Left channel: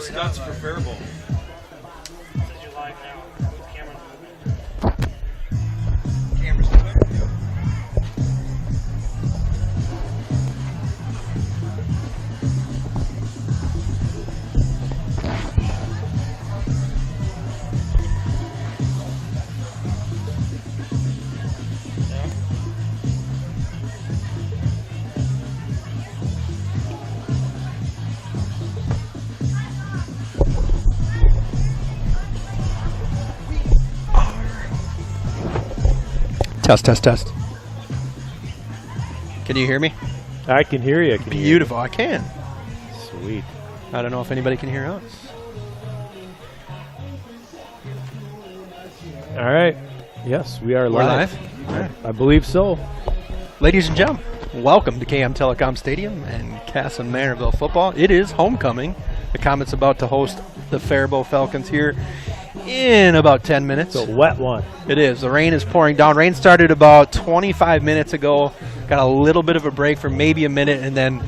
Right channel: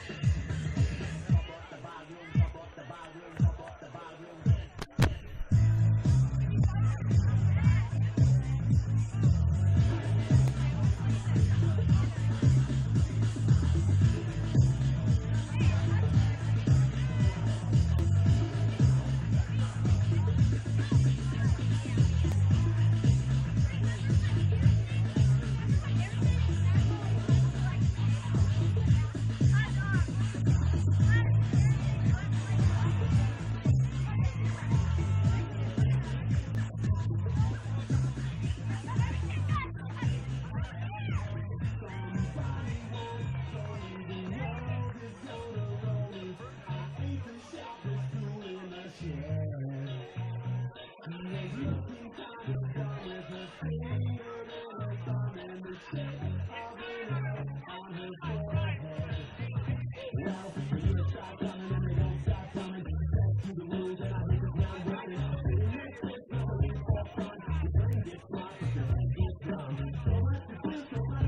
Stunts for Faribault. Test, test, test. Can you hear me? I can hear you. Beautiful. I can. Sweet. I don't know if anybody can hear us. All right. Yes, we are We're live. live? I believe so. Ladies and gentlemen, welcome to KM Telecom Stadium and Kasson-Mantorville football. It is homecoming. The Comet's about to host the Faribault Falcons here in about 10 minutes. It's a wet one. It is. The rain is pouring down. Rain started about 25 minutes ago. Got a little bit of a break for maybe a minute, and then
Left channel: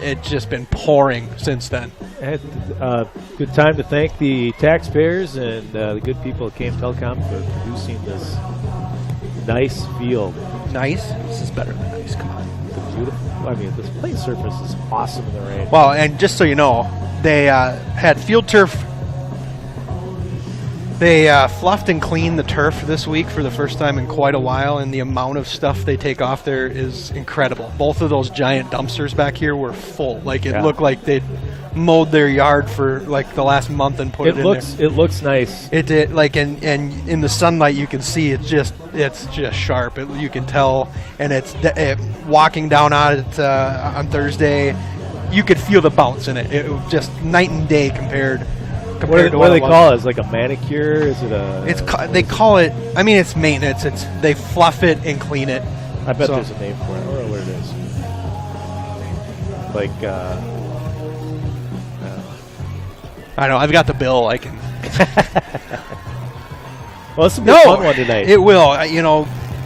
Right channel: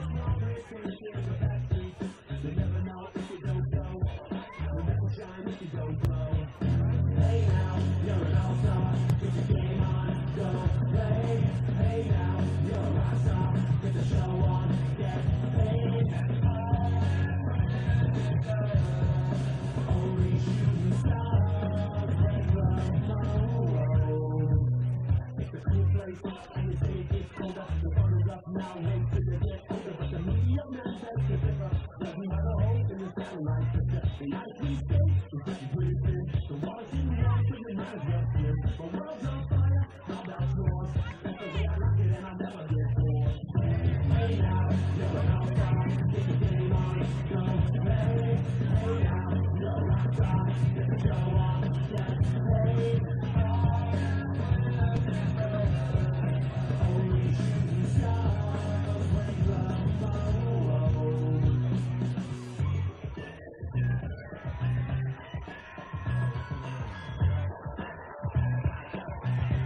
it's just been pouring since then. Good time to thank the taxpayers and the good people at KM Telecom for producing this nice field. Nice? This is better than nice. Come on. Beautiful. I mean, this playing surface is awesome in the rain. Well, and just so you know, they had field turf. They fluffed and cleaned the turf this week for the first time in quite a while, and the amount of stuff they take off there is incredible. Both of those giant dumpsters back here were full. Like, it looked like they'd mowed their yard for like the last month and put it in there. It looks nice. It did. Like, and in the sunlight you can see it's just sharp. You can tell, and walking down on it on Thursday, you could feel the bounce in it. It was just night and day compared. What do they call it? Is it like a manicure? Is it a? They call it. I mean, it's maintenance. They fluff it and clean it. I bet there's a name for it. I don't know what it is. Like. I know. I've got the bill. I can. Well, this will be a fun one tonight. It will.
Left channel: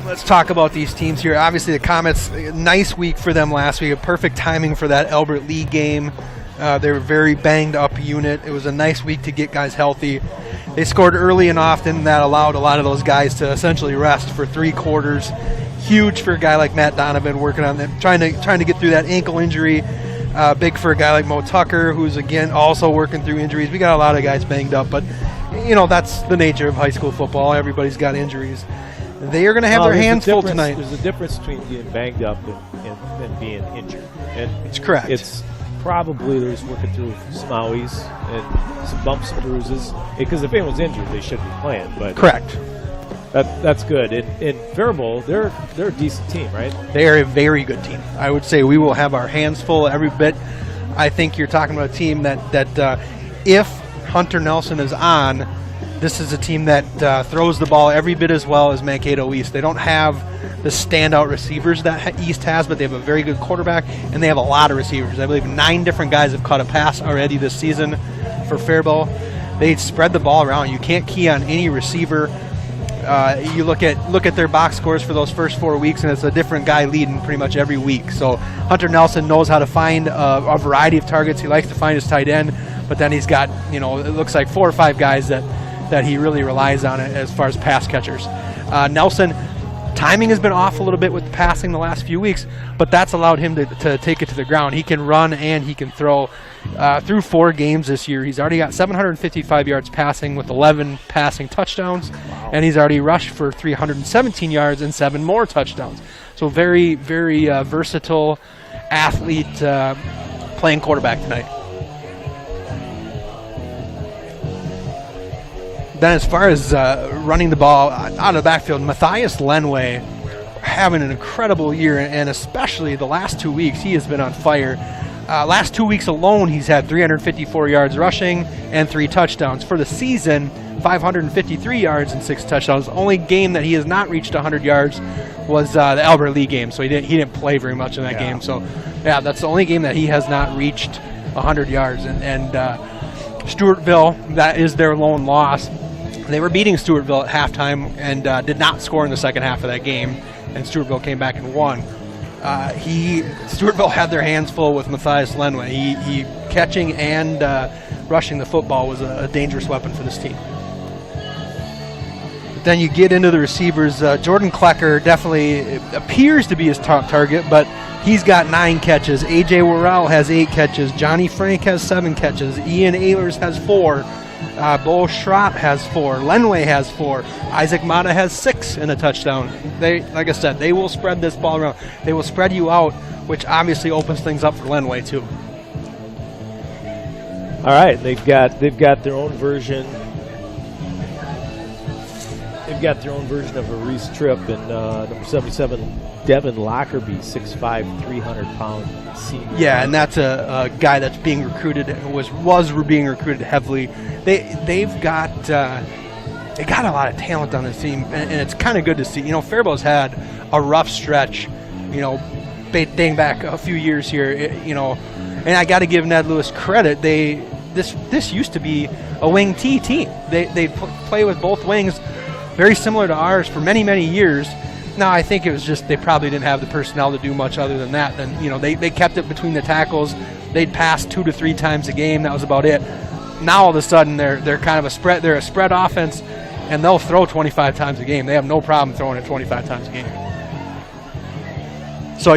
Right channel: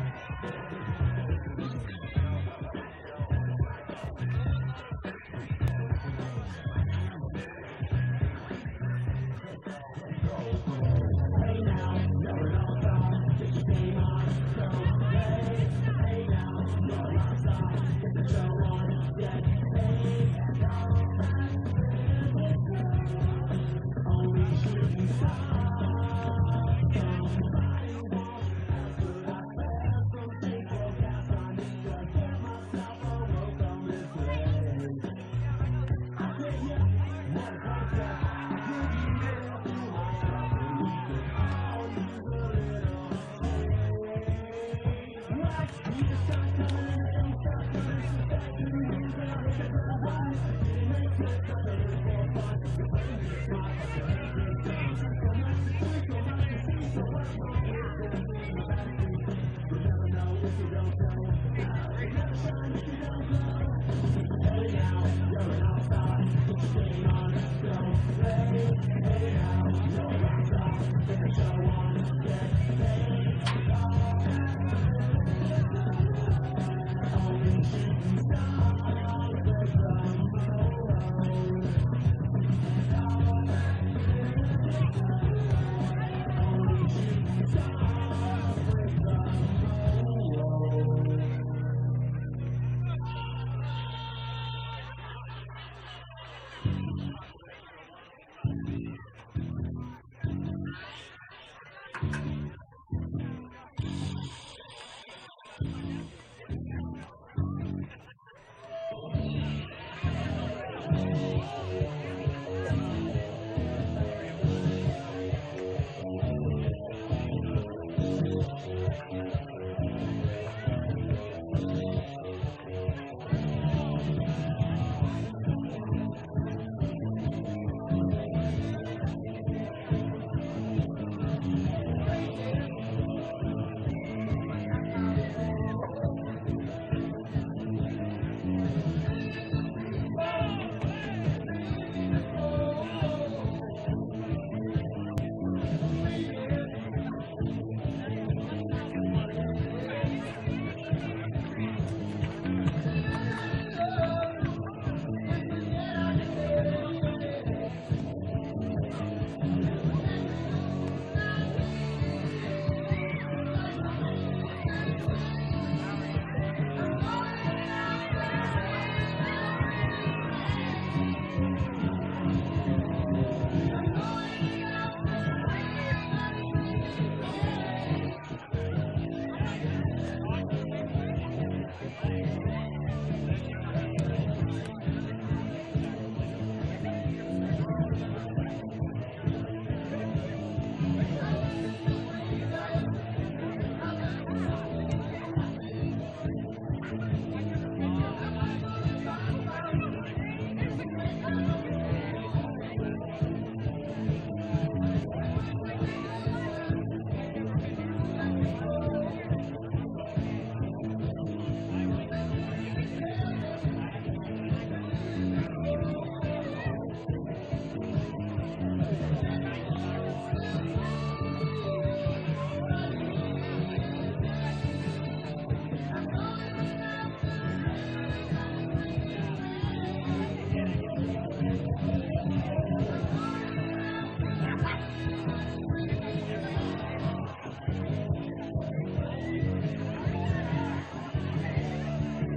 Let's talk about these teams here. Obviously, the Comets. Nice week for them last week. A perfect timing for that Albert Lee game. They were a very banged-up unit. It was a nice week to get guys healthy. They scored early and often. That allowed a lot of those guys to essentially rest for 3 quarters. Huge for a guy like Matt Donovan working on them, trying to get through that ankle injury. Big for a guy like Mo Tucker, who's, again, also working through injuries. We got a lot of guys banged up, but, that's the nature of high school football. Everybody's got injuries. They are going to have their hands full tonight. There's a difference between being banged up and being injured. And it's correct. It's probably they're just working through smowies and some bumps and bruises. Because if anyone's injured, they shouldn't be playing. But correct. That's good. In Faribault, they're a decent team, right? They are a very good team. I would say we will have our hands full every bit. I think you're talking about a team that if Hunter Nelson is on, this is a team that throws the ball every bit as well as Mankato East. They don't have the standout receivers that East has, but they have a very good quarterback, and they have a lot of receivers. I believe 9 different guys have caught a pass already this season for Faribault. They spread the ball around. You can't key on any receiver. You look at their box scores for those first 4 weeks, and it's a different guy leading pretty much every week. So Hunter Nelson knows how to find a variety of targets. He likes to find his tight end, but then he's got, it looks like 4 or 5 guys that he really relies on as far as pass catchers. Nelson timing has been off a little bit with the passing the last few weeks, but that's allowed him to take it to the ground. He can run and he can throw. Through 4 games this year, he's already got 755 yards passing with 11 passing touchdowns, and he's already rushed for 317 yards and 7 more touchdowns. So very, very versatile athlete playing quarterback tonight. Then as far as running the ball out of the backfield, Matthias Lenway having an incredible year, and especially the last 2 weeks, he has been on fire. Last 2 weeks alone, he's had 354 yards rushing and 3 touchdowns. For the season, 553 yards and 6 touchdowns. The only game that he has not reached 100 yards was the Albert Lee game, so he didn't play very much in that game. So, yeah, that's the only game that he has not reached 100 yards. And Stewartville, that is their lone loss. They were beating Stewartville at halftime and did not score in the second half of that game, and Stewartville came back and won. Stewartville had their hands full with Matthias Lenway. He catching and rushing the football was a dangerous weapon for this team. Then you get into the receivers. Jordan Klecker definitely appears to be his top target, but he's got 9 catches. A.J. Worrell has 8 catches. Johnny Frank has 7 catches. Ian Ehlers has 4. Bo Schrott has 4. Lenway has 4. Isaac Mata has 6 and a touchdown. They, like I said, they will spread this ball around. They will spread you out, which obviously opens things up for Lenway too. All right, they've got their own version. They've got their own version of a Reese Tripp and number 77 Devin Lockerbie, 6'5", 300-pound senior. Yeah, and that's a guy that's being recruited, was being recruited heavily. They've got a lot of talent on this team, and it's kind of good to see. You know, Faribault's had a rough stretch, you know, dating back a few years here, and I got to give Ned Lewis credit. This used to be a wing T team. They play with both wings, very similar to ours for many, many years. Now, I think it was just they probably didn't have the personnel to do much other than that. Then, they kept it between the tackles. They'd pass 2 to 3 times a game. That was about it. Now, all of a sudden, they're kind of a spread. They're a spread offense, and they'll throw 25 times a game. They have no problem throwing it 25 times a game. So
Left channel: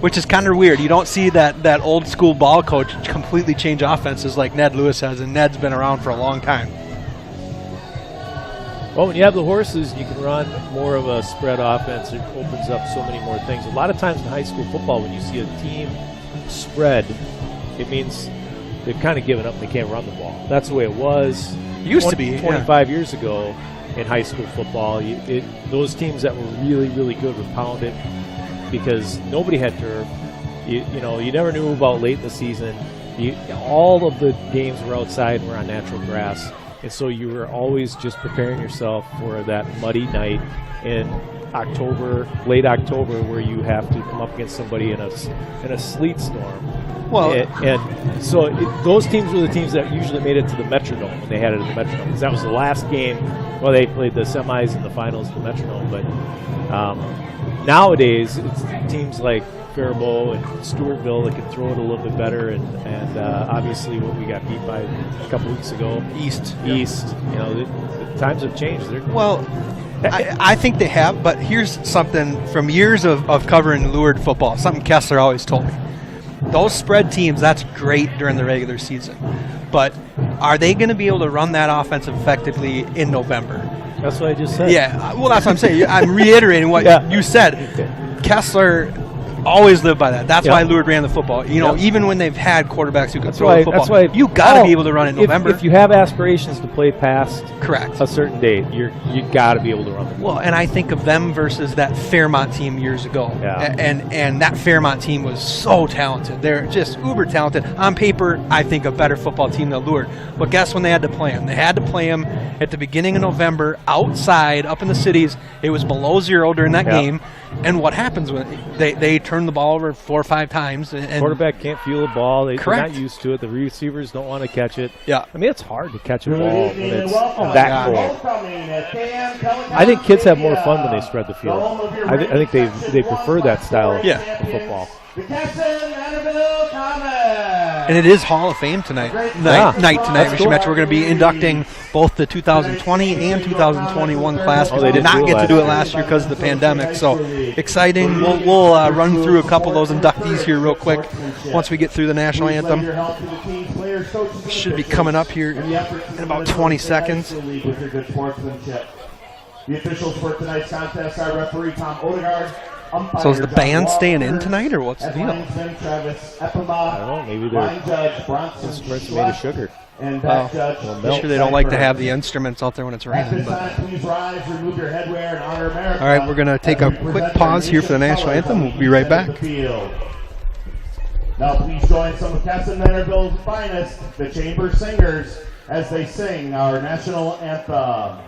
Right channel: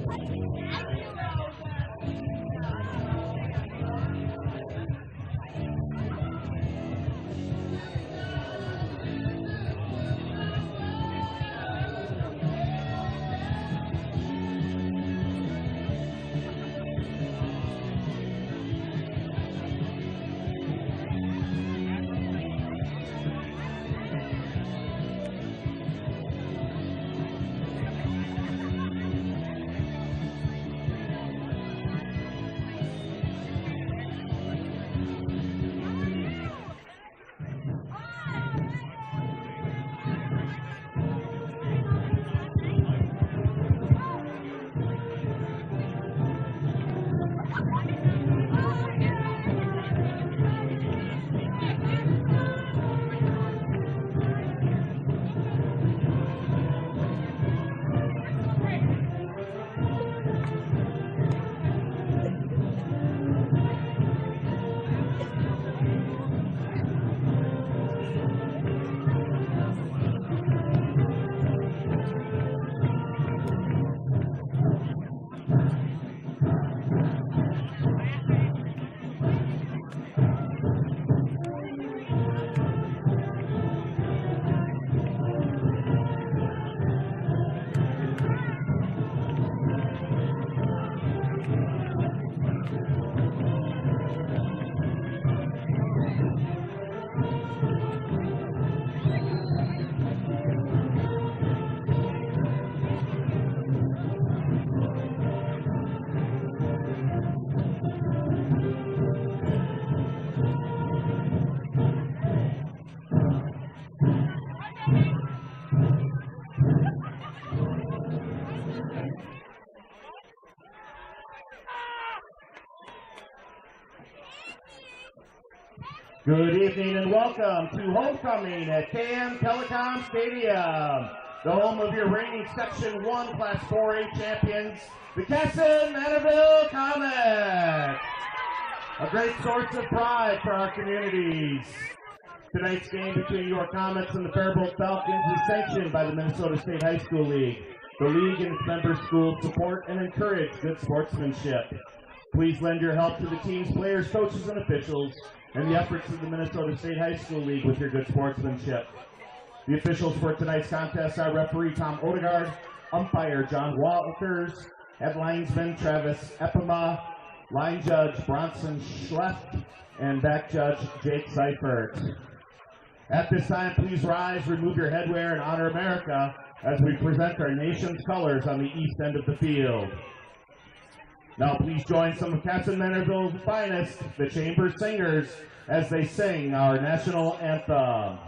which is kind of weird. You don't see that old school ball coach completely change offenses like Ned Lewis has, and Ned's been around for a long time. Well, when you have the horses, you can run more of a spread offense. It opens up so many more things. A lot of times in high school football, when you see a team spread, it means they've kind of given up. They can't run the ball. That's the way it was. Used to be 25 years ago in high school football. Those teams that were really, really good were pounded because nobody had turf. You never knew about late in the season. All of the games were outside and were on natural grass. And so you were always just preparing yourself for that muddy night in October, late October, where you have to come up against somebody in a sleet storm. Well, and so those teams were the teams that usually made it to the Metrodome. They had it at the Metrodome because that was the last game. Well, they played the semis and the finals of the Metrodome, but nowadays it's teams like Faribault and Stewartville that can throw it a little bit better, and obviously when we got beat by a couple weeks ago, East. The times have changed. Well, I think they have, but here's something from years of covering Lourdes football, something Kessler always told me. Those spread teams, that's great during the regular season, but are they going to be able to run that offense effectively in November? That's what I just said. Yeah, well, that's what I'm saying. I'm reiterating what you said. Kessler always lived by that. That's why Lourdes ran the football. Even when they've had quarterbacks who can throw the football, that's why you got to be able to run it in November. If you have aspirations to play past correct a certain date, you got to be able to run the football. Well, and I think of them versus that Fairmont team years ago. Yeah. And that Fairmont team was so talented. They're just uber talented. On paper, I think a better football team than Lourdes. But guess when they had to play them? They had to play them at the beginning of November outside, up in the cities. It was below 0 during that game. And what happens when they turn the ball over 4 or 5 times? And quarterback can't feel the ball. They're not used to it. The receivers don't want to catch it. Yeah. I mean, it's hard to catch a ball when it's that cold. I think kids have more fun when they spread the field. I think they prefer that style of football. The Kasson-Mantorville Comets. And it is Hall of Fame tonight. Night tonight, Mr. Metro. We're going to be inducting both the 2020 and 2021 class. Oh, they did didn't not do it get to do it last last year because of the pandemic. So exciting. We'll run through a couple of those inductees here real quick once we get through the national anthem. Should be coming up here in about 20 seconds. The officials for tonight's contest are referee Tom Odegaard. So is the band staying in tonight, or what's the deal? Travis Epima, I don't know, maybe line they're judge Bronson maybe sugar. and back judge. I'm sure they don't like to have the instruments out there when it's At raining. this time, please rise, remove your headwear, and honor America. All right, we're going to take a quick pause here for the national anthem. We'll be right back. Now please join some of Kasson-Mantorville's finest, the Chamber Singers, as they sing our national anthem.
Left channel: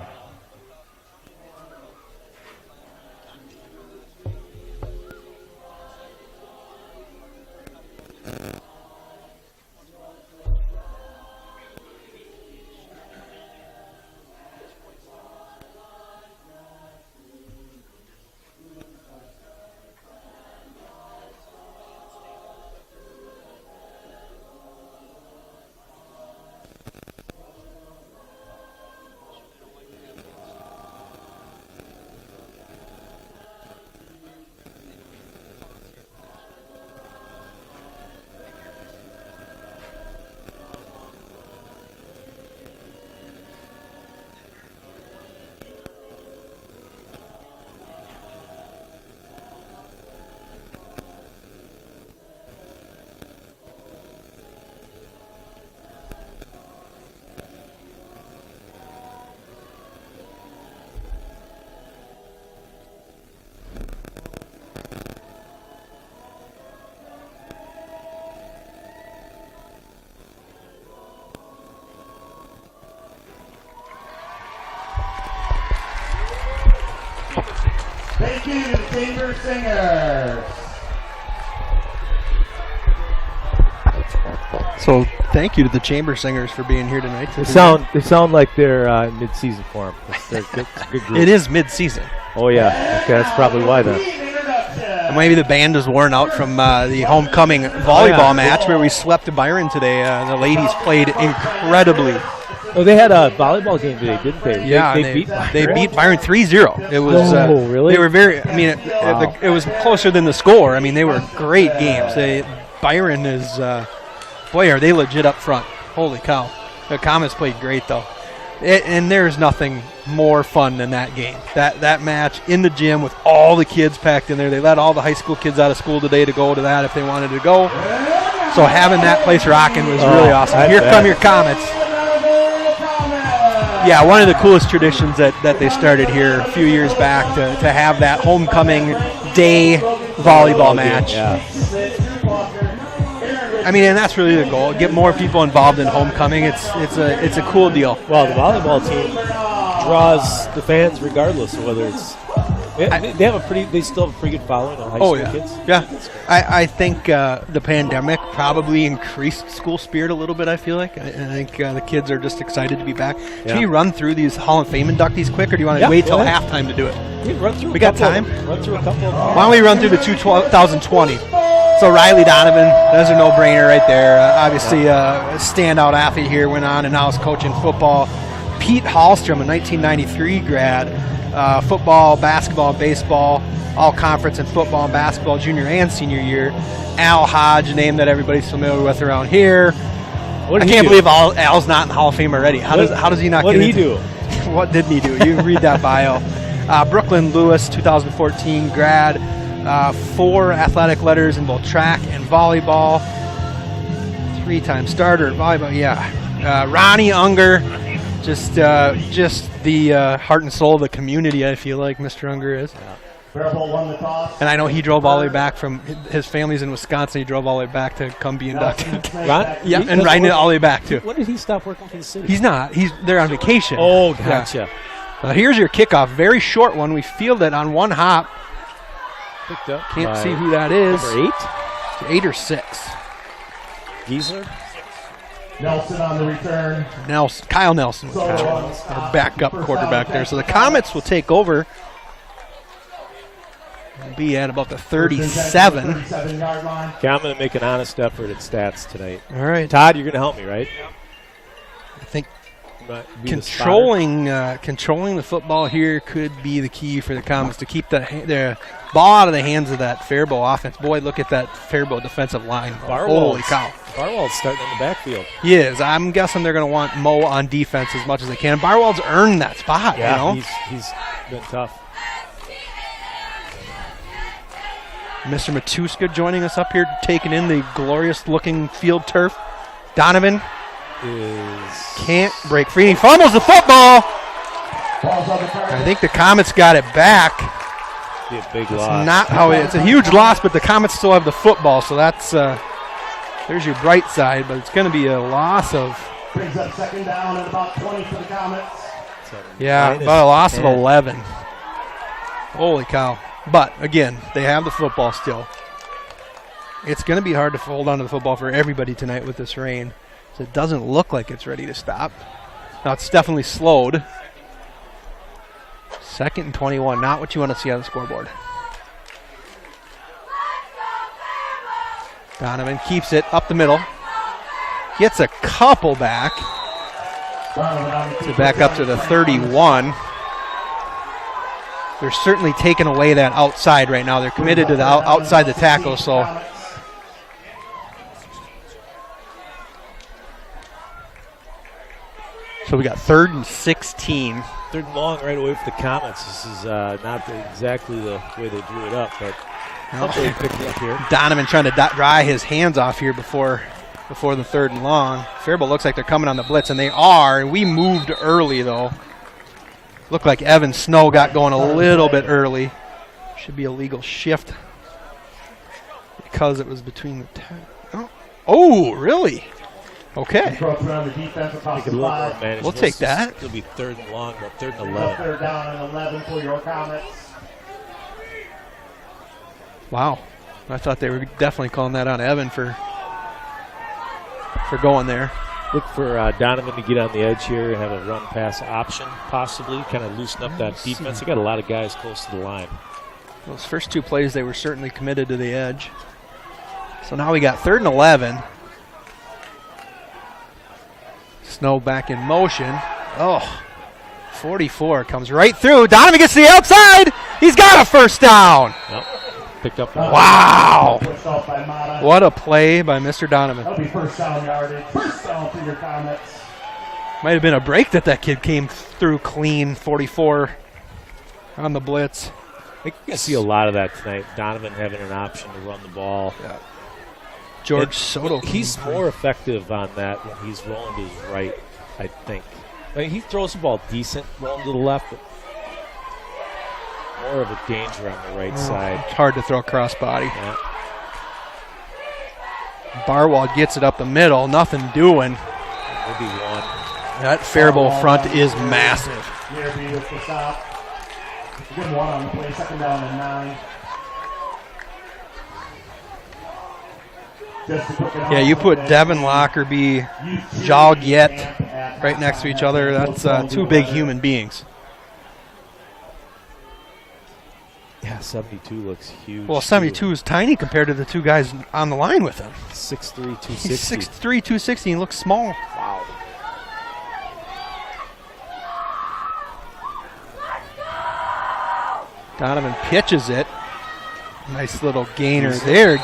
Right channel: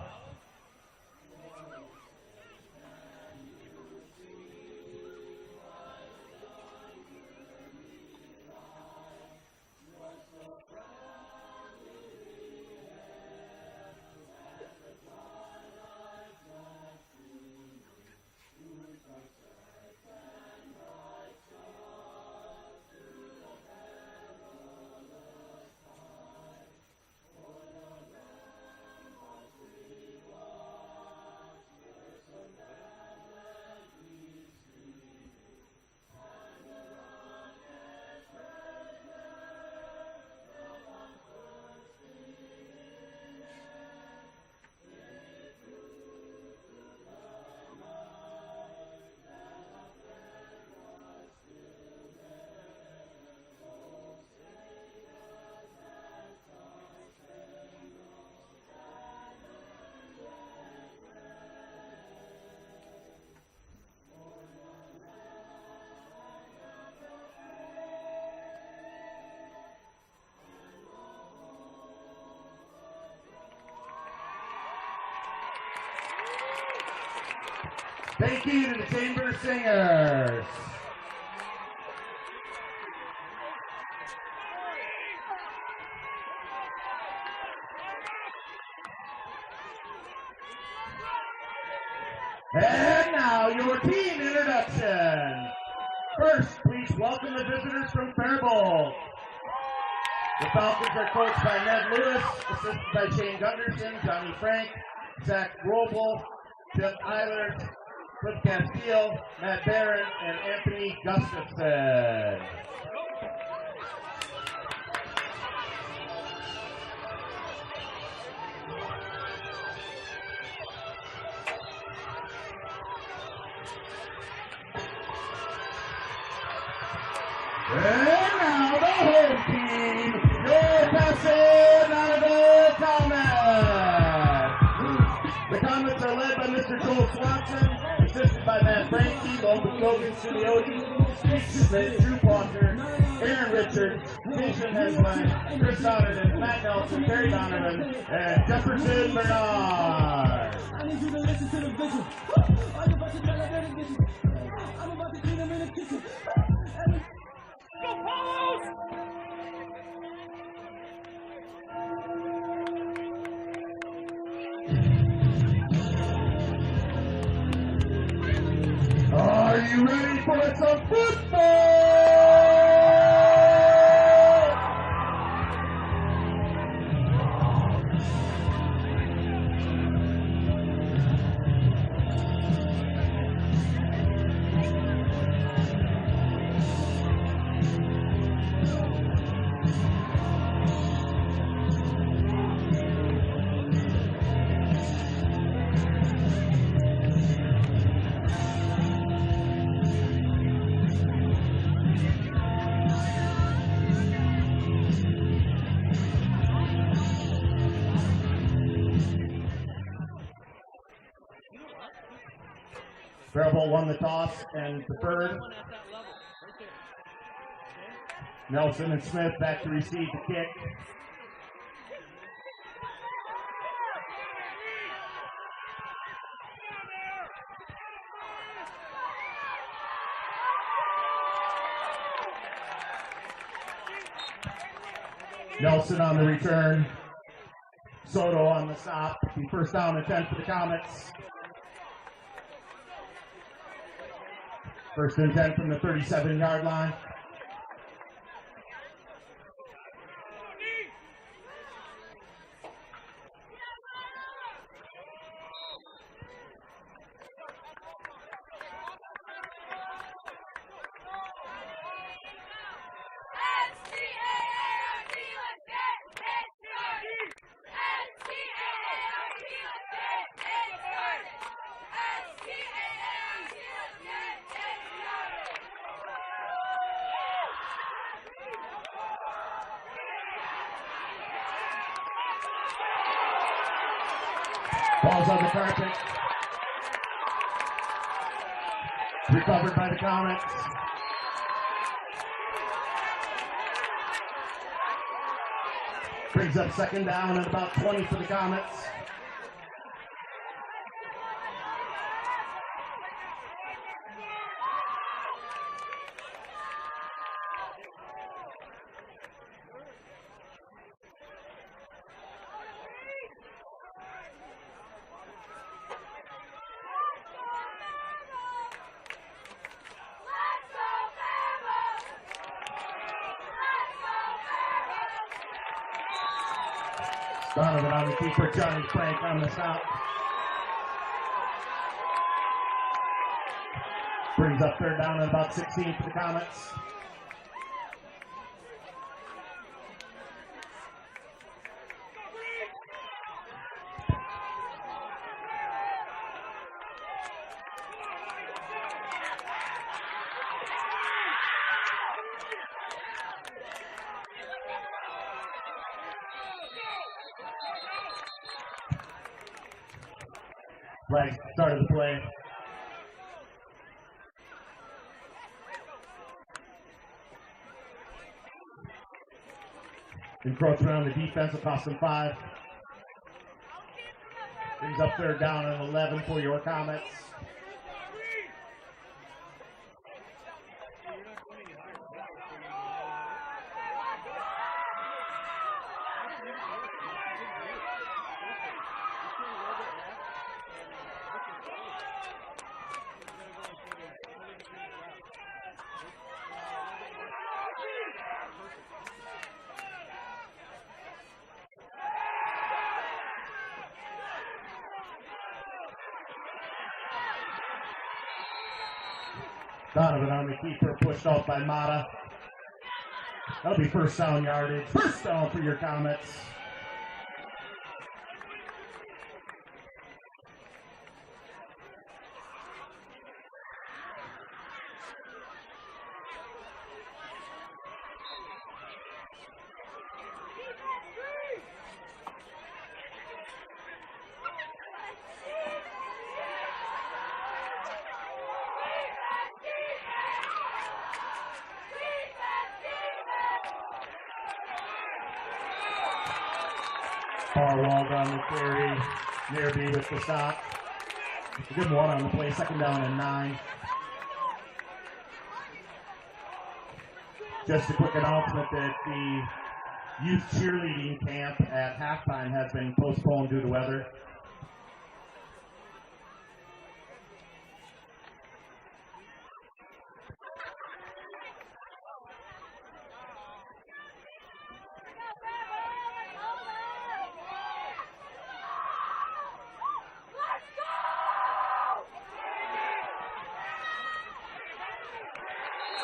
Thank you to the Chamber Singers. So thank you to the Chamber Singers for being here tonight. They sound like they're mid-season form. They're good group. It is mid-season. Oh yeah, okay, that's probably why then. Maybe the band is worn out from the homecoming volleyball match where we swept Byron today. The ladies played incredibly. Oh, they had a volleyball game today, didn't they? Yeah, they beat Byron 3-0. It was really? They were very. I mean, it was closer than the score. I mean, they were great games. Byron is boy, are they legit up front. Holy cow! The Comets played great though. And there's nothing more fun than that game. That match in the gym with all the kids packed in there. They let all the high school kids out of school today to go to that if they wanted to go. So having that place rocking was really awesome. Here come your Comets. Yeah, one of the coolest traditions that they started here a few years back to have that homecoming day volleyball match. Yeah. I mean, and that's really the goal. Get more people involved in homecoming. It's a cool deal. Well, the volleyball team draws the fans regardless of whether it's. They still have a pretty good following on high school kids. Yeah. I think the pandemic probably increased school spirit a little bit, I feel like. I think the kids are just excited to be back. Yeah. Should we run through these Hall of Fame inductees quick, or do you want to wait till halftime to do it? We got time? Run through a couple of them. Why don't we run through the 2020? So Riley Donovan, that's a no-brainer right there. Obviously, standout athlete here, went on and now is coaching football. Pete Hallstrom, a 1993 grad, football, basketball, baseball, all conference in football and basketball, junior and senior year. Al Hodge, a name that everybody's familiar with around here. I can't believe Al's not in the Hall of Fame already. How does he not what get did he into do? What did he do? You read that bio. Brooklyn Lewis, 2014 grad. 4 athletic letters in both track and volleyball. 3-time starter in volleyball. Yeah. Ronnie Unger, just the heart and soul of the community. I feel like Mr. Unger is. Faribault won the toss. And I know he drove all the way back from his family's in Wisconsin. He drove all the way back to come be inducted. Yeah, and riding it all the way back too. When did he stop working for the city? He's not. They're on vacation. Oh, gotcha. Here's your kickoff. Very short one. We fielded on one hop. Picked up. Can't see who that is. Number 8? 8 or 6. Geezer. Nelson on the return. Kyle Nelson was our backup quarterback there. So the Comets will take over. We'll be at about the 37. 37-yard line. Okay, I'm going to make an honest effort at stats tonight. All right. Todd, you're going to help me, right? I think Be the spotter? controlling the football here could be the key for the Comets to keep the ball out of the hands of that Faribault offense. Boy, look at that Faribault defensive line. Holy cow. Barwald's starting in the backfield. He is. I'm guessing they're going to want Mo on defense as much as they can. Barwald's earned that spot. Yeah, you know? he's been tough. Mr. Matuska joining us up here, taking in the glorious-looking field turf. Donovan can't break free. He fumbles the football. I think the Comets got it back. Be a big It's loss. not how it's a huge loss, but the Comets still have the football, so that's there's your bright side. But it's going to be a loss of Brings up second down and about 20 for the Comets. about a loss of 11. Holy cow! But again, they have the football still. It's going to be hard to hold on to the football for everybody tonight with this rain. So it doesn't look like it's ready to stop. Now it's definitely slowed. 2nd and 21, not what you want to see on the scoreboard. Donovan keeps it up the middle. Gets a couple back. Back up to the 31. They're certainly taking away that outside right now. They're committed to the outside the tackle, so. So we got 3rd and 16. 3rd and long right away for the Comets. This is not exactly the way they drew it up, but hopefully they picked it up here. Donovan trying to dry his hands off here before the 3rd and long. Faribault looks like they're coming on the blitz, and they are. We moved early, though. Looked like Evan Snow got going a little bit early. Should be a legal shift because it was between the 10. Oh, really? Okay. Around the defense across the 5. We'll take that. It'll be 3rd and long, but 3rd and 11. 11. 3rd down and 11 for your Comets. Wow. I thought they were definitely calling that on Evan for going there. Look for Donovan to get on the edge here and have a run-pass option, possibly, kind of loosen up that defense. They got a lot of guys close to the line. Those first 2 plays, they were certainly committed to the edge. So now we got 3rd and 11. Snow back in motion. Oh, 44 comes right through. Donovan gets to the outside. He's got a first down. Yep. Picked up. Wow. Pushed off by Mata. What a play by Mr. Donovan. That'll be first down yardage. First down for your Comets. Might have been a break that kid came through clean. 44 on the blitz. I think you're going to see a lot of that tonight. Donovan having an option to run the ball. Yeah. George Soto. He's more effective on that when he's rolling to his right, I think. I mean, he throws the ball decent, rolling to the left, but more of a danger on the right side. It's hard to throw crossbody. Yeah. Barwald gets it up the middle. Nothing doing. That'll be one. That Faribault front is massive. Nearby with the stop. Good one on the play. 2nd down and 9. Yeah, you put Devin Lockerbie, Joliet right next to each other. That's 2 big human beings. Yeah, 72 looks huge. Well, 72 is tiny compared to the 2 guys on the line with him. 6'3", 260. He's 6'3", 260, and looks small. Wow. Donovan pitches it. Nice little gainer there.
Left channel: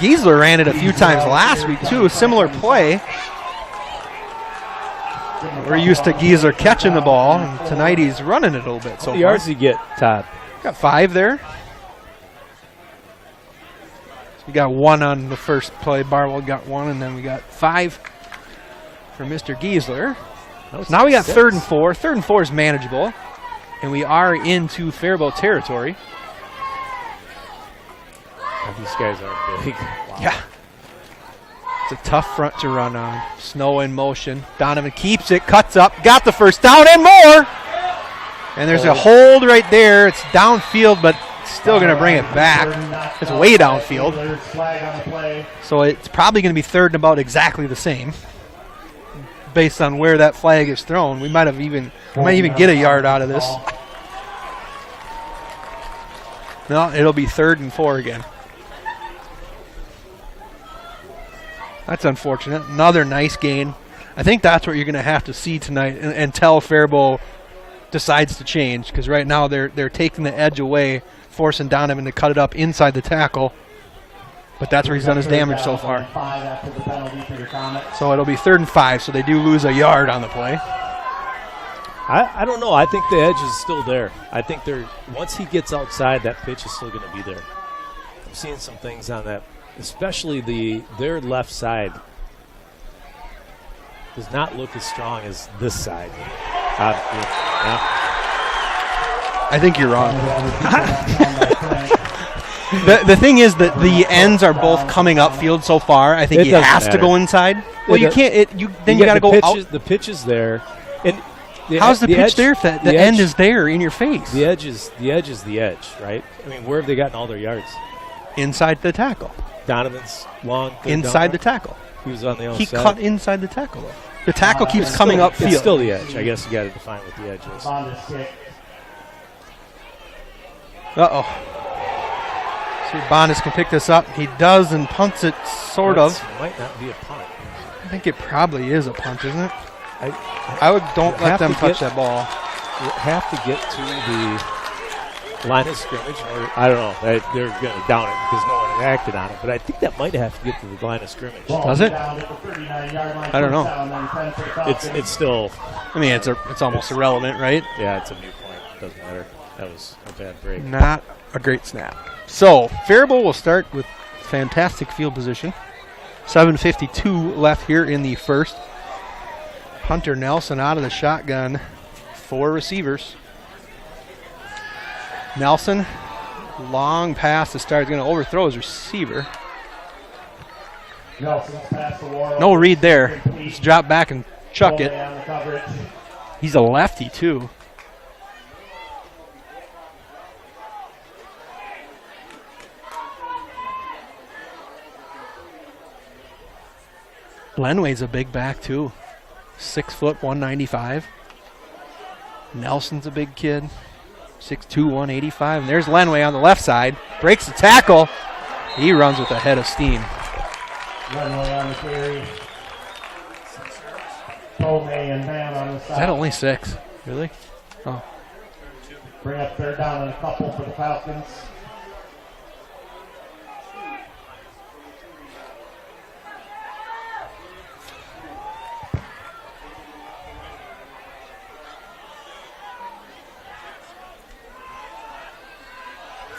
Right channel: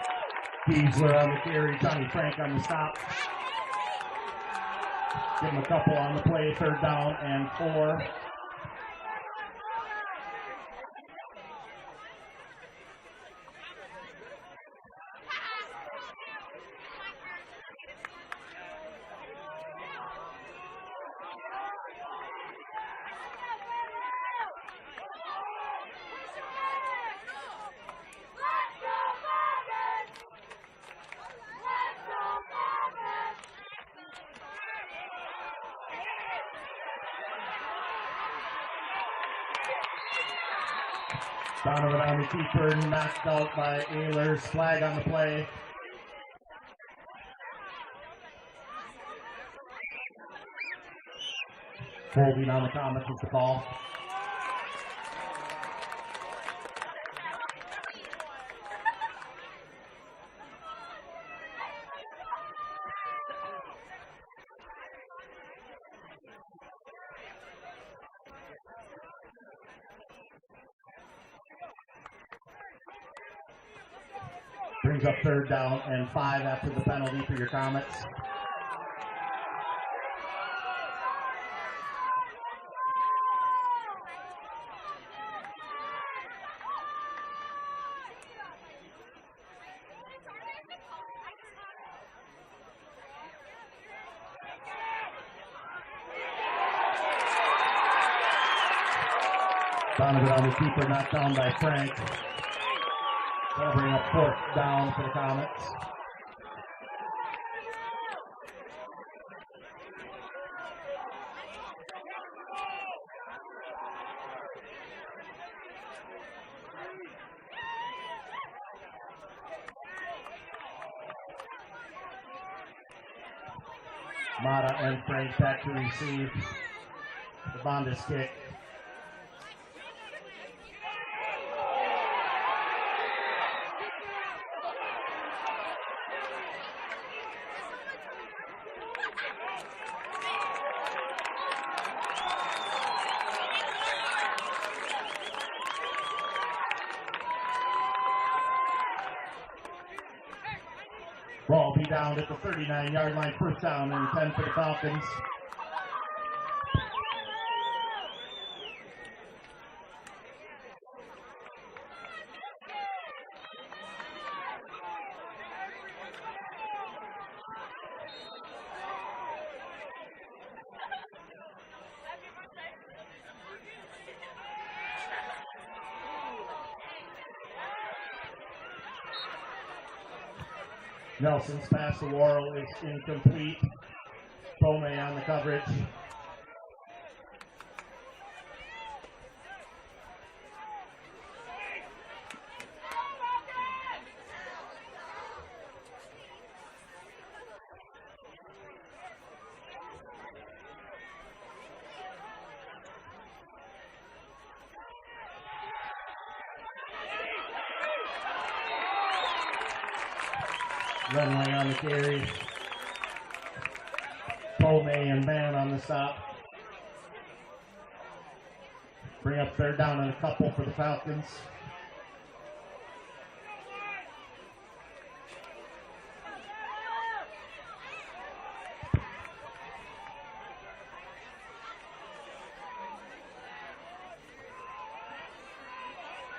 Giesler ran it a few times last week, too. A similar play. We're used to Giesler catching the ball. And tonight he's running it a little bit. How many yards did you get, Todd? Got 5 there. So we got 1 on the first play. Barwell got 1, and then we got 5 for Mr. Giesler. So now we got 3rd and 4. 3rd and 4 is manageable. And we are into Faribault territory. These guys are big. Wow. Yeah. It's a tough front to run on. Snow in motion. Donovan keeps it, cuts up, got the first down and more. And there's a hold right there. It's downfield, but still going to bring it back. It's way downfield. So it's probably going to be 3rd and about exactly the same based on where that flag is thrown. We might even get a yard out of this. No, it'll be 3rd and 4 again. That's unfortunate. Another nice gain. I think that's what you're going to have to see tonight until Faribault decides to change, because right now they're taking the edge away, forcing Donovan to cut it up inside the tackle. But that's where he's done his damage so far. So it'll be 3rd and 5, so they do lose a yard on the play. I don't know. I think the edge is still there. I think once he gets outside, that pitch is still going to be there. I'm seeing some things on that, especially their left side does not look as strong as this side. I think you're wrong. The thing is that the ends are both coming upfield so far. I think he has to go inside. Well, you can't. You got to go out. The pitch is there. And how's the pitch edge, there if the end is there in your face? The edge is the edge, right? I mean, where have they gotten all their yards? Inside the tackle. Donovan's long. Inside the tackle. He was on the outside. He cut inside the tackle. The tackle keeps coming upfield. It's still the edge. I guess you got to define what the edge is. Uh-oh. See if Bondis can pick this up. He does and punts it, sort of. It might not be a punt. I think it probably is a punt, isn't it? Don't let them touch that ball. You have to get to the line of scrimmage. I don't know. They're going to down it because no one reacted on it. But I think that might have to get to the line of scrimmage. Does it? I don't know. It's still. I mean, it's almost irrelevant, right? Yeah, it's a new point. Doesn't matter. That was a bad break. Not a great snap. So Faribault will start with fantastic field position. 7:52 left here in the first. Hunter Nelson out of the shotgun. 4 receivers. Nelson, long pass to start. He's going to overthrow his receiver. Nelson's pass the wall. No read there. Just drop back and chuck it. He's a lefty, too. Lenway's a big back, too. 6 foot, 195. Nelson's a big kid. 6'2", 185. And there's Lenway on the left side. Breaks the tackle. He runs with a head of steam. Lenway on the carry. Tomei and Van on the side. Is that only 6? Really? Oh. Bring up 3rd down and a couple for the Falcons.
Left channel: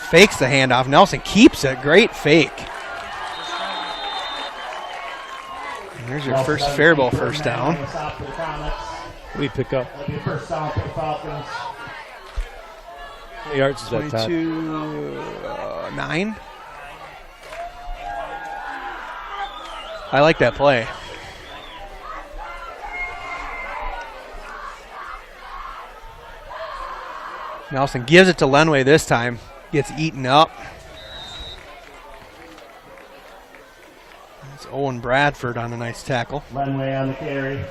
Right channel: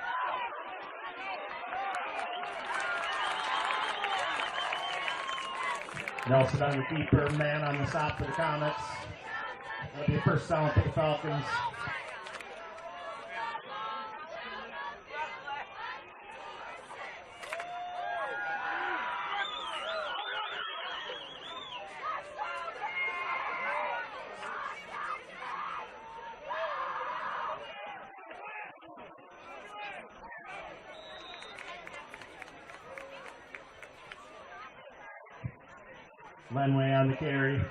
Fakes the handoff. Nelson keeps it. Great fake. And there's your first Faribault first down. We pick up. That'll be first down for the Falcons. How many yards is that, Todd? 9. I like that play. Nelson gives it to Lenway this time. Gets eaten up. That's Owen Bradford on a nice tackle. Lenway on the carry.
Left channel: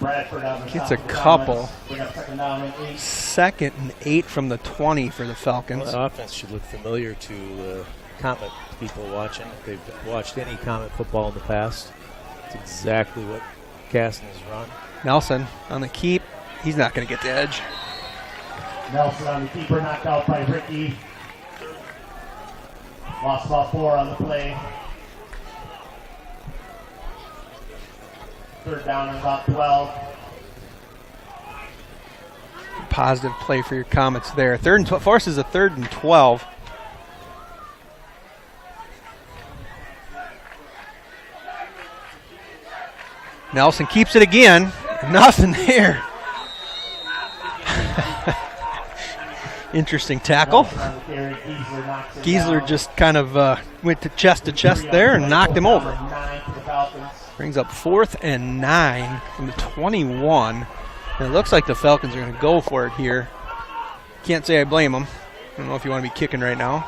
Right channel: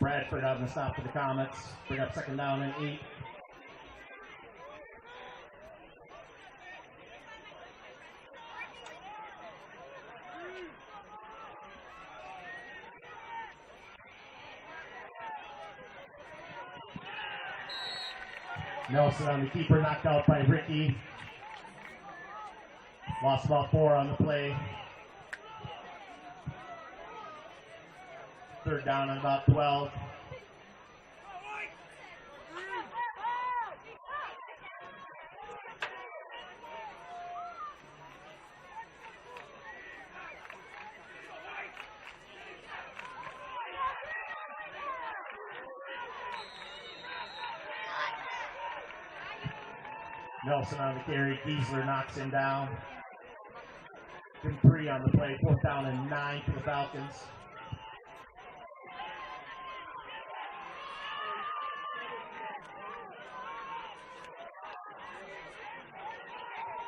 Bradford on the Gets a couple. 2nd and 8 from the 20 for the Falcons. Well, the offense should look familiar to Comet people watching. If they've watched any Comet football in the past, it's exactly what Kasson has run. Nelson on the keep. He's not going to get the edge. Nelson on the keeper, knocked out by Ricky. Lost about 4 on the play. 3rd down and about 12. Positive play for your Comets there. Forces a 3rd and 12. Nelson keeps it again. Nothing there. Interesting tackle. Giesler just kind of went to chest there and knocked him over. Brings up 4th and 9 from the 21. And it looks like the Falcons are going to go for it here. Can't say I blame them. I don't know if you want to be kicking right now.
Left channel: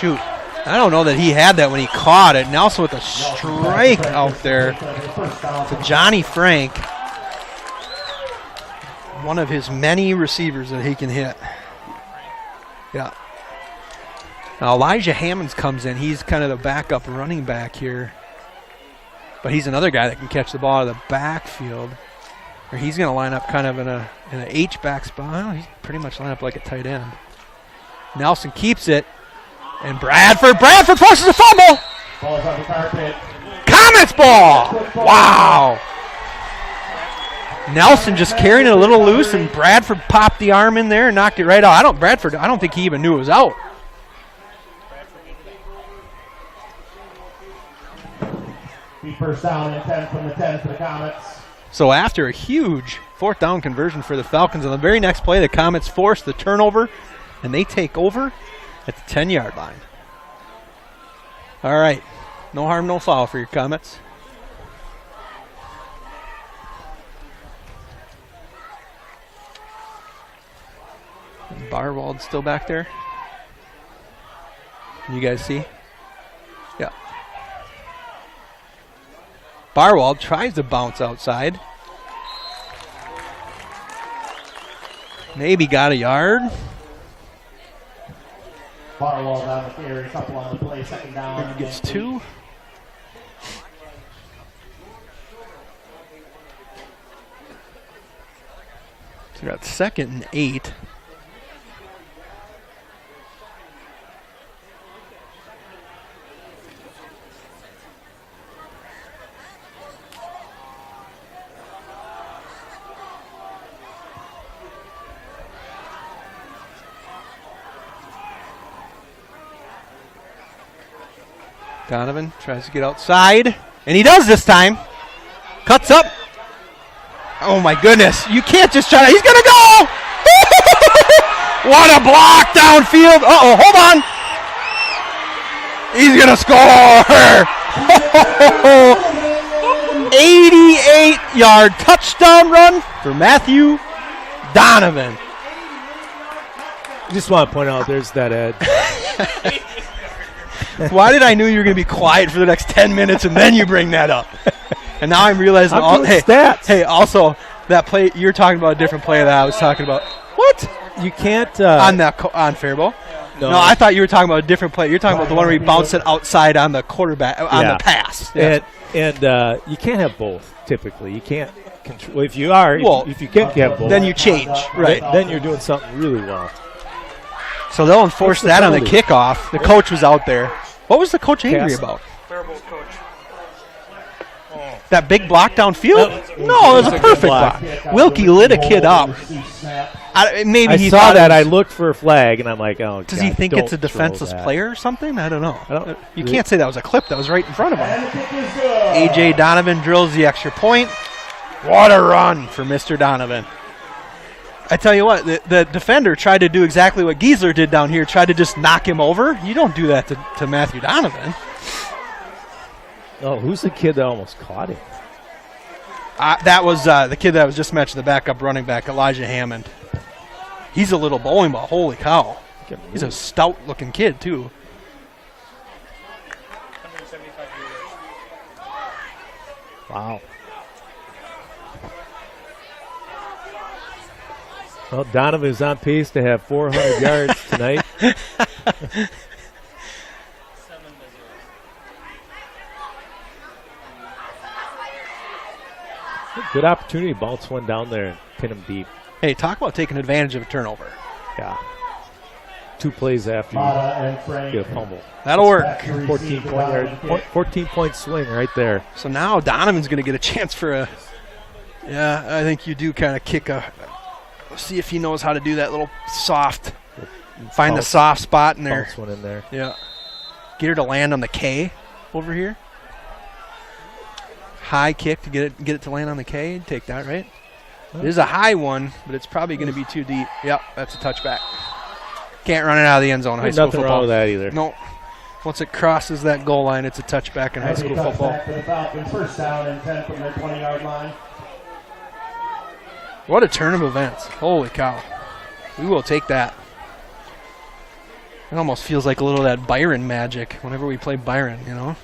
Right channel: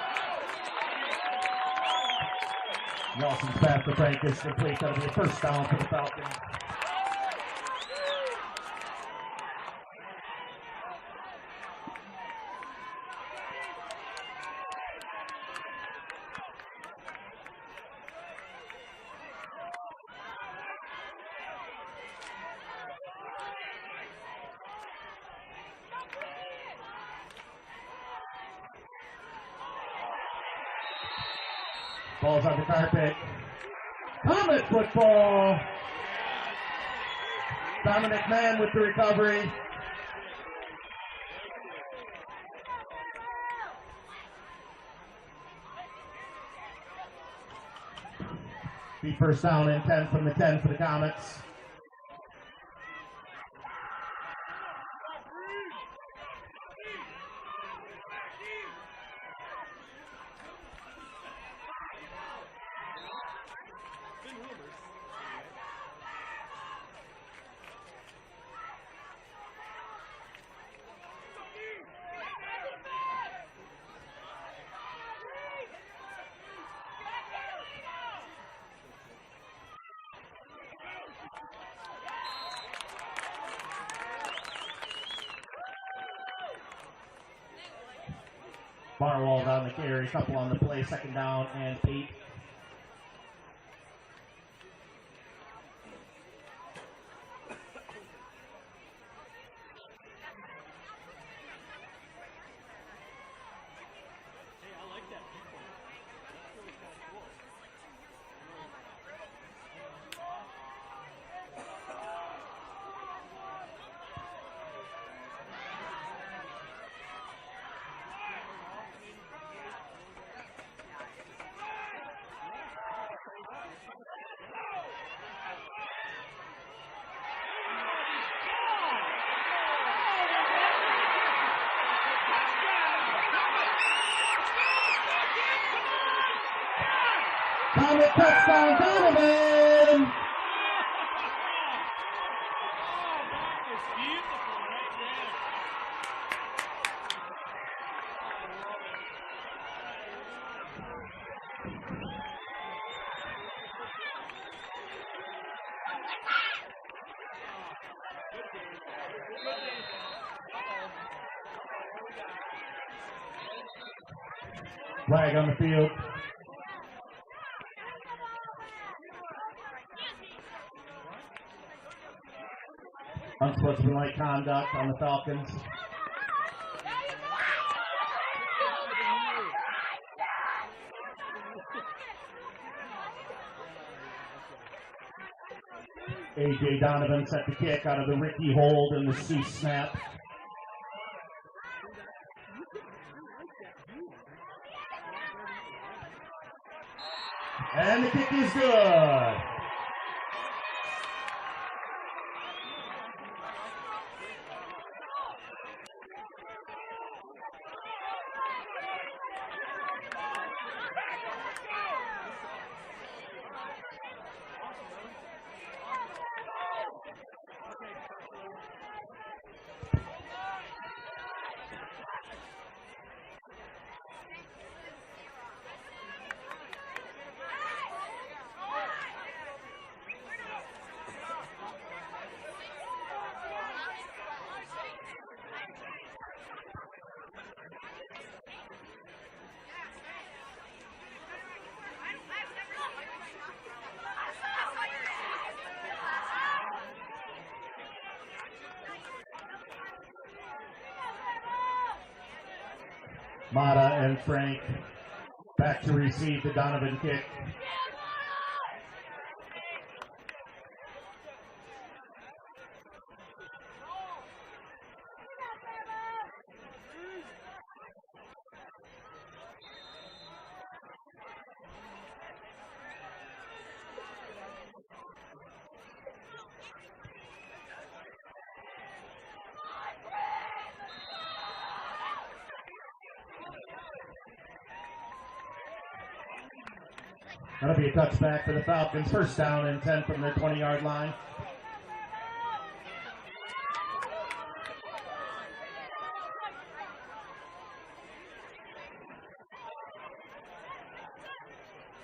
Shoot. I don't know that he had that when he caught it. Nelson with a strike out there to Johnny Frank. One of his many receivers that he can hit. Yeah. Now Elijah Hammonds comes in. He's kind of the backup running back here. But he's another guy that can catch the ball out of the backfield. Or he's going to line up kind of in an H-back spot. Oh, he's pretty much lined up like a tight end. Nelson keeps it. And Bradford forces a fumble. Ball's on the carpet. Comets ball. Wow. Nelson just carrying it a little loose, and Bradford popped the arm in there and knocked it right out. I don't think he even knew it was out. First down and 10 from the 10 for the Comets. So after a huge 4th down conversion for the Falcons, on the very next play, the Comets force the turnover, and they take over at the 10-yard line. All right. No harm, no foul for your Comets. Barwald's still back there. You guys see? Yeah. Barwald tries to bounce outside. Maybe got a yard. Barwald on the carry, couple on the play, second down. Gets 2. So we got 2nd and 8. Donovan tries to get outside, and he does this time. Cuts up. Oh, my goodness. You can't just try to. He's going to go. What a block downfield. Uh-oh, hold on. He's going to score. 88-yard touchdown run for Matthew Donovan. Just want to point out there's that Ed. Why did I knew you were going to be quiet for the next 10 minutes and then you bring that up? And now I'm realizing, stats. Hey, also, that play, you're talking about a different play that I was talking about. What? You can't. On Faribault? No, I thought you were talking about a different play. You're talking about the one where he bounced it outside on the quarterback, on the pass. Yes. And you can't have both, typically. You can't control. If you are, if you can't have both, then you change. Right. Then you're doing something really well. So they'll enforce that on the kickoff. The coach was out there. What was the coach angry about? That big block downfield? No, it was a perfect block. Wilkie lit a kid up. I saw that. I looked for a flag, and I'm like, oh, does he think it's a defenseless player or something? I don't know. You can't say that was a clip. That was right in front of him. A.J. Donovan drills the extra point. What a run for Mr. Donovan. I tell you what, the defender tried to do exactly what Giesler did down here, tried to just knock him over. You don't do that to Matthew Donovan. Oh, who's the kid that almost caught him? That was the kid that was just mentioned, the backup running back, Elijah Hammond. He's a little bowling ball. Holy cow. He's a stout-looking kid, too. Wow. Well, Donovan's on pace to have 400 yards tonight. Good opportunity to bounce one down there and pin him deep. Hey, talk about taking advantage of a turnover. Yeah. 2 plays after you get a fumble. That'll work. 14-point swing right there. So now Donovan's going to get a chance for a – yeah, I think you do kind of kick a – see if he knows how to do that little soft – find the soft spot in there. Bounce one in there. Yeah. Get her to land on the K over here. High kick to get it to land on the K. Take that, right? It is a high one, but it's probably going to be too deep. Yep, that's a touchback. Can't run it out of the end zone in high school football. Nothing wrong with that either. No. Once it crosses that goal line, it's a touchback in high school football. For the Falcons, first down and 10 from the 20-yard line. What a turn of events. Holy cow. We will take that. It almost feels like a little of that Byron magic whenever we play Byron, you know?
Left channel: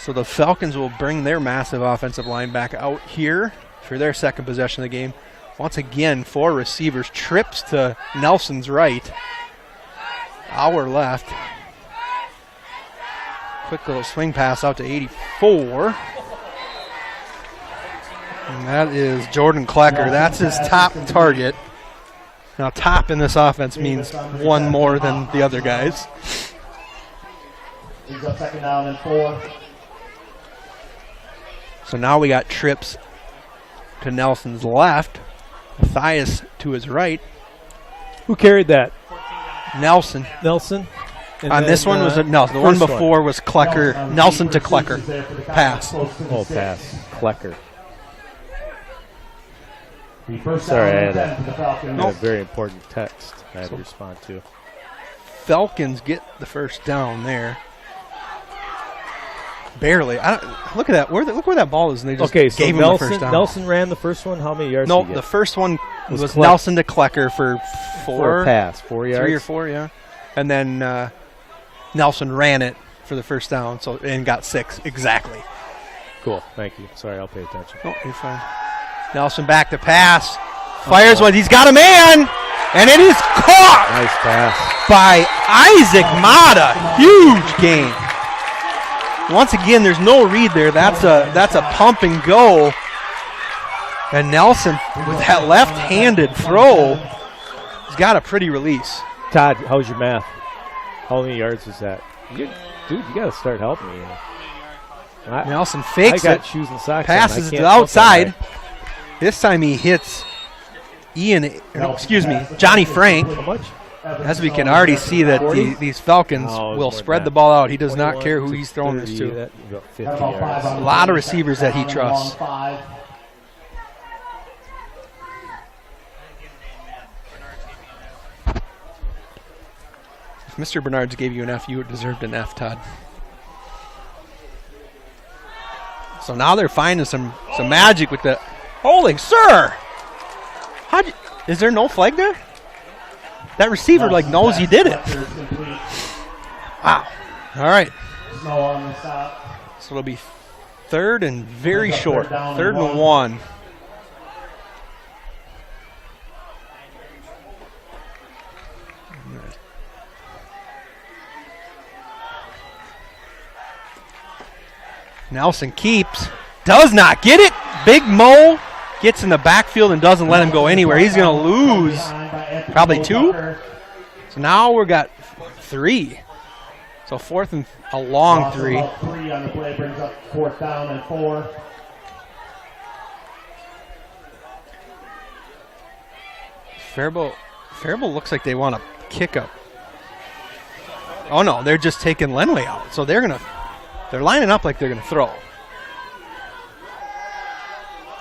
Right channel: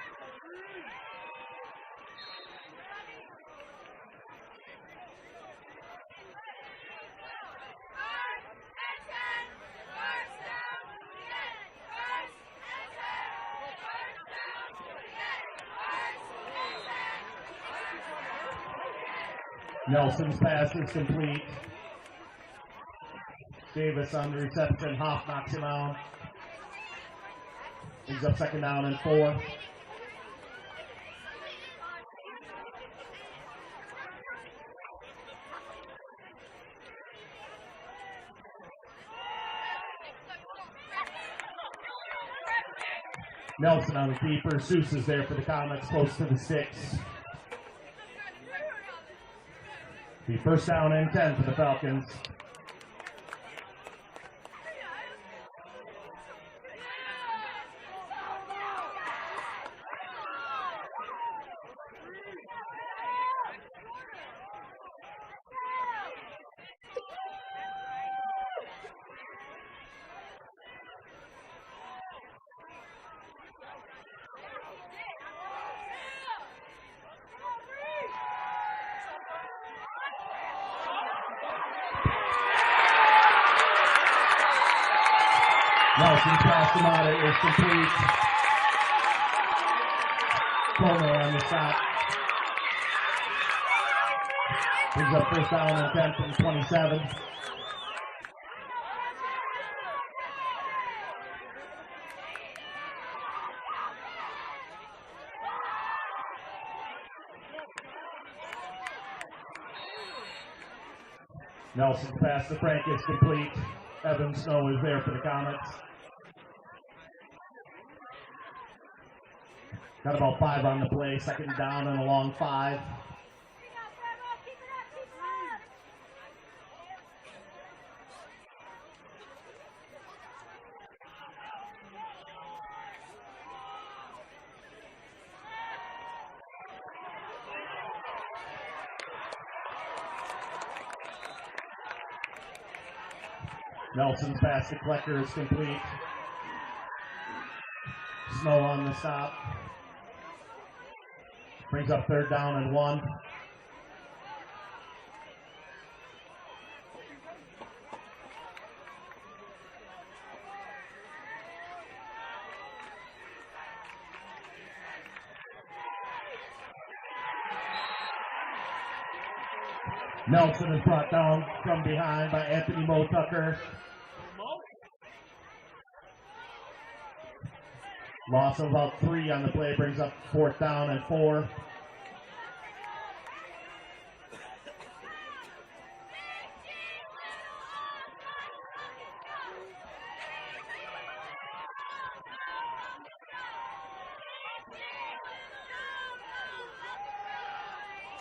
So the Falcons will bring their massive offensive line back out here for their second possession of the game. Once again, 4 receivers. Trips to Nelson's right. Our left. Quick little swing pass out to 84. And that is Jordan Klecker. That's his top target. Now, top in this offense means one more than the other guys. He's up 2nd down and 4. So now we got trips to Nelson's left. Matthias to his right. Who carried that? Nelson. And on then, this one was no. The one before was Klecker. Nelson to Klecker. Pass. Pass. Klecker. Sorry, I had a very important text I had to respond to. Falcons get the first down there. Barely. Look at that. Look where that ball is, and they just gave him the first down. Nelson ran the first one. How many yards? No, the first one was Nelson to Klecker for 4. For a pass, 4 yards. 3 or 4, yeah. And then Nelson ran it for the first down, and got 6 exactly. Cool. Thank you. Sorry, I'll pay attention. Oh, you're fine. Nelson back to pass. Fires one. He's got a man, and it is caught. Nice pass by Isaac Mata. Huge gain. Once again, there's no read there. That's a pump and go. And Nelson, that left-handed throw, has got a pretty release. Todd, how's your math? How many yards is that? Dude, you got to start helping me. Nelson fakes I got it. shoes and socks passes on. to the outside. This time he hits Johnny Frank. How much? As we can already see that these Falcons will spread the ball out. He does not care who he's throwing this to. A lot of receivers that he trusts. If Mr. Bernards gave you an F, you deserved an F, Todd. So now they're finding some magic with the holding. Sir! Is there no flag there? That receiver knows he did it. Wow. All right. So it'll be 3rd and very short. 3rd and 1. Nelson keeps. Does not get it. Big Mo gets in the backfield and doesn't let him go anywhere. He's going to lose probably 2. So now we've got 3. So 4th and a long 3. 3 on the play brings up 4th down and 4. Faribault looks like they want to kick up. Oh no, they're just taking Lenway out. So they're lining up like they're going to throw.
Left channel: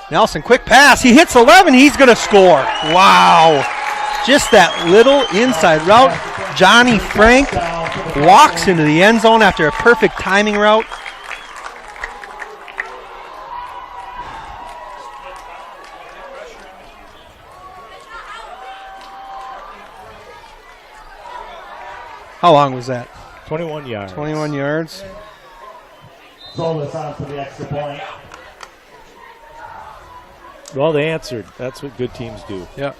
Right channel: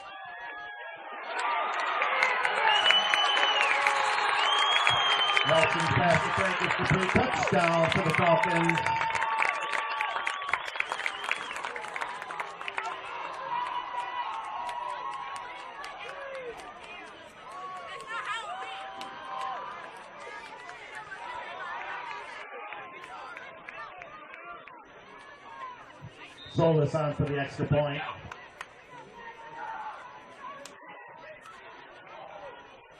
Nelson, quick pass. He hits 11. He's going to score. Wow. Just that little inside route. Johnny Frank walks into the end zone after a perfect timing route. How long was that? 21 yards. 21 yards. Sold us on for the extra point. Well, they answered. That's what good teams do. Yep.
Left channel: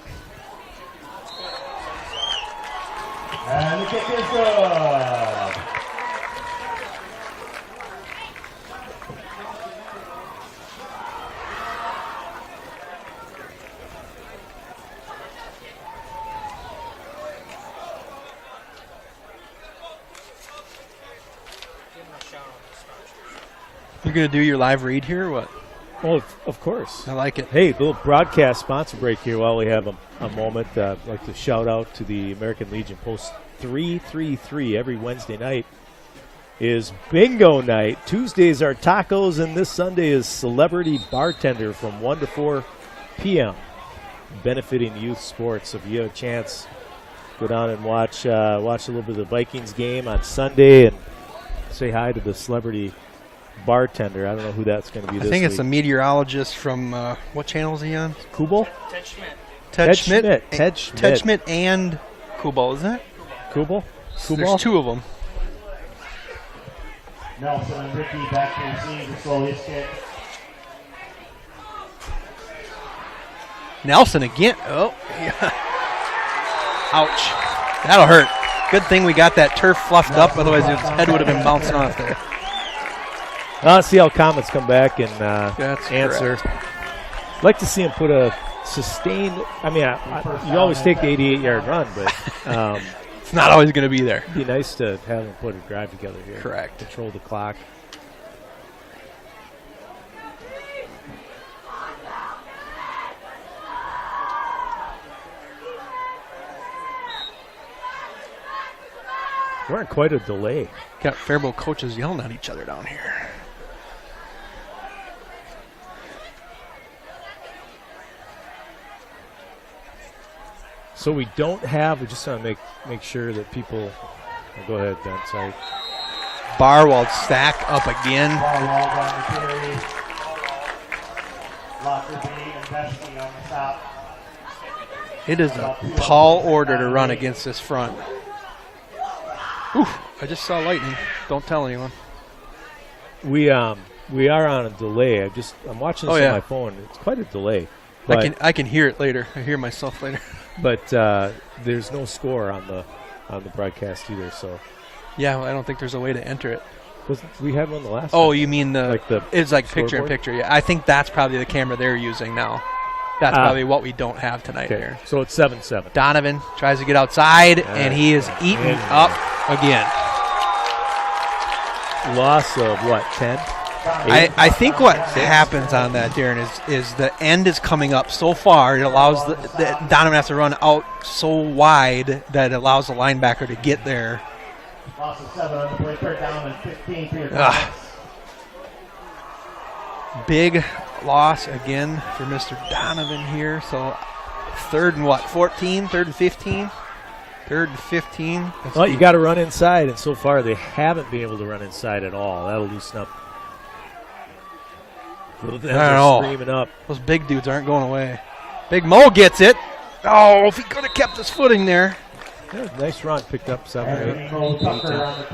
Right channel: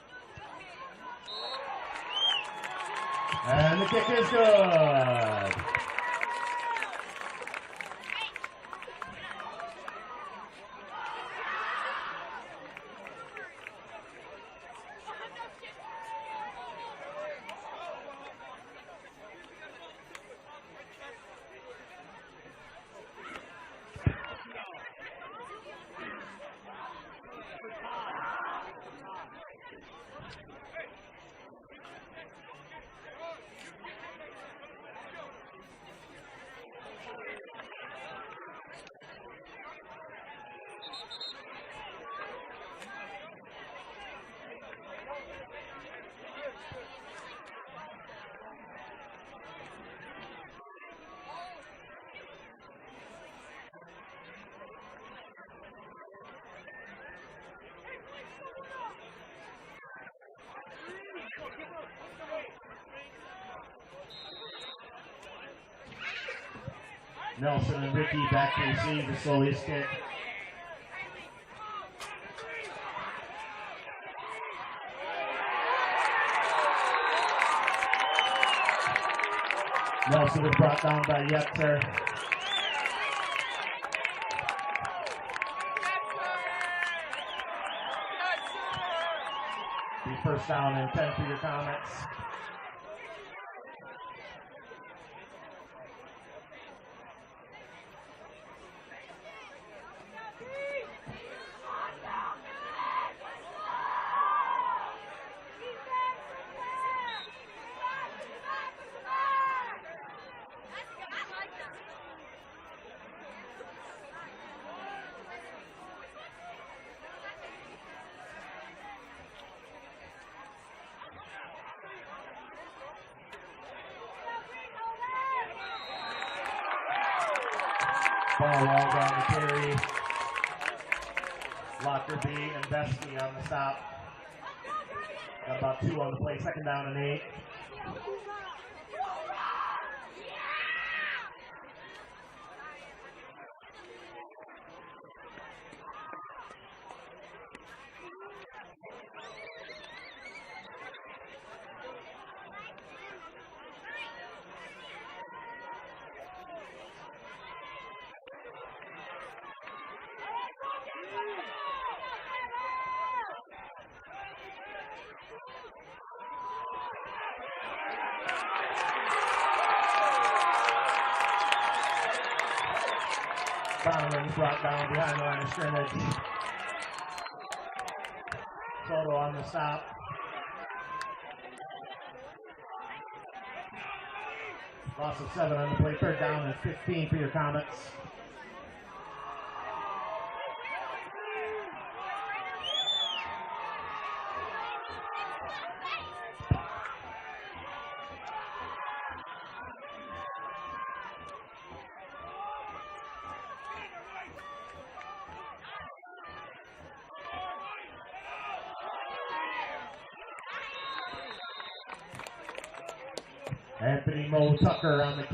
And the kick is good. You're going to do your live read here or what? Oh, of course. I like it. Hey, little broadcast sponsor break here while we have a moment. I'd like to shout out to the American Legion Post 333 every Wednesday night is bingo night. Tuesdays are tacos, and this Sunday is celebrity bartender from 1 to 4 p.m. benefiting youth sports. If you have a chance, go down and watch a little bit of the Vikings game on Sunday and say hi to the celebrity bartender. I don't know who that's going to be I this think it's a week. meteorologist from what channel is he on? Kubel? Ted Schmidt. Ted Schmidt. Ted Schmidt and Kubal, isn't it? Kubel? There's two of them. Nelson and Ricky back to receive the slowly skip. Nelson again. Oh, yeah. Ouch. That'll hurt. Good thing we got that turf fluffed up, otherwise his head would have been bouncing off there. Let's see how Comets come back and That's answer. correct. I'd like to see him put a sustained. I mean, you always take the 88-yard run, but It's not always going to be there. it'd be nice to have him put a drive together here. Correct. Control the clock. We're in quite a delay. Got Faribault coaches yelling at each other down here. So we don't have. We just want to make sure that people. Go ahead, Ben. Sorry. Barwald stack up again. Barwald on the carry. Lockerbie and Vesky on the stop. It is a tall order to run against this front. Oof, I just saw lightning. Don't tell anyone. We are on a delay. I'm watching this on my phone. It's quite a delay. I can hear it later. I hear myself later. But there's no score on the broadcast either. So Yeah, I don't think there's a way to enter it. we had one the last. Oh, time. you mean it's like picture in scoreboard? picture. Yeah, I think that's probably the camera they're using now. That's probably what we don't have tonight Okay. there. So it's 7-7. Donovan tries to get outside, and he is eaten up again. Loss of what, 10? I think what happens on that, Darren, is the end is coming up so far. It allows the Donovan has to run out so wide that it allows the linebacker to get there. Loss of 7 on the play, 3rd down and 15 for your Comets. Big loss again for Mr. Donovan here. So 3rd and what? 14? 3rd and 15? 3rd and 15. Well, you got to run inside, and so far they haven't been able to run inside at all. That'll loosen up. I don't know. Screaming up. Those big dudes aren't going away. Big Mo gets it. Oh, if he could have kept his footing there. Yeah, nice run. Picked up 7 or 8.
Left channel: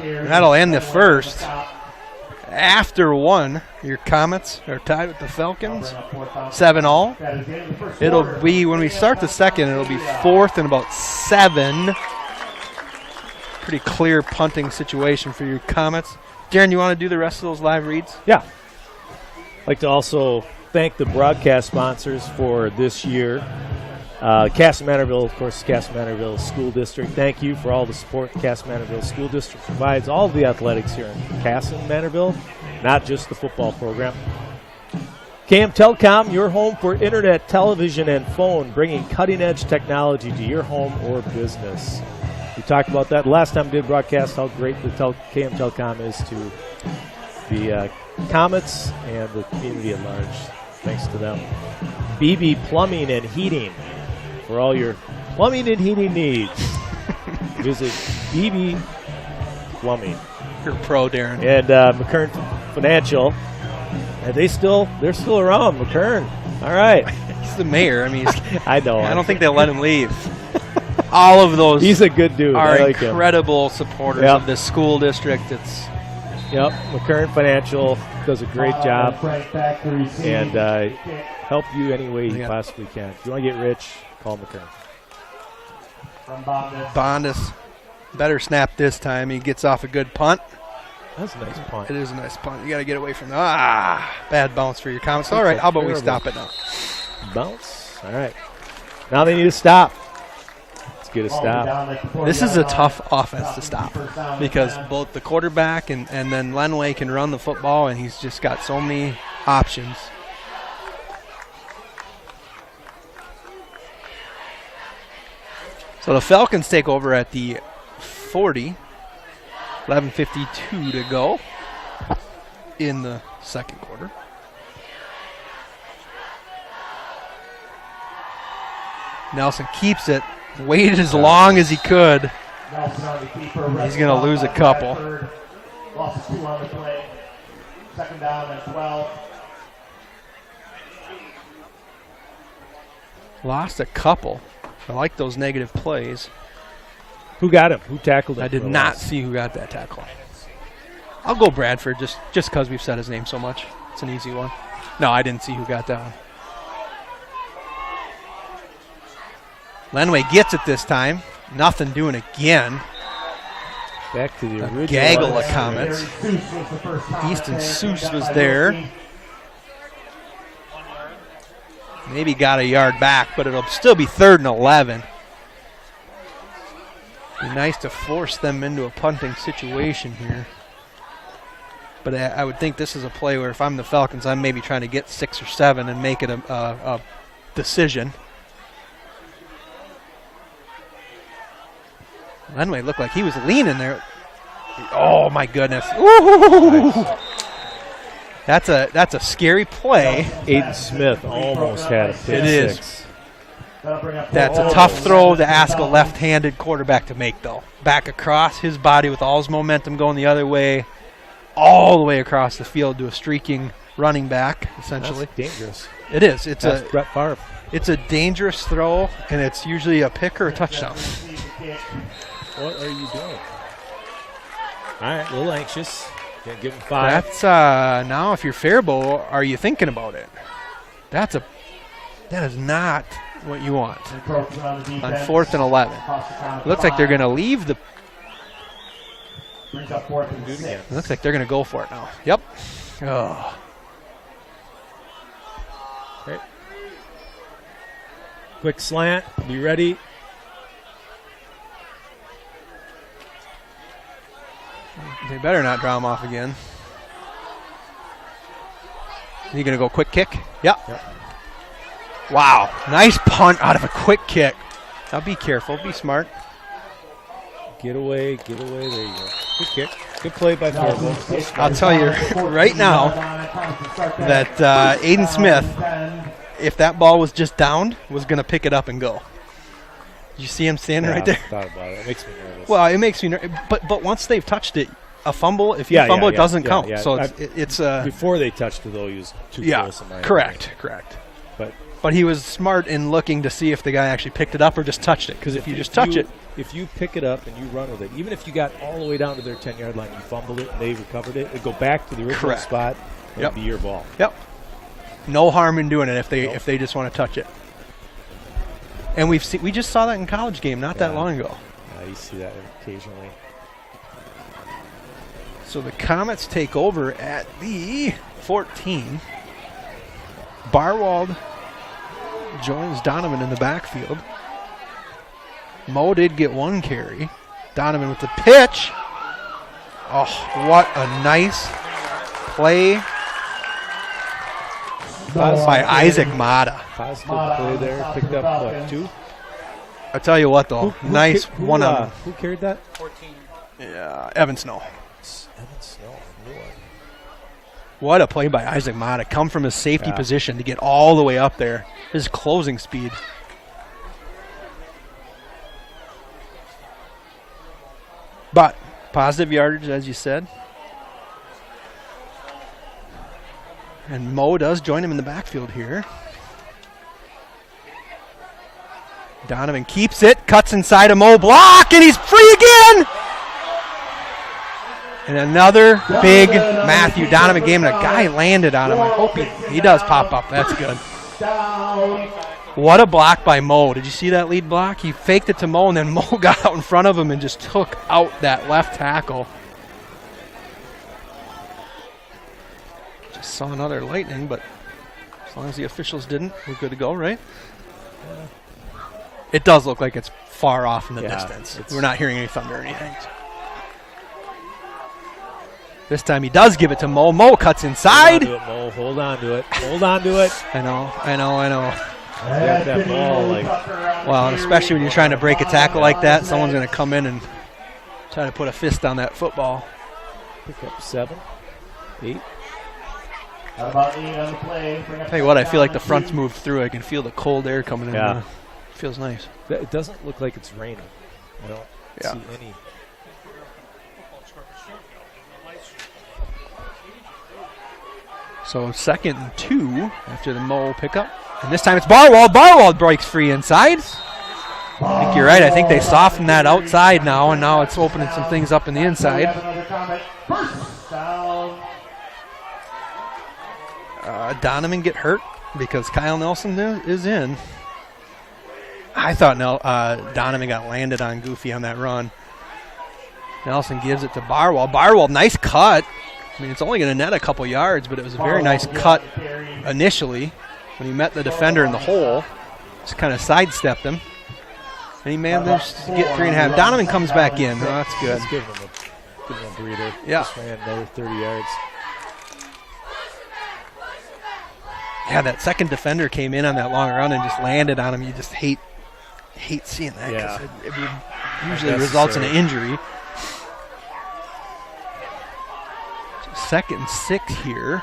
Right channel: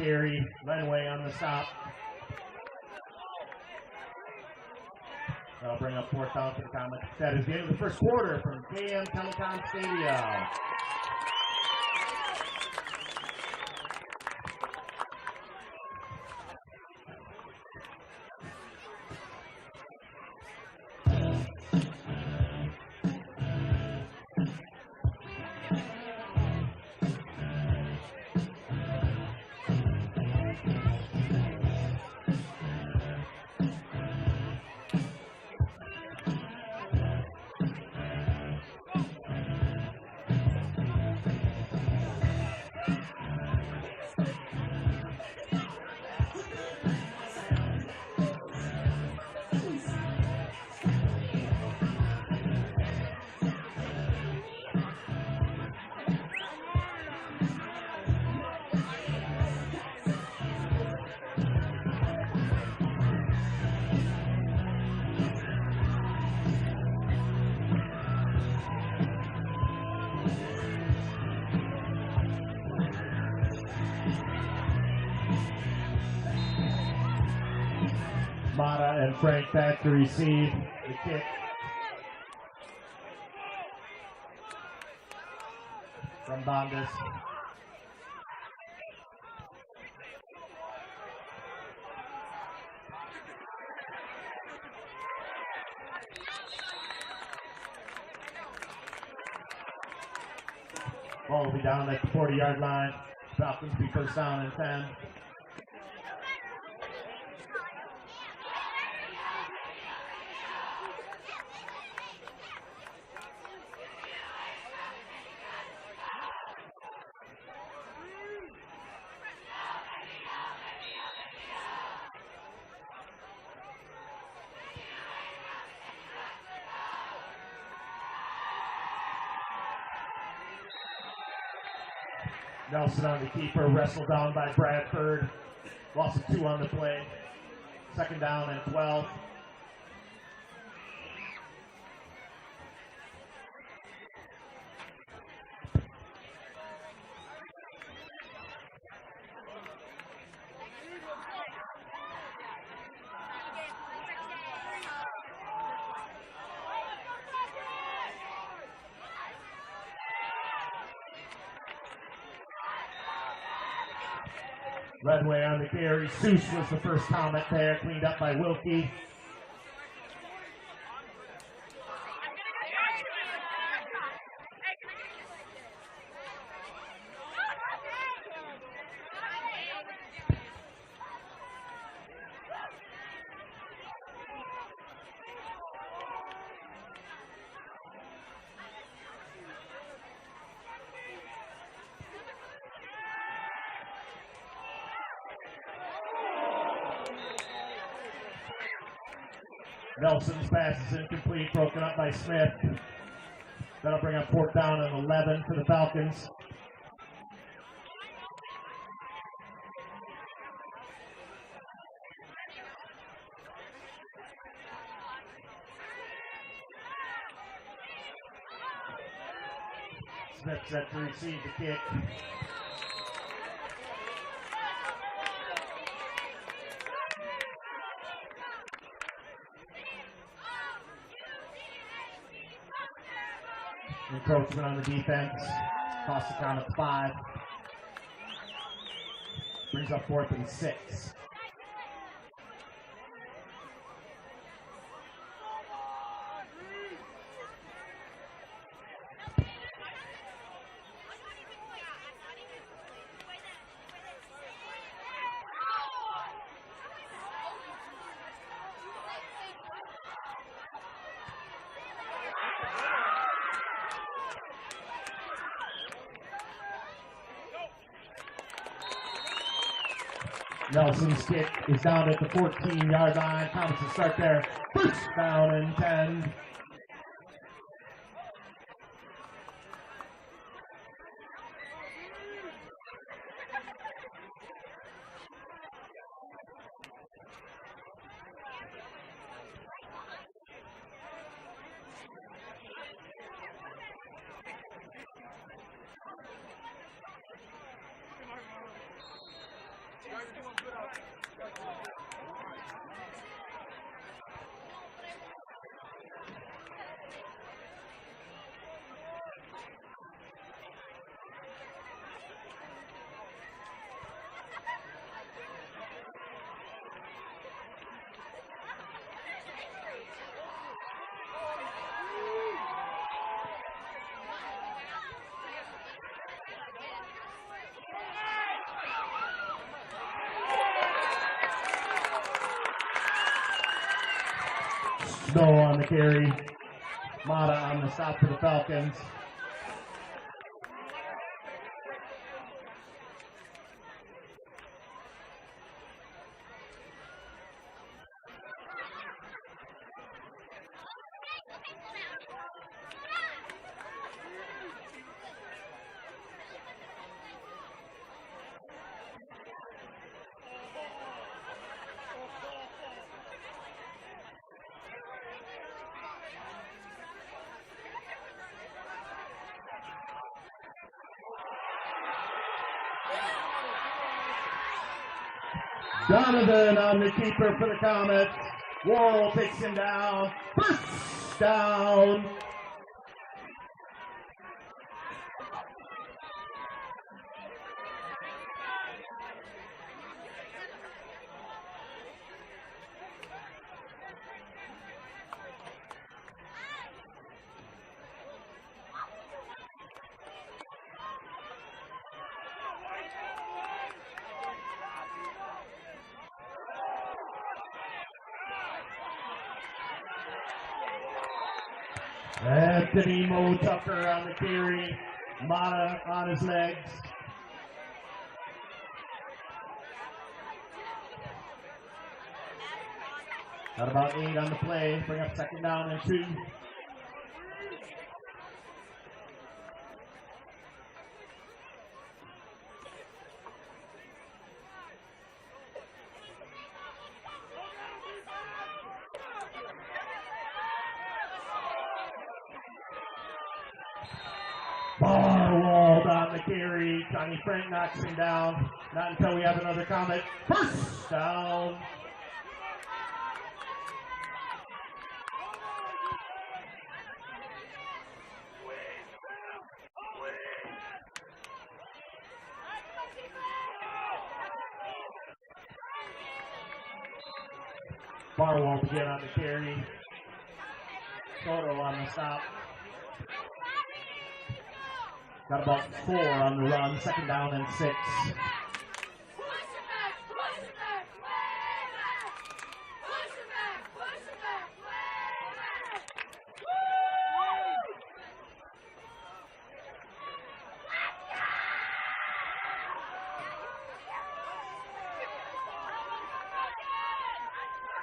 And that'll end the first. After one, your Comets are tied with the Falcons, 7-all. It'll be, when we start the second, it'll be 4th and about 7. Pretty clear punting situation for your Comets. Darren, you want to do the rest of those live reads? Yeah. I'd like to also thank the broadcast sponsors for this year. Kasson-Mantorville, of course, Kasson-Mantorville School District. Thank you for all the support the Kasson-Mantorville School District provides all of the athletics here in Kasson-Mantorville, not just the football program. KM Telecom, your home for internet, television, and phone, bringing cutting-edge technology to your home or business. We talked about that last time we did broadcast, how great the KM Telecom is to the Comets and the community at large. Thanks to them. BB Plumbing and Heating. For all your plumbing and heating needs, visit BB Plumbing. You're pro, Darren. And McKern Financial. And they're still around, McKern. All right. He's the mayor. I mean, I know. I don't think they'll let him leave. All of those He's a good dude. are I like incredible supporters of this school district. Yep, McKern Financial does a great job and help you any way you possibly can. If you want to get rich, call McKern. Bondus better snap this time. He gets off a good punt. That's a nice punt. It is a nice punt. You got to get away from that. Bad bounce for your Comets. All right, how about we stop it now? Bounce. All right. Now they need to stop. Let's get a stop. This is a tough offense to stop because both the quarterback and then Lenway can run the football, and he's just got so many options. So the Falcons take over at the 40. 11:52 to go in the second quarter. Nelson keeps it, waited as long as he could. Nelson on the keeper. He's going to lose a couple. Loss of 2 on the play. Second down and 12. Lost a couple. I like those negative plays. Who got him? Who tackled him? I did not see who got that tackle. I'll go Bradford just because we've said his name so much. It's an easy one. No, I didn't see who got that one. Lenway gets it this time. Nothing doing again. Back to the A original. gaggle of comments. Easton Seuss was there. Maybe got a yard back, but it'll still be 3rd and 11. Be nice to force them into a punting situation here. But I would think this is a play where if I'm the Falcons, I'm maybe trying to get 6 or 7 and make it a decision. Lenway looked like he was leaning there. Oh my goodness! Ooh. That's a scary play. Aiden Smith almost had a pick It is. six. That's a tough throw to ask a left-handed quarterback to make, though. Back across his body with all his momentum going the other way, all the way across the field to a streaking running back, essentially. That's dangerous. It is. That's Brett Favre. It's a dangerous throw, and it's usually a pick or a touchdown. What are you doing? All right, a little anxious. Gonna give him 5. That's now if you're Faribault, are you thinking about it? That is not what you want on 4th and 11. Looks like they're going to leave the. Brings up 4th and 6. Looks like they're going to go for it now. Yep. Oh. Okay. Quick slant. Be ready. They better not draw him off again. You going to go quick kick? Yep. Wow. Nice punt out of a quick kick. Now be careful. Be smart. Get away. There you go. Good kick. Good play by Faribault. I'll tell you right now that Aiden Smith, if that ball was just downed, was going to pick it up and go. You see him standing right there? I thought about it. It makes me nervous. Well, it makes me nervous. But once they've touched it, a fumble, if you fumble, it doesn't count. Yeah. So it's before they touched it, though, he was too close. In my correct. But he was smart in looking to see if the guy actually picked it up or just touched it. Because if you just touch it. If you pick it up and you run with it, even if you got all the way down to their 10-yard line and you fumbled it and they recovered it, it'd go back to the original spot and it'd be your ball. Yep. No harm in doing it if they just want to touch it. And we just saw that in college game not that long ago. Yeah, you see that occasionally. So the Comets take over at the 14. Barwald joins Donovan in the backfield. Mo did get 1 carry. Donovan with the pitch. Oh, what a nice play by Isaac Mata. Positive play there. Picked up, what, 2? I tell you what, though. Nice one on. Who carried that? 14. Yeah, Evan Snow. Evan Snow. What a play by Isaac Mata. Come from his safety position to get all the way up there. His closing speed. But positive yardage, as you said. And Mo does join him in the backfield here. Donovan keeps it, cuts inside a Mo block, and he's free again! And another big Matthew Donovan game, and a guy landed on him. I hope he does pop up. That's good. What a block by Mo. Did you see that lead block? He faked it to Mo, and then Mo got out in front of him and just took out that left tackle. Just saw another lightning, but as long as the officials didn't, we're good to go, right? It does look like it's far off in the distance. We're not hearing any thunder or anything. This time he does give it to Mo. Mo cuts inside. Hold on to it. Hold on to it. I know. Well, and especially when you're trying to break a tackle like that, someone's going to come in and try to put a fist on that football. Pick up 7, 8. About 8 on the play. Tell you what, I feel like the front's moved through. I can feel the cold air coming in. Yeah. Feels nice. It doesn't look like it's raining. I don't see any. So 2nd and 2 after the Mo pickup. And this time it's Barwald. Barwald breaks free inside. I think you're right. I think they softened that outside now, and now it's opening some things up in the inside. Donovan get hurt because Kyle Nelson is in. I thought Donovan got landed on Goofy on that run. Nelson gives it to Barwald. Barwald, nice cut. I mean, it's only going to net a couple yards, but it was a very nice cut initially when he met the defender in the hole. Just kind of sidestepped him. And he managed to get 3.5. Donovan comes back in. Oh, that's good. Give him a breather. Yeah. Just ran another 30 yards. Yeah, that second defender came in on that long run and just landed on him. You just hate seeing that because it usually results in an injury. 2nd and 6 here.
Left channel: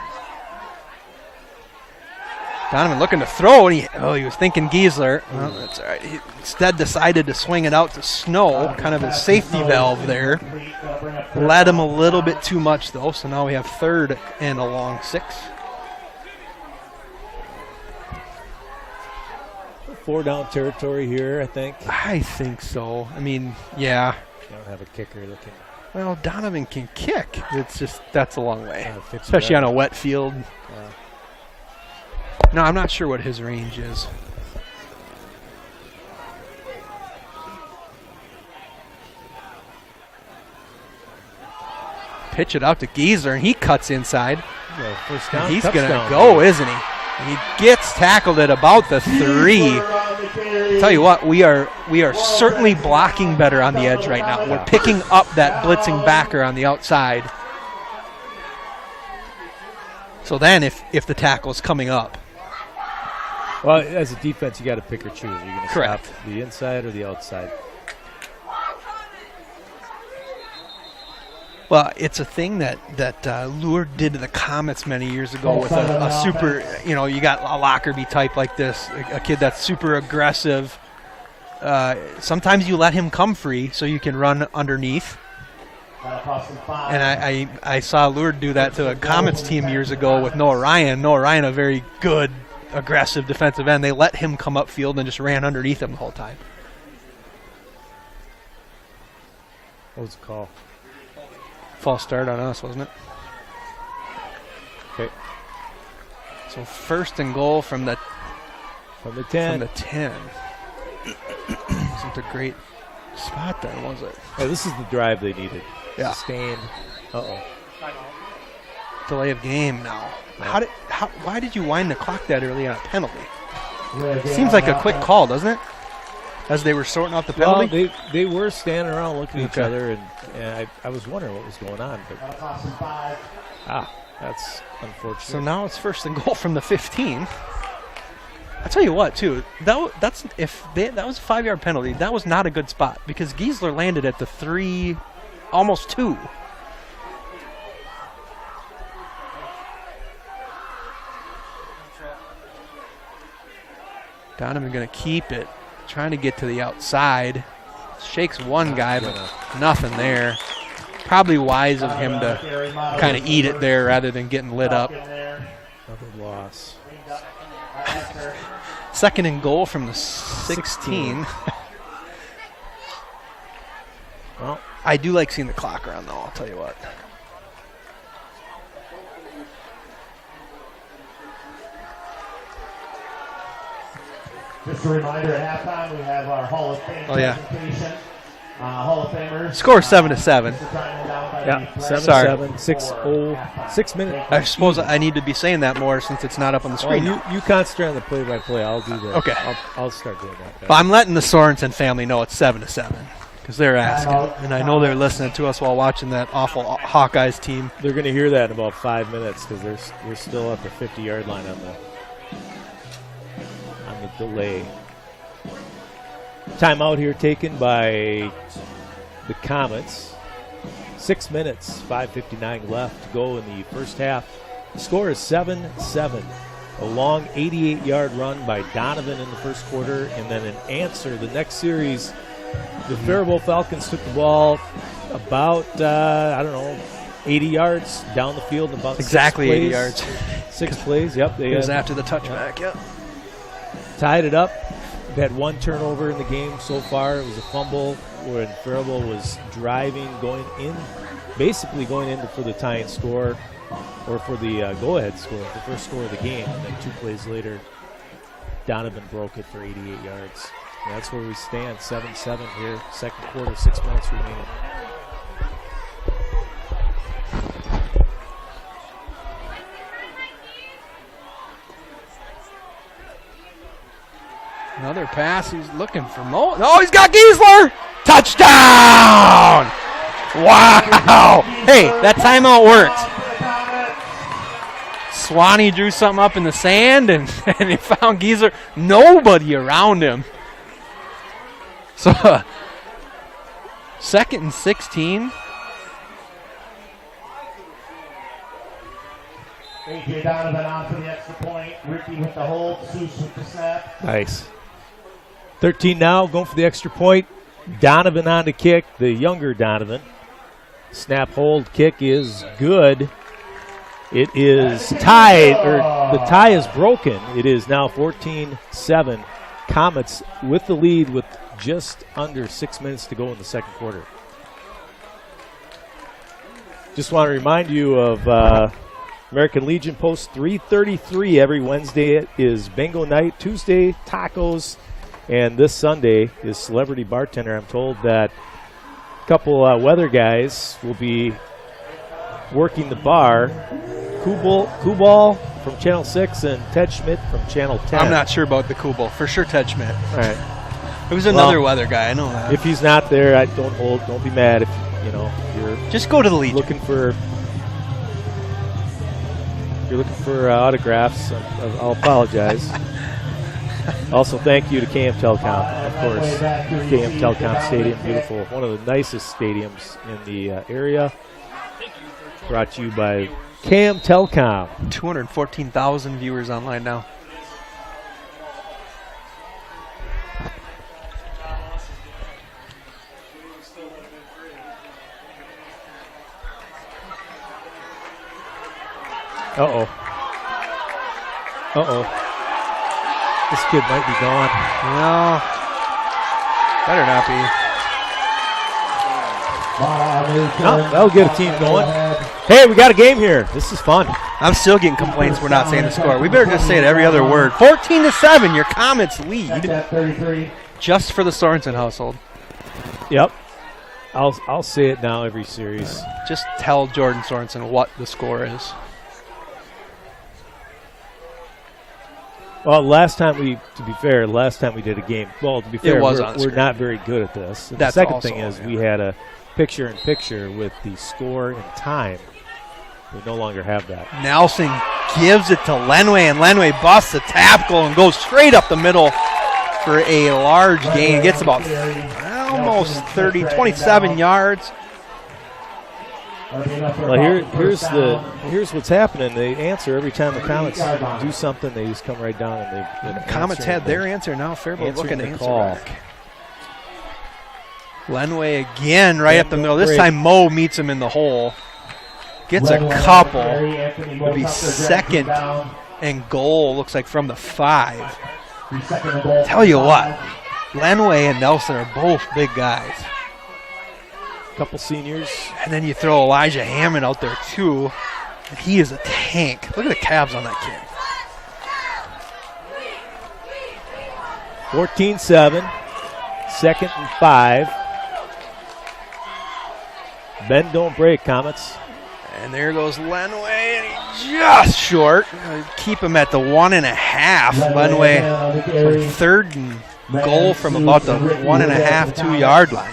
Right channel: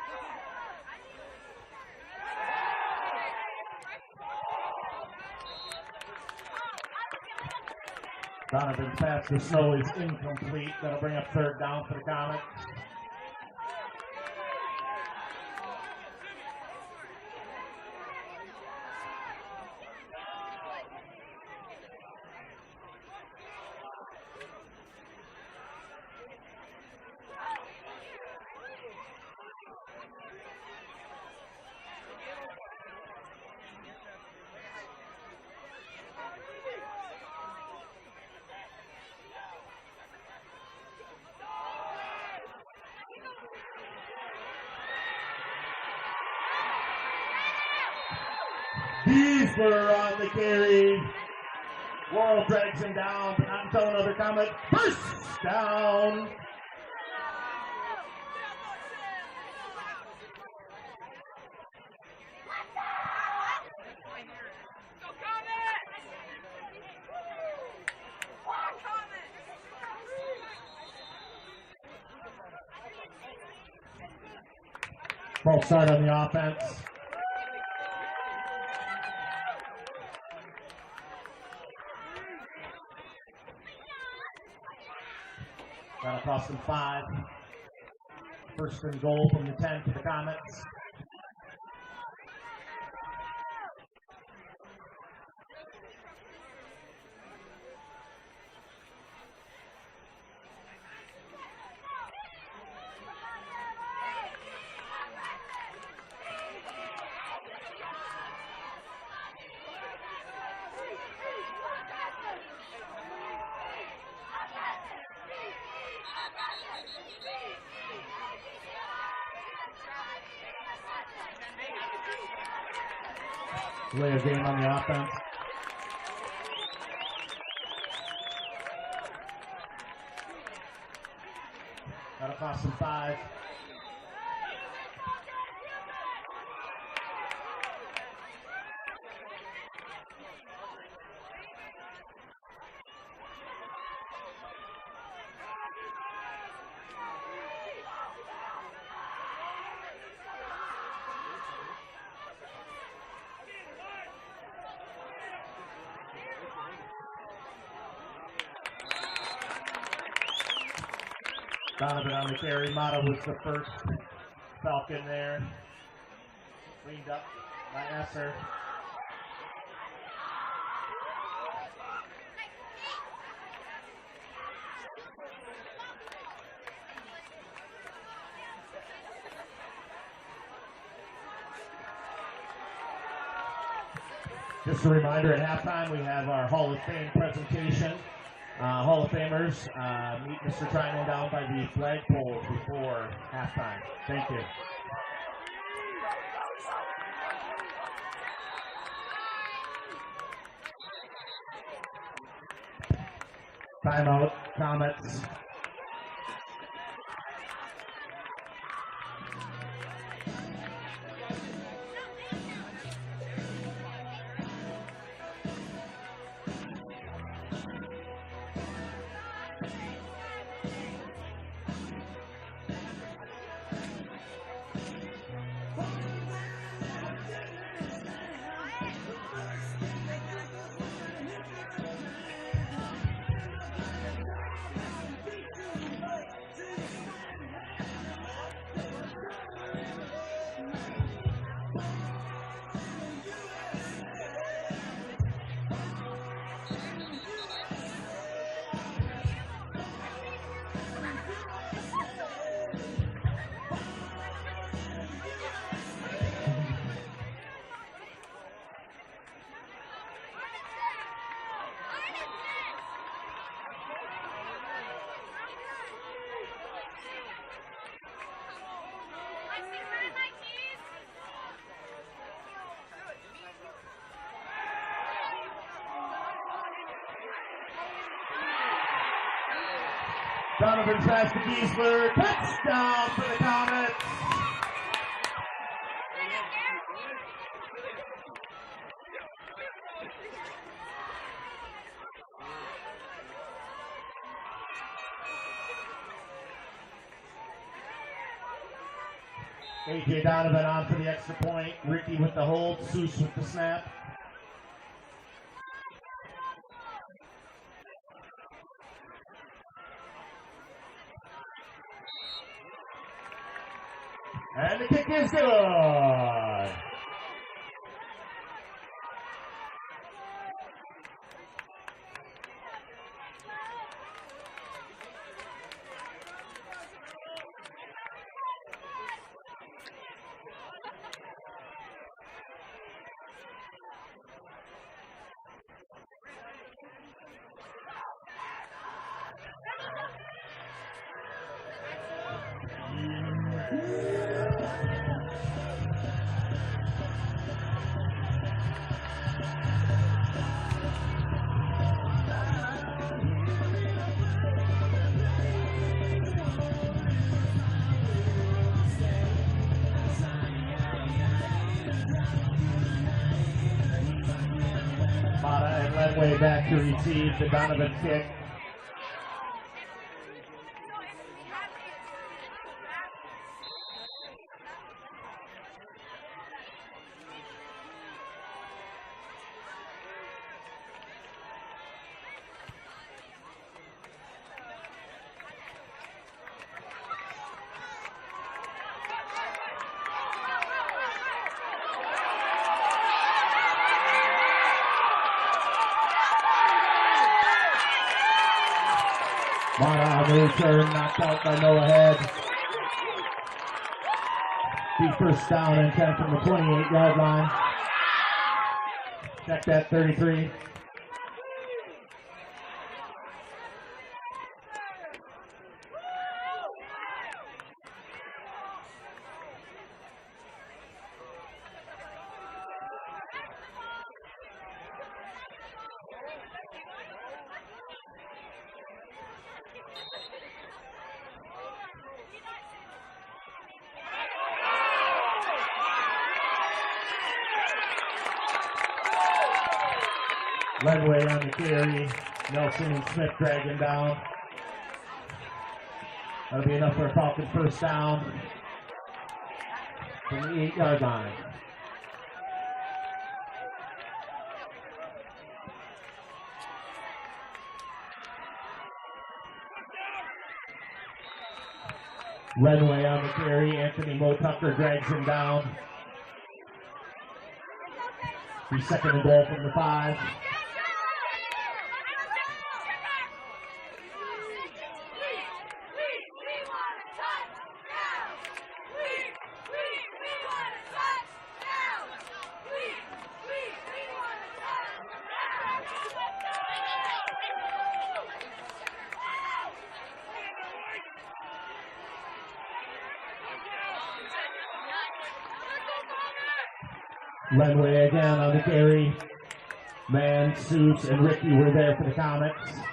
Donovan looking to throw, and he was thinking Giesler. Well, that's all right. He instead decided to swing it out to Snow, kind of a safety valve there. Led him a little bit too much, though, so now we have 3rd and a long 6. 4-down territory here, I think. I think so. I mean, yeah. You don't have a kicker looking. Well, Donovan can kick. It's just, that's a long way, especially on a wet field. No, I'm not sure what his range is. Pitch it out to Giesler, and he cuts inside. And he's going to go, isn't he? And he gets tackled at about the 3. Tell you what, we are certainly blocking better on the edge right now. We're picking up that blitzing backer on the outside. So then if the tackle is coming up. Well, as a defense, you got to pick or choose. You're going to stop Correct. the inside or the outside. Well, it's a thing that Lure did to the Comets many years ago with a super, you got a Lockerbie type like this, a kid that's super aggressive. Sometimes you let him come free so you can run underneath. And I saw Lure do that to a Comets team years ago with Noah Ryan. Noah Ryan, a very good, aggressive defensive end. They let him come upfield and just ran underneath him the whole time. What was the call? False start on us, wasn't it? Okay. So 1st and goal from the 10. From the 10. Wasn't a great spot there, was it? Oh, this is the drive they needed. Yeah. Sustained. Delay of game now. Why did you wind the clock that early on a penalty? Seems like a quick call, doesn't it? As they were sorting out the penalty? Well, they were standing around looking at each other, and I was wondering what was going on. But, that's unfortunate. So now it's 1st and goal from the 15. I'll tell you what, too. That was a 5-yard penalty. That was not a good spot because Giesler landed at the 3, almost 2. Donovan going to keep it. Trying to get to the outside. Shakes one guy, but nothing there. Probably wise of him to kind of eat it there rather than getting lit up. Another loss. 2nd and goal from the 16. Well, I do like seeing the clock around, though, I'll tell you what. Just a reminder, at halftime, we have our Hall of Fame presentation. Hall of Famers. Score 7-7. Yeah, 7-7, 6 minutes. I suppose I need to be saying that more since it's not up on the screen. Well, you concentrate on the play-by-play. I'll do that. Okay. I'll start doing that. But I'm letting the Sorensen family know it's 7-7 because they're asking, and I know they're listening to us while watching that awful Hawkeyes team. They're going to hear that in about 5 minutes because they're still at the 50-yard line on the delay. Timeout here taken by the Comets. 6 minutes, 5:59 left to go in the first half. The score is 7-7. A long 88-yard run by Donovan in the first quarter, and then an answer. The next series, the Faribault Falcons took the ball about, 80 yards down the field. About exactly 80 6 plays. yards. 6 plays. Yep, It was after the touchback. Yep. Tied it up. We've had 1 turnover in the game so far. It was a fumble when Faribault was driving, basically going in for the tying score or for the go-ahead score, the first score of the game. And 2 plays later, Donovan broke it for 88 yards. And that's where we stand, 7-7 here, second quarter, 6 minutes remaining. Another pass. He's looking for Mo. Oh, he's got Giesler. Touchdown! Wow. Hey, that timeout worked. Swanee drew something up in the sand, and he found Giesler. Nobody around him. So, 2nd and 16. A.J. Donovan on for the extra point. Ricky with the hold. Seuss with the snap. Nice. 13 now, going for the extra point. Donovan on the kick, the younger Donovan. Snap, hold, kick is good. It is tied, or the tie is broken. It is now 14-7. Comets with the lead with just under 6 minutes to go in the second quarter. Just want to remind you of American Legion Post 333 every Wednesday. It is bingo night. Tuesday, tacos. And this Sunday is Celebrity Bartender. I'm told that a couple weather guys will be working the bar. Kubal from Channel 6 and Ted Schmidt from Channel 10. I'm not sure about the Kubal. For sure, Ted Schmidt. All right. It was another weather guy. I know that. If he's not there, don't be mad if you're just go to the Legion. Looking for autographs. I'll apologize. Also, thank you to KM Telecom, of course. KM Telecom Stadium, beautiful. One of the nicest stadiums in the area. Brought to you by KM Telecom. 214,000 viewers online now. Uh-oh. Uh-oh. This kid might be gone. No. Better not be. No, that'll get a team going. Hey, we got a game here. This is fun. I'm still getting complaints we're not saying the score. We better just say it every other word. 14-7, your Comets lead. Just for the Sorensen household. Yep. I'll say it now every series. Just tell Jordan Sorensen what the score is. Well, to be fair, last time we did a game, well, to be fair, we're not very good at this. The second thing is we had a picture-in-picture with the score and time. We no longer have that. Nelson gives it to Lenway, and Lenway busts a tackle and goes straight up the middle for a large gain. Gets about almost 27 yards. Well, here's what's happening. They answer every time the Comets do something. They just come right down and they. Comets had their answer. Now Faribault looking to answer back. Lenway again, right up the middle. This time Mo meets him in the hole. Gets a couple. It'll be 2nd and goal. Looks like from the 5. Tell you what, Lenway and Nelson are both big guys. Couple seniors. And then you throw Elijah Hammond out there too. And he is a tank. Look at the calves on that kid. 14-7. 2nd and 5. Bend don't break, Comets. And there goes Lenway, and he just short. Keep him at the 1.5. Lenway, 3rd and goal from about the 1.5, 2 yard line.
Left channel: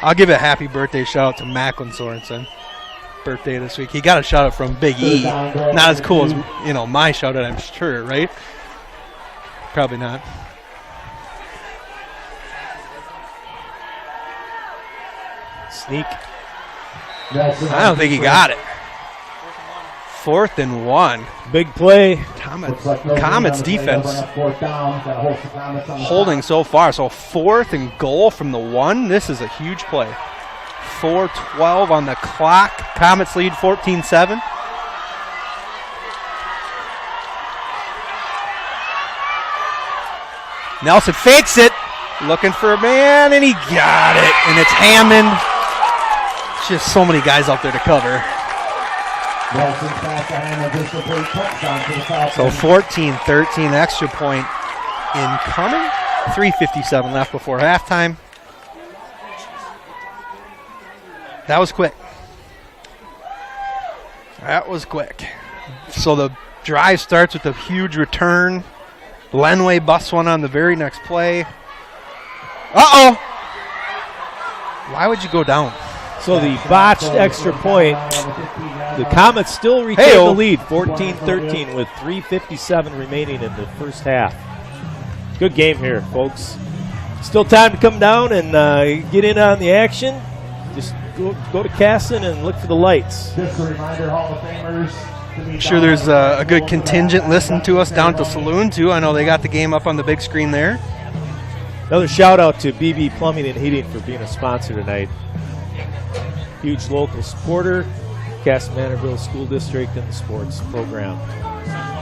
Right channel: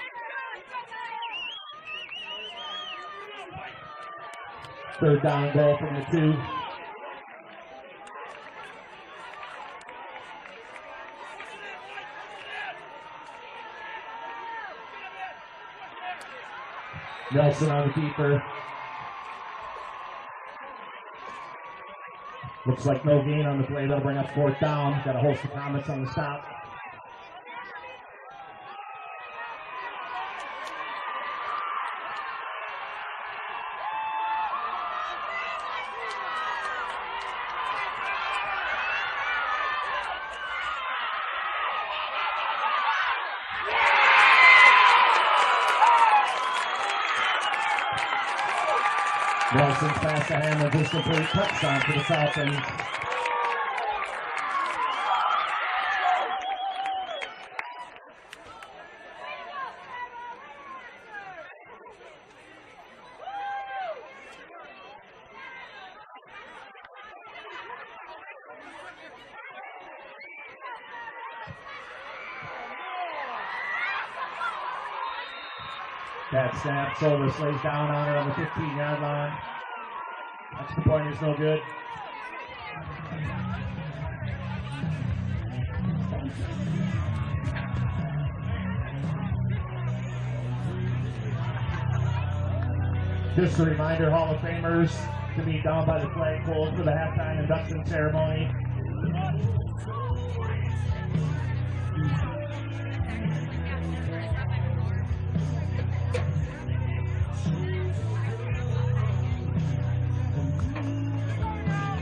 I'll give a happy birthday shout out to Macklin Sorensen. Birthday this week. He got a shout out from Big E. Not as cool as my shout out, I'm sure, right? Probably not. Sneak. I don't think he got it. 4th and 1. Big play. Comets defense holding so far. So 4th and goal from the 1. This is a huge play. 4:12 on the clock. Comets lead 14-7. Nelson fakes it, looking for a man, and he got it. And it's Hammond. Just so many guys out there to cover. Wilson pass to Hammond, just a great touchdown for the Falcons. So 14-13, extra point incoming. 3:57 left before halftime. That was quick. That was quick. So the drive starts with a huge return. Lenway busts one on the very next play. Uh-oh! Why would you go down? So the botched extra point, the Comets still retain the lead, 14-13 with 3:57 remaining in the first half. Good game here, folks. Still time to come down and get in on the action. Just go to Kasson and look for the lights. Just a reminder, Hall of Famers. I'm sure there's a good contingent listening to us down at the saloon, too. I know they got the game up on the big screen there. Another shout out to BB Plumbing and Heating for being a sponsor tonight. Huge local supporter, Kasson-Mantorville School District and the sports program.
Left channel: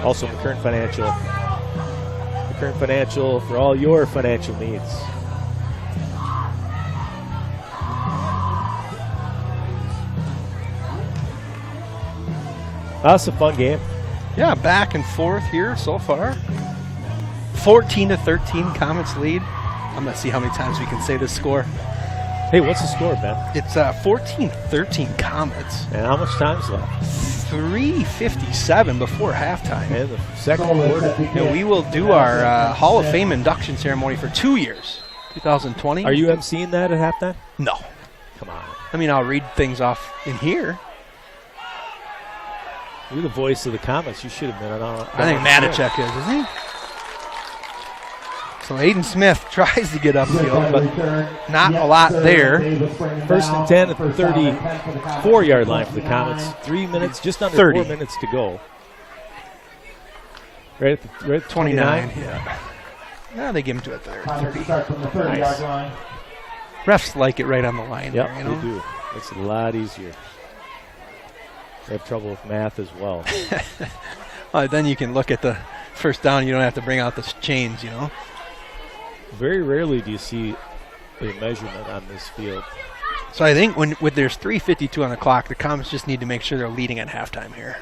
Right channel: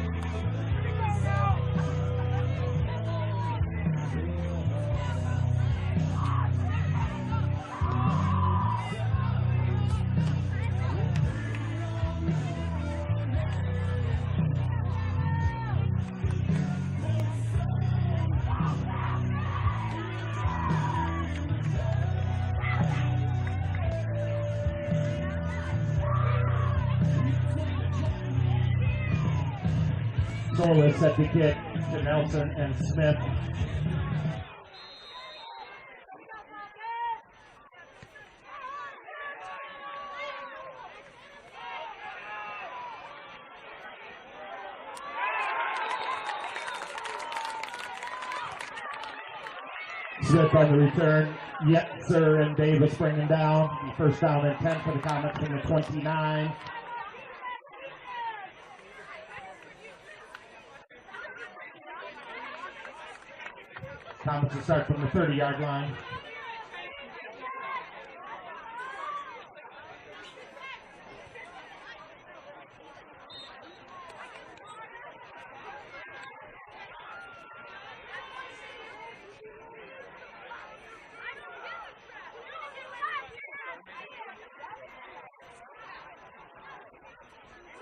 Also McKern Financial. McKern Financial for all your financial needs. That's a fun game. Yeah, back and forth here so far. 14-13, Comets lead. I'm going to see how many times we can say this score. Hey, what's the score, Ben? It's 14-13 Comets. And how much time's left? 3:57 before halftime. And the second quarter. Yeah, we will do our Hall of Fame induction ceremony for 2 years. 2020. Are you emceeing that at halftime? No. Come on. I mean, I'll read things off in here. You're the voice of the Comets. You should have been on. I think Matichek is, isn't he? So Aiden Smith tries to get upfield, but not a lot there. First and 10 at the 34-yard line for the Comets. 3 minutes, just under 30. 4 minutes to go. Right at 29. Yeah, they give him to a 30. Start from the 30-yard line. Refs like it right on the line. Yep, there, you know? they do. Makes it a lot easier. They have trouble with math as well. Then you can look at the first down. You don't have to bring out the chains, you know. Very rarely do you see a measurement on this field. So I think when there's 3:52 on the clock, the Comets just need to make sure they're leading at halftime here.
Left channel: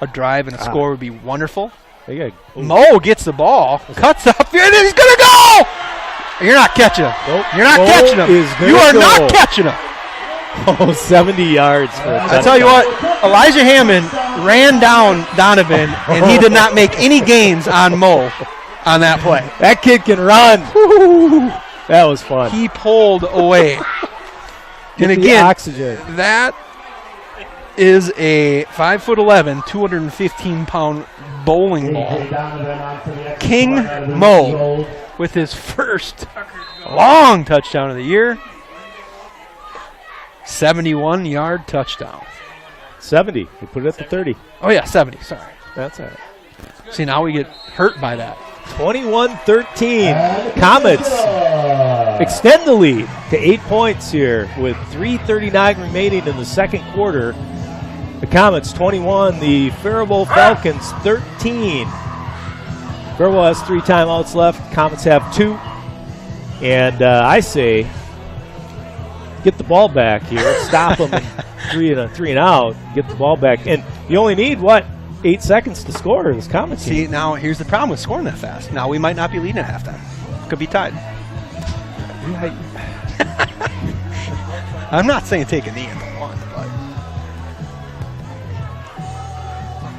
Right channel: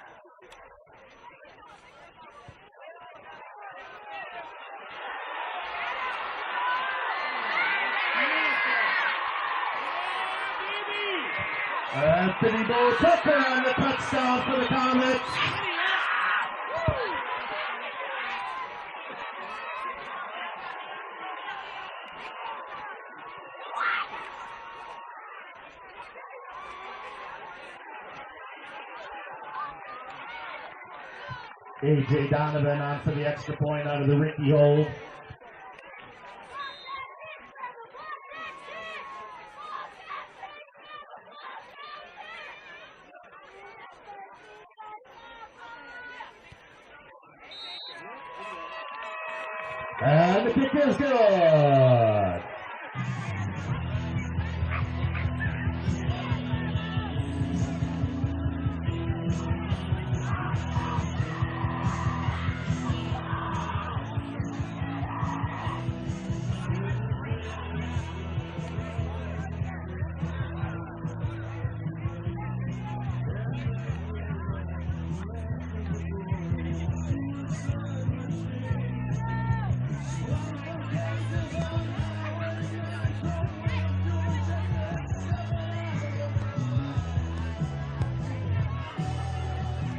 A drive and a score would be wonderful. They got Mo gets the ball, cuts up, and he's going to go! You're not catching him. Nope. You're not Mo catching him. is gonna You are go. not catching him. Oh, 70 yards. I tell you what, Elijah Hammond ran down Donovan, and he did not make any gains on Mo on that play. That kid can run. Woo-hoo. That was fun. He pulled away. Get And the again, oxygen. that is a 5'11", 215-pound bowling ball. King Mo with his first long touchdown of the year. 71-yard touchdown. 70. We put it at the 30. Oh, yeah, 70. Sorry. That's all right. See, now we get hurt by that. 21-13. Comets extend the lead to 8 points here with 3:39 remaining in the second quarter. The Comets 21, the Faribault Falcons 13. Faribault has 3 timeouts left. Comets have 2. And I say, get the ball back here. Stop them at 3 and out. Get the ball back. And you only need, 8 seconds to score this Comets. See, now here's the problem with scoring that fast. Now we might not be leading at halftime. Could be tied. I'm not saying take a knee if you want, but.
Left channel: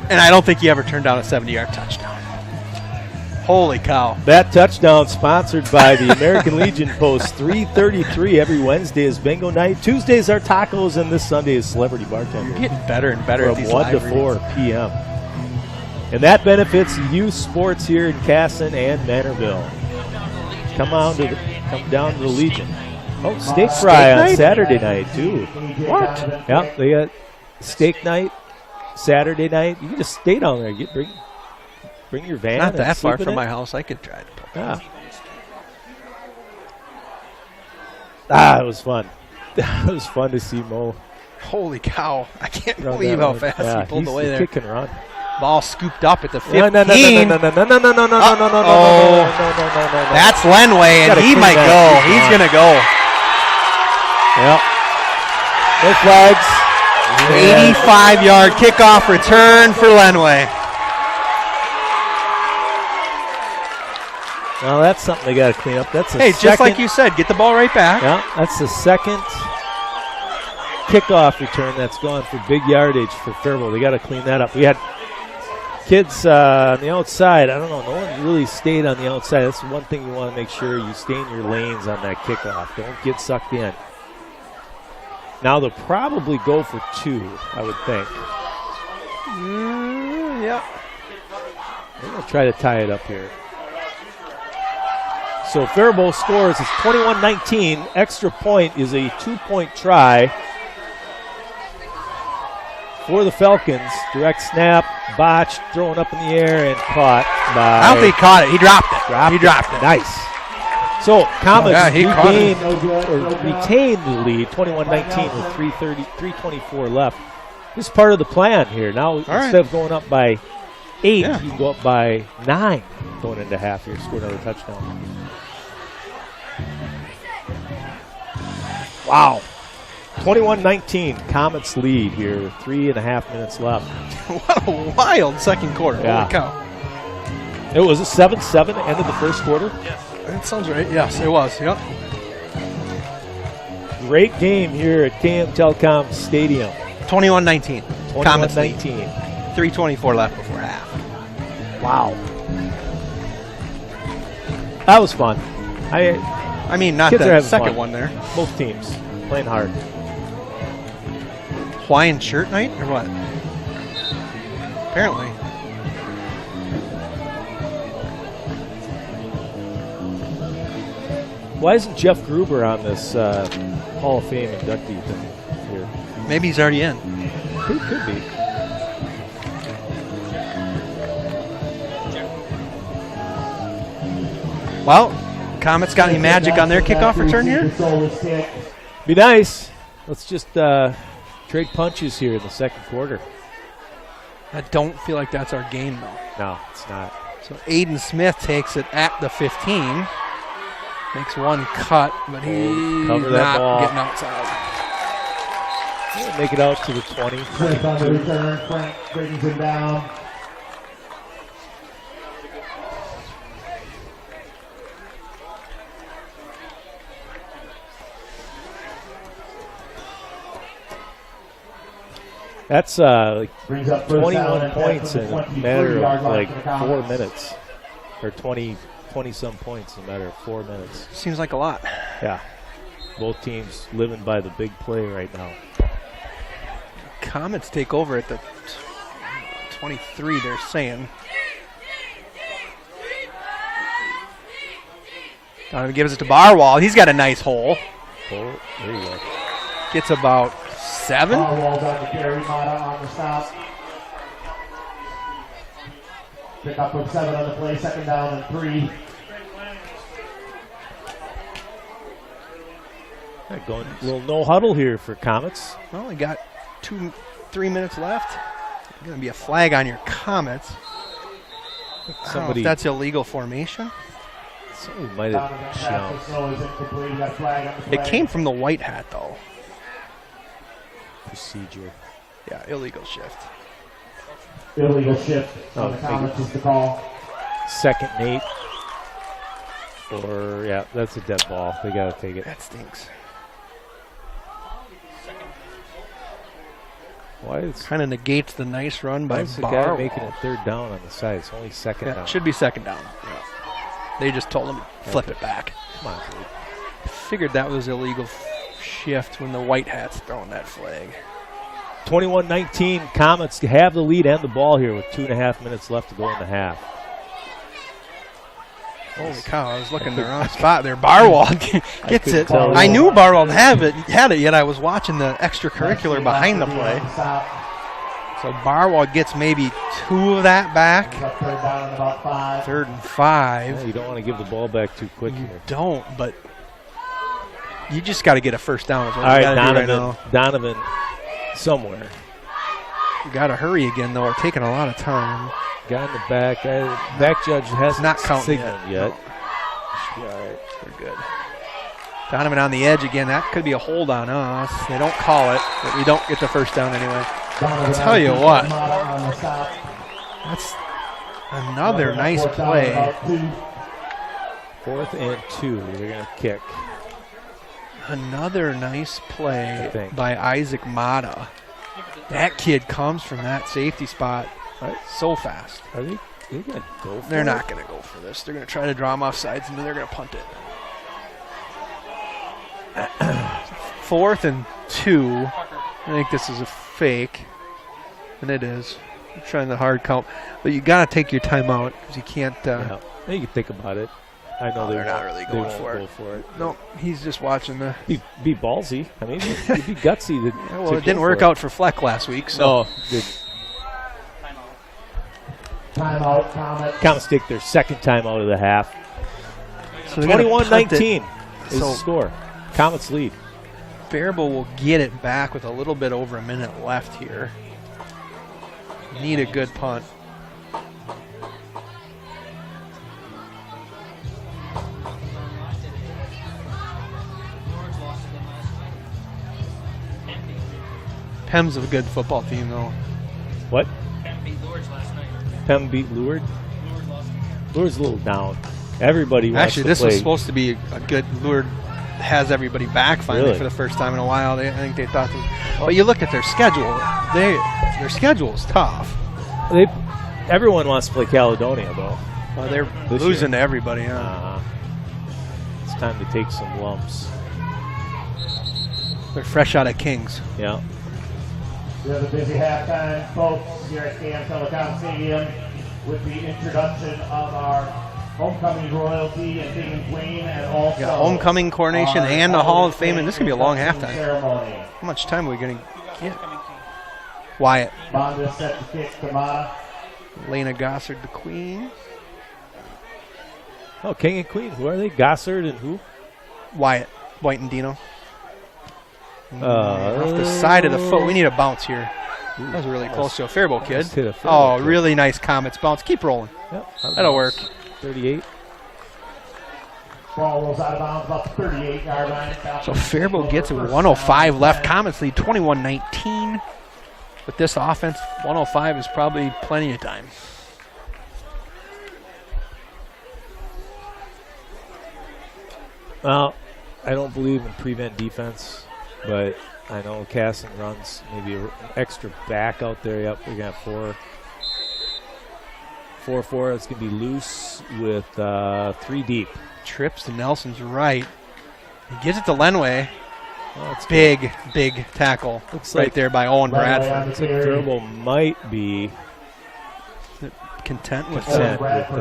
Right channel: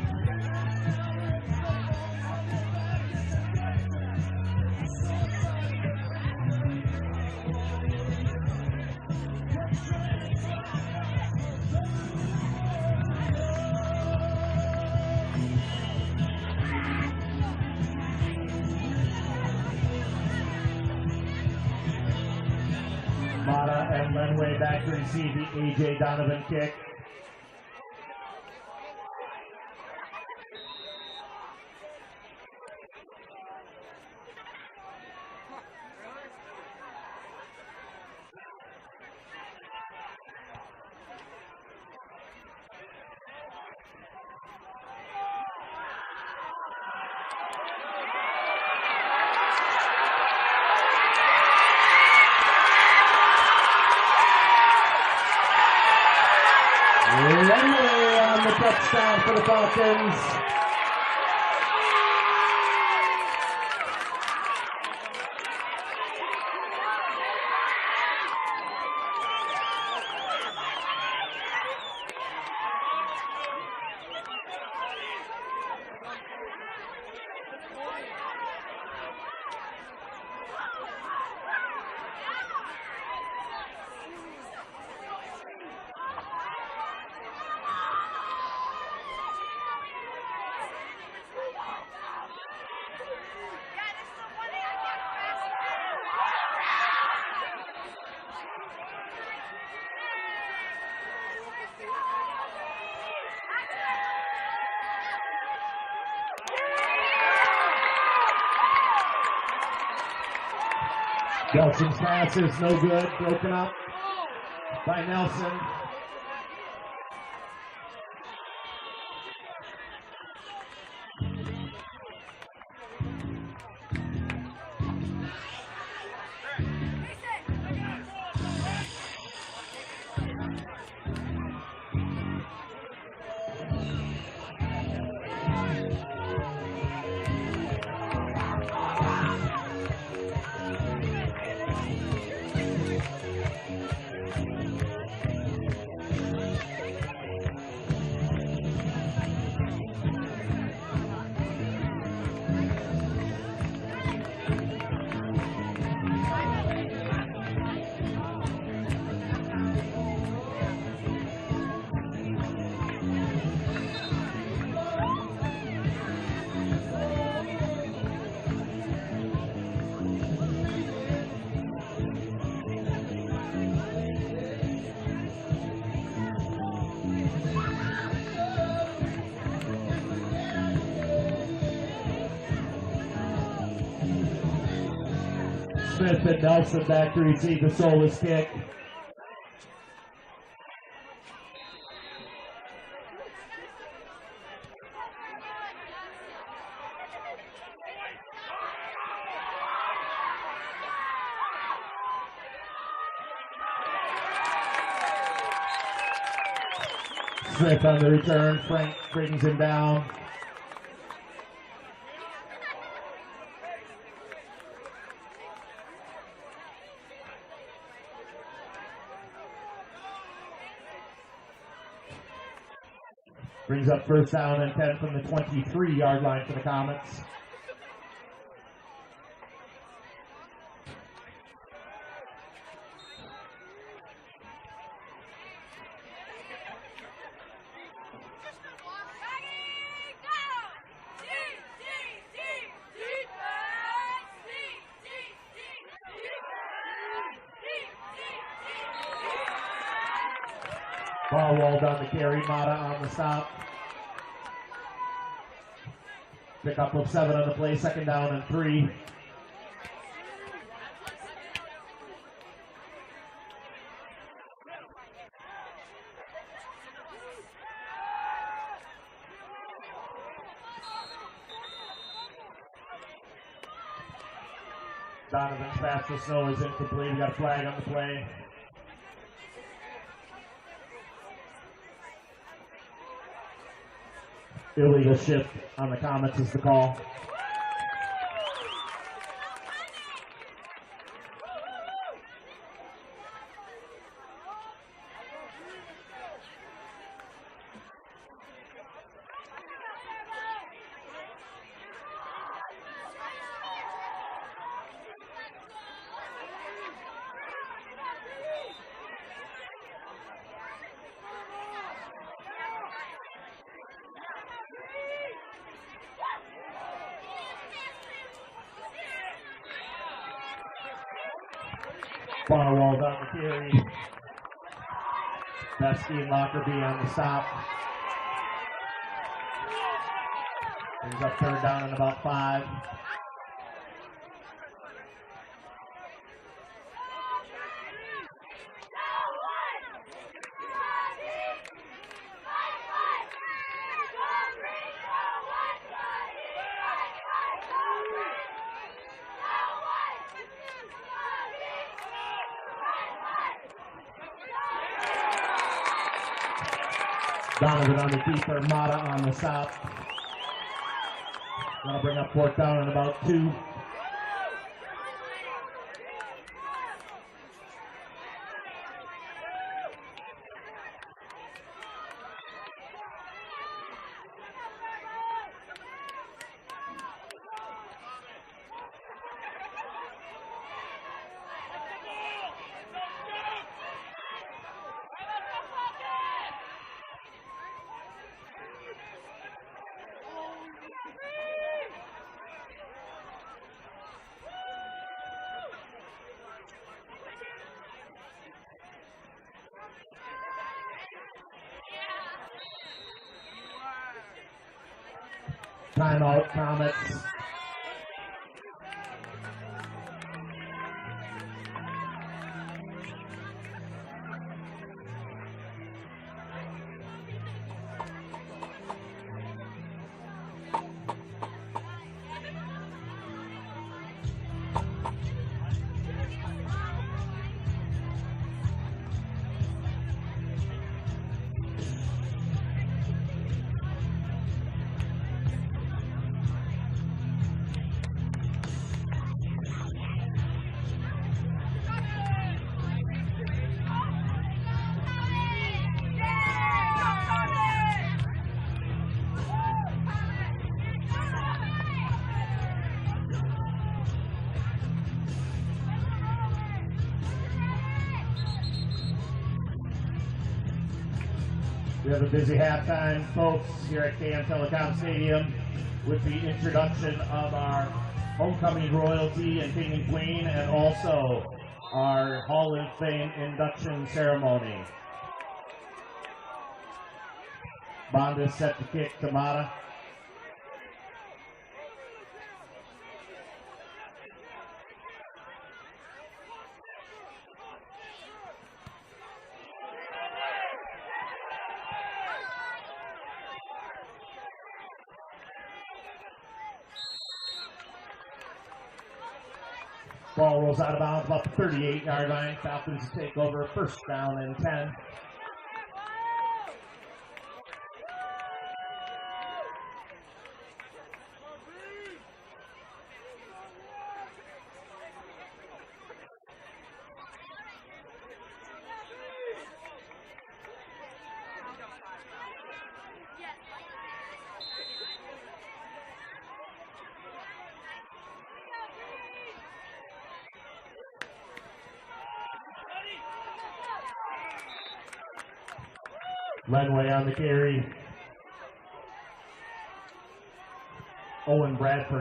And I don't think he ever turned down a 70-yard touchdown. Holy cow. That touchdown sponsored by the American Legion Post. 3:33 every Wednesday is bingo night. Tuesdays are tacos, and this Sunday is celebrity bartender. You're getting better and better at From these 1 to live 4 reads. p.m. And that benefits youth sports here in Kasson and Mantorville. Come down to the Legion. Oh, steak fry on night? Saturday night, too. What? Yep, they got steak night Saturday night. You can just stay down there. Bring your van. Not that and far sleep in from it. my house. I could try to. Yeah. It was fun. It was fun to see Mo Holy cow. I can't run believe that how run. fast he pulled away he's there. Kick and run. Ball scooped up at the 15. No. That's Lenway, and he might go. He's going to go. Yep. No flags. 85-yard kickoff return for Lenway. Well, that's something they got to clean up. That's just like you said, get the ball right back. Yeah, that's the second kickoff return that's gone for big yardage for Faribault. They got to clean that up. We had kids on the outside. I don't know. No one really stayed on the outside. That's one thing you want to make sure you stay in your lanes on that kickoff. Don't get sucked in. Now they'll probably go for 2, I would think. Yeah. They're going to try to tie it up here. So Faribault scores. It's 21-19. Extra point is a 2-point try for the Falcons. Direct snap, botched, thrown up in the air, and caught by... I don't think he caught it. He dropped it. He dropped it. Nice. So Comets retained the lead, 21-19 with 3:24 left. This is part of the plan here. Now, instead of going up by 8, you can go up by 9 going into half here, score another touchdown. Wow. 21-19, Comets lead here with 3.5 minutes left. What a wild second quarter. Yeah. Holy cow. It was a 7-7 end of the first quarter. That sounds right. Yes, it was. Yep. Great game here at KM Telecom Stadium. 21-19. Comets 19. 3:24 left before half. Wow. That was fun. I mean, not Kids are the having second fun. one there. Both teams playing hard. Hawaiian shirt night or what? Apparently. Why isn't Jeff Gruber on this Hall of Fame inductee here? Maybe he's already in. Could be. Well, Comets got any magic on their kickoff return here? Be nice. Let's just trade punches here in the second quarter. I don't feel like that's our game, though. No, it's not. So Aiden Smith takes it at the 15. Makes one cut, but he's not getting outside. He'll make it out to the 20. Smith on the return. Frank brings him down. That's like Brings up first 21 down points in a 23 matter yard of line like for the 4 Comets. minutes. Or 20-some points in a matter of 4 minutes. Seems like a lot. Yeah. Both teams living by the big play right now. Comets take over at the 23, they're saying. Donovan gives it to Barwall. He's got a nice hole. Oh, there you go. Gets about 7. Barwall's on the carry, Mata on the stop. Pick up with 7 on the play, second down and 3. Going a little no huddle here for Comets. Well, we got 3 minutes left. Going to be a flag on your Comets. I don't know if that's illegal formation. Somebody might have shown. It came from the white hat, though. Procedure. Yeah, illegal shift. Illegal shift on the Comets is the call. Second and 8. Or, yeah, that's a dead ball. They got to take it. That stinks. Why is kind of negates the nice run by the guy making it third down on the side? It's only second down. It should be second down. They just told him to flip it back. Come on, dude. Figured that was illegal shift when the white hat's throwing that flag. 21-19, Comets have the lead and the ball here with 2.5 minutes left to go in the half. Holy cow, I was looking in the wrong spot there. Barwall gets it. Tell. I knew Barwall had it, yet I was watching the extracurricular behind the play. So Barwall gets maybe 2 of that back. Third down and about 5. 3rd and 5. Yeah, you don't want to give the ball back too quick You here. don't, but you just got to get a first down. All right, Donovan somewhere. Got to hurry again, though. We're taking a lot of time. Guy in the back. Back judge hasn't not counting signaled yet. Should be all right. We're good. Donovan on the edge again. That could be a hold on us. They don't call it, but we don't get the first down anyway. I'll tell you what. That's another nice play. 4th and 2. They're going to kick. Another nice play by Isaac Mata. That kid comes from that safety spot so fast. Are they going to go for They're it? not going to go for this. They're going to try to draw him off sides, and then they're going to punt it. 4th and 2. I think this is a fake, and it is. I'm trying the hard count, but you got to take your time out because you can't. Yeah. You can think about it. I know they're not really going for it. No, he's just watching the. Be ballsy. I mean, it'd be gutsy. Well, it didn't work out for Fleck last week. So. No. Timeout. Comets take their second timeout of the half. So 21-19 is the score. Comets lead. Faribault will get it back with a little bit over a minute left here. Need a good punt. Pem's a good football team, though. What? Pem beat Lourdes. Lourdes a little down. Everybody wants Actually, to this play. was supposed to be a good. Lourdes has everybody back finally for the first time in a while. I think they thought this. But you look at their schedule. Their schedule is tough. Everyone wants to play Caledonia, though. Well, they're losing to everybody. It's time to take some lumps. They're fresh out of Kings. Yeah. We have a busy halftime, folks, here at KM Telecom Stadium with the introduction of our homecoming royalty and king and queen, and also homecoming coronation and the Hall of Fame, and this could be a long halftime. Ceremony. How much time are we going to get? Wyatt. Bond is set to kick to Mata. Lena Gossard, the queen. Oh, king and queen. Who are they? Gossard and who? Wyatt. White and Dino. Off the side of the foot. We need a bounce here. That was really close to a Faribault kid. Oh, really nice Comets bounce. Keep rolling. Yep, that'll work. 38. Ball rolls out of bounds about the 38-yard line. So Faribault gets it with 105 left. Comets lead 21-19. With this offense, 105 is probably plenty of time. Well, I don't believe in prevent defense, but I know Kasson runs maybe an extra back out there. Yep, we're going to have 4-4. It's going to be loose with 3 deep. Trips to Nelson's right. He gives it to Lenway. Oh, it's big tackle. Looks right like there by Owen Bradford. Faribault might be content with Owen that. Bradford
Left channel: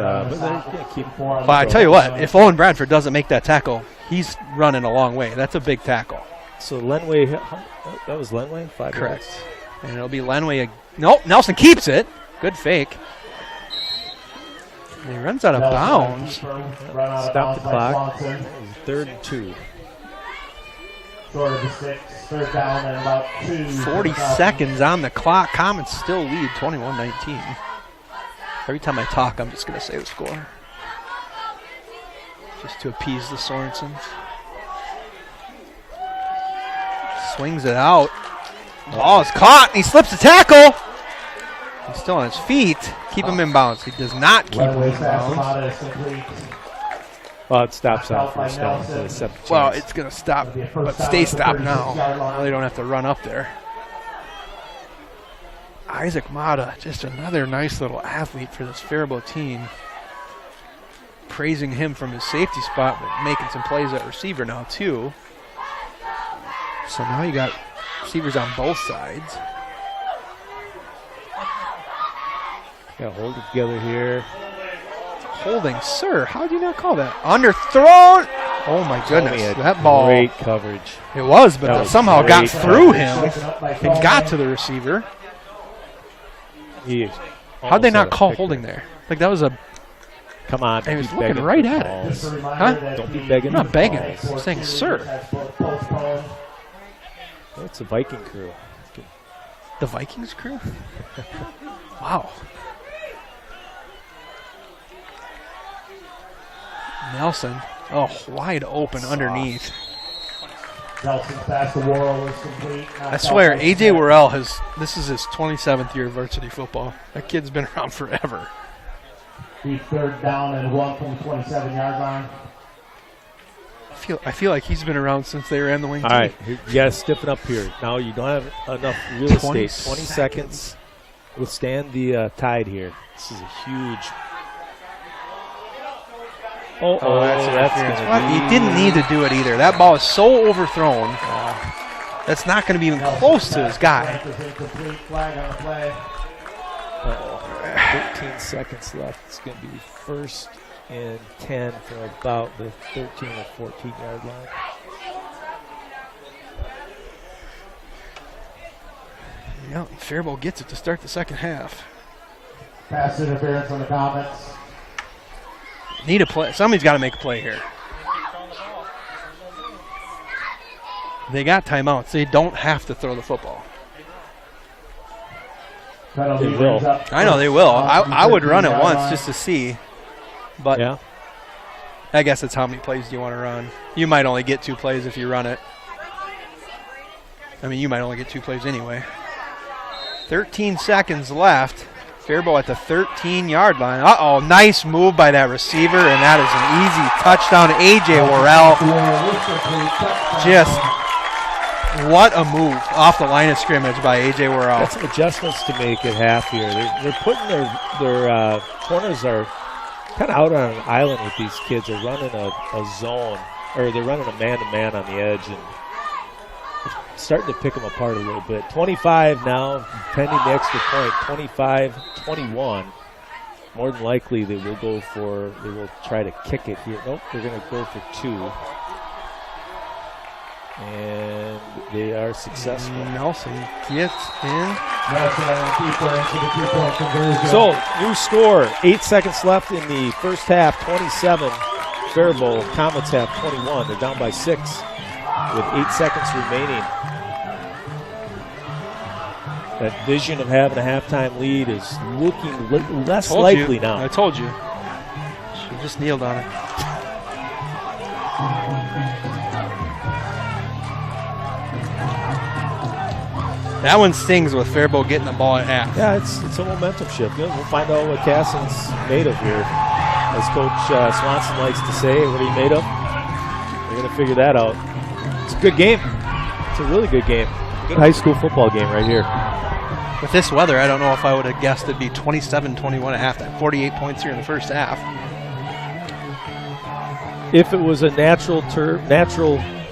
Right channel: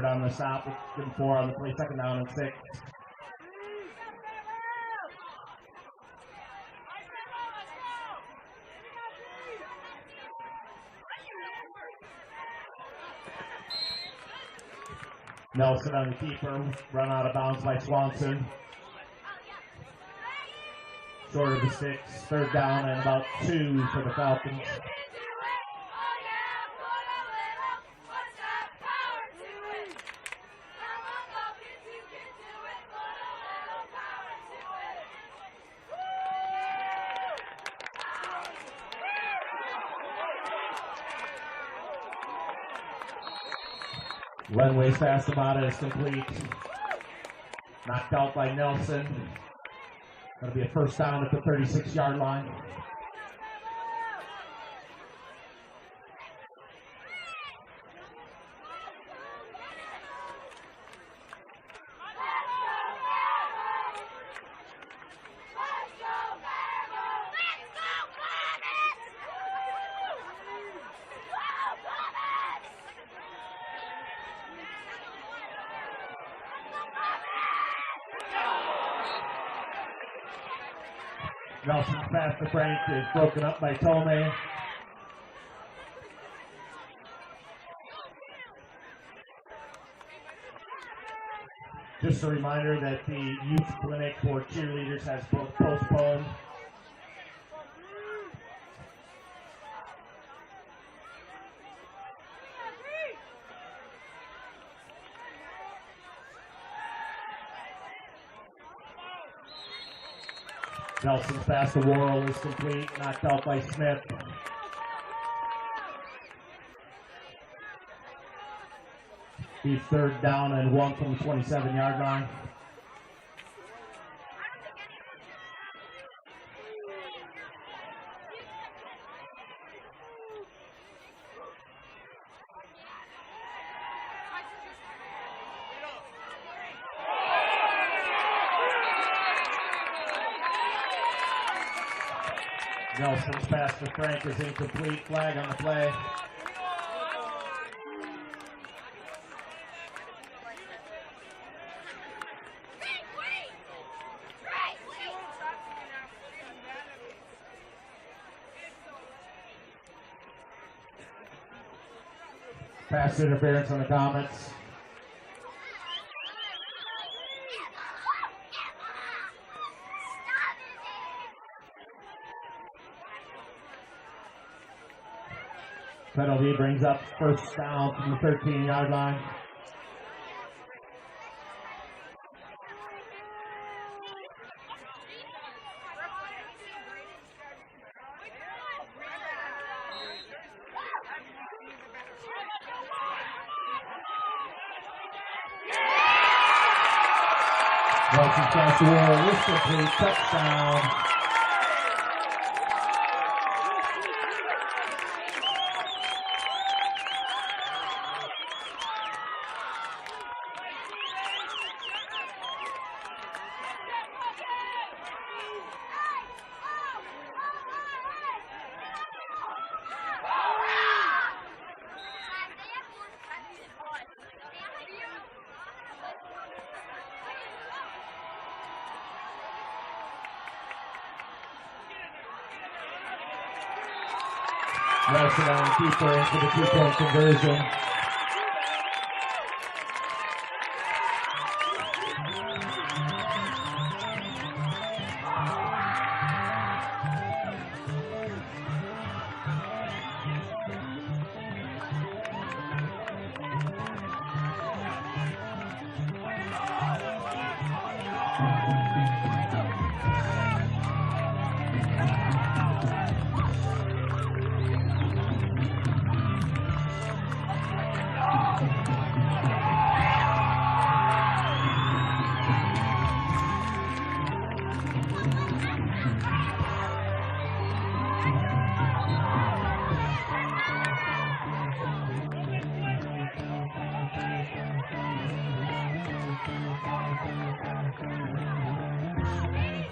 But I tell you what, if Owen Bradford doesn't make that tackle, he's running a long way. That's a big tackle. So Lenway, that was Lenway? 5 Correct. yards. And it'll be Lenway. Nope, Nelson keeps it. Good fake. And he runs out of bounds. Stop the clock. 3rd and 2. Short of the 6, 3rd down and about 2. 40 seconds on the clock. Comets still lead 21-19. Every time I talk, I'm just going to say the score. Just to appease the Sorensens. Swings it out. Ball is caught, and he slips the tackle. He's still on his feet. Keep him in bounds. He does not keep him in bounds. Well, it stops out by first down. Nelson. Well, it's going to stop, but stay stopped now. Now they don't have to run up there. Isaac Mata, just another nice little athlete for this Faribault team. Praising him from his safety spot, but making some plays at receiver now, too. So now you got receivers on both sides. Got to hold it together here. Holding, sir. How did you not call that? Underthrown. Oh, my goodness. That ball. Great coverage. It was, but it somehow got through him. It got to the receiver. How'd they not call holding there? Like that was a. Come on. He was looking right at it. Huh? Don't be begging. I'm not begging. I'm saying, sir. It's a Viking crew. The Vikings crew? Wow. Nelson. Oh, wide open underneath. Nelson's pass to Worrell is complete. I swear, A.J. Worrell this is his 27th year of varsity football. That kid's been around forever. He's 3rd down and 1 from the 27-yard line. I feel like he's been around since they ran the wing. All right, you got to stiffen up here. Now you don't have enough real estate. 20 seconds. Withstand the tide here. This is a huge. That's going to He didn't need to do it either. That ball is so overthrown. That's not going to be even close to his guy. Flag on the play. 13 seconds left. It's going to be 1st and 10 from about the 13 or 14-yard line. Yeah, Faribault gets it to start the second half. Pass interference on the Comets. Need a play. Somebody's got to make a play here. They got timeouts. They don't have to throw the football. Penalty brings up. I know they will. I would run it once just to see. But yeah. I guess it's how many plays do you want to run. You might only get 2 plays if you run it. I mean, you might only get 2 plays anyway. 13 seconds left. Faribault at the 13-yard line. Uh-oh, nice move by that receiver, and that is an easy touchdown. A.J. Worrell. Just what a move off the line of scrimmage by A.J. Worrell. Got some adjustments to make at half here. They're putting their corners are kind of out on an island with these kids. They're running a zone, or they're running a man-to-man on the edge, and starting to pick them apart a little bit. 25 now, pending the extra point. 25-21. More than likely they will try to kick it here. Nope, they're going to go for 2. And they are successful. Nelson gets in. So, new score. 8 seconds left in the first half. 27. Faribault. Comets have 21. They're down by 6 with 8 seconds remaining. That vision of having a halftime lead is looking less likely now. I told you. She just kneeled on it. That one stings with Faribault getting the ball at half. Yeah, it's a momentum shift. We'll find out what Kasson's made of here. As Coach Swanson likes to say, what are you made of? We're going to figure that out. It's a good game. It's a really good game. Good high school football game right here. With this weather, I don't know if I would have guessed it'd be 27-21 at halftime. 48 points here in the first half. If it was a natural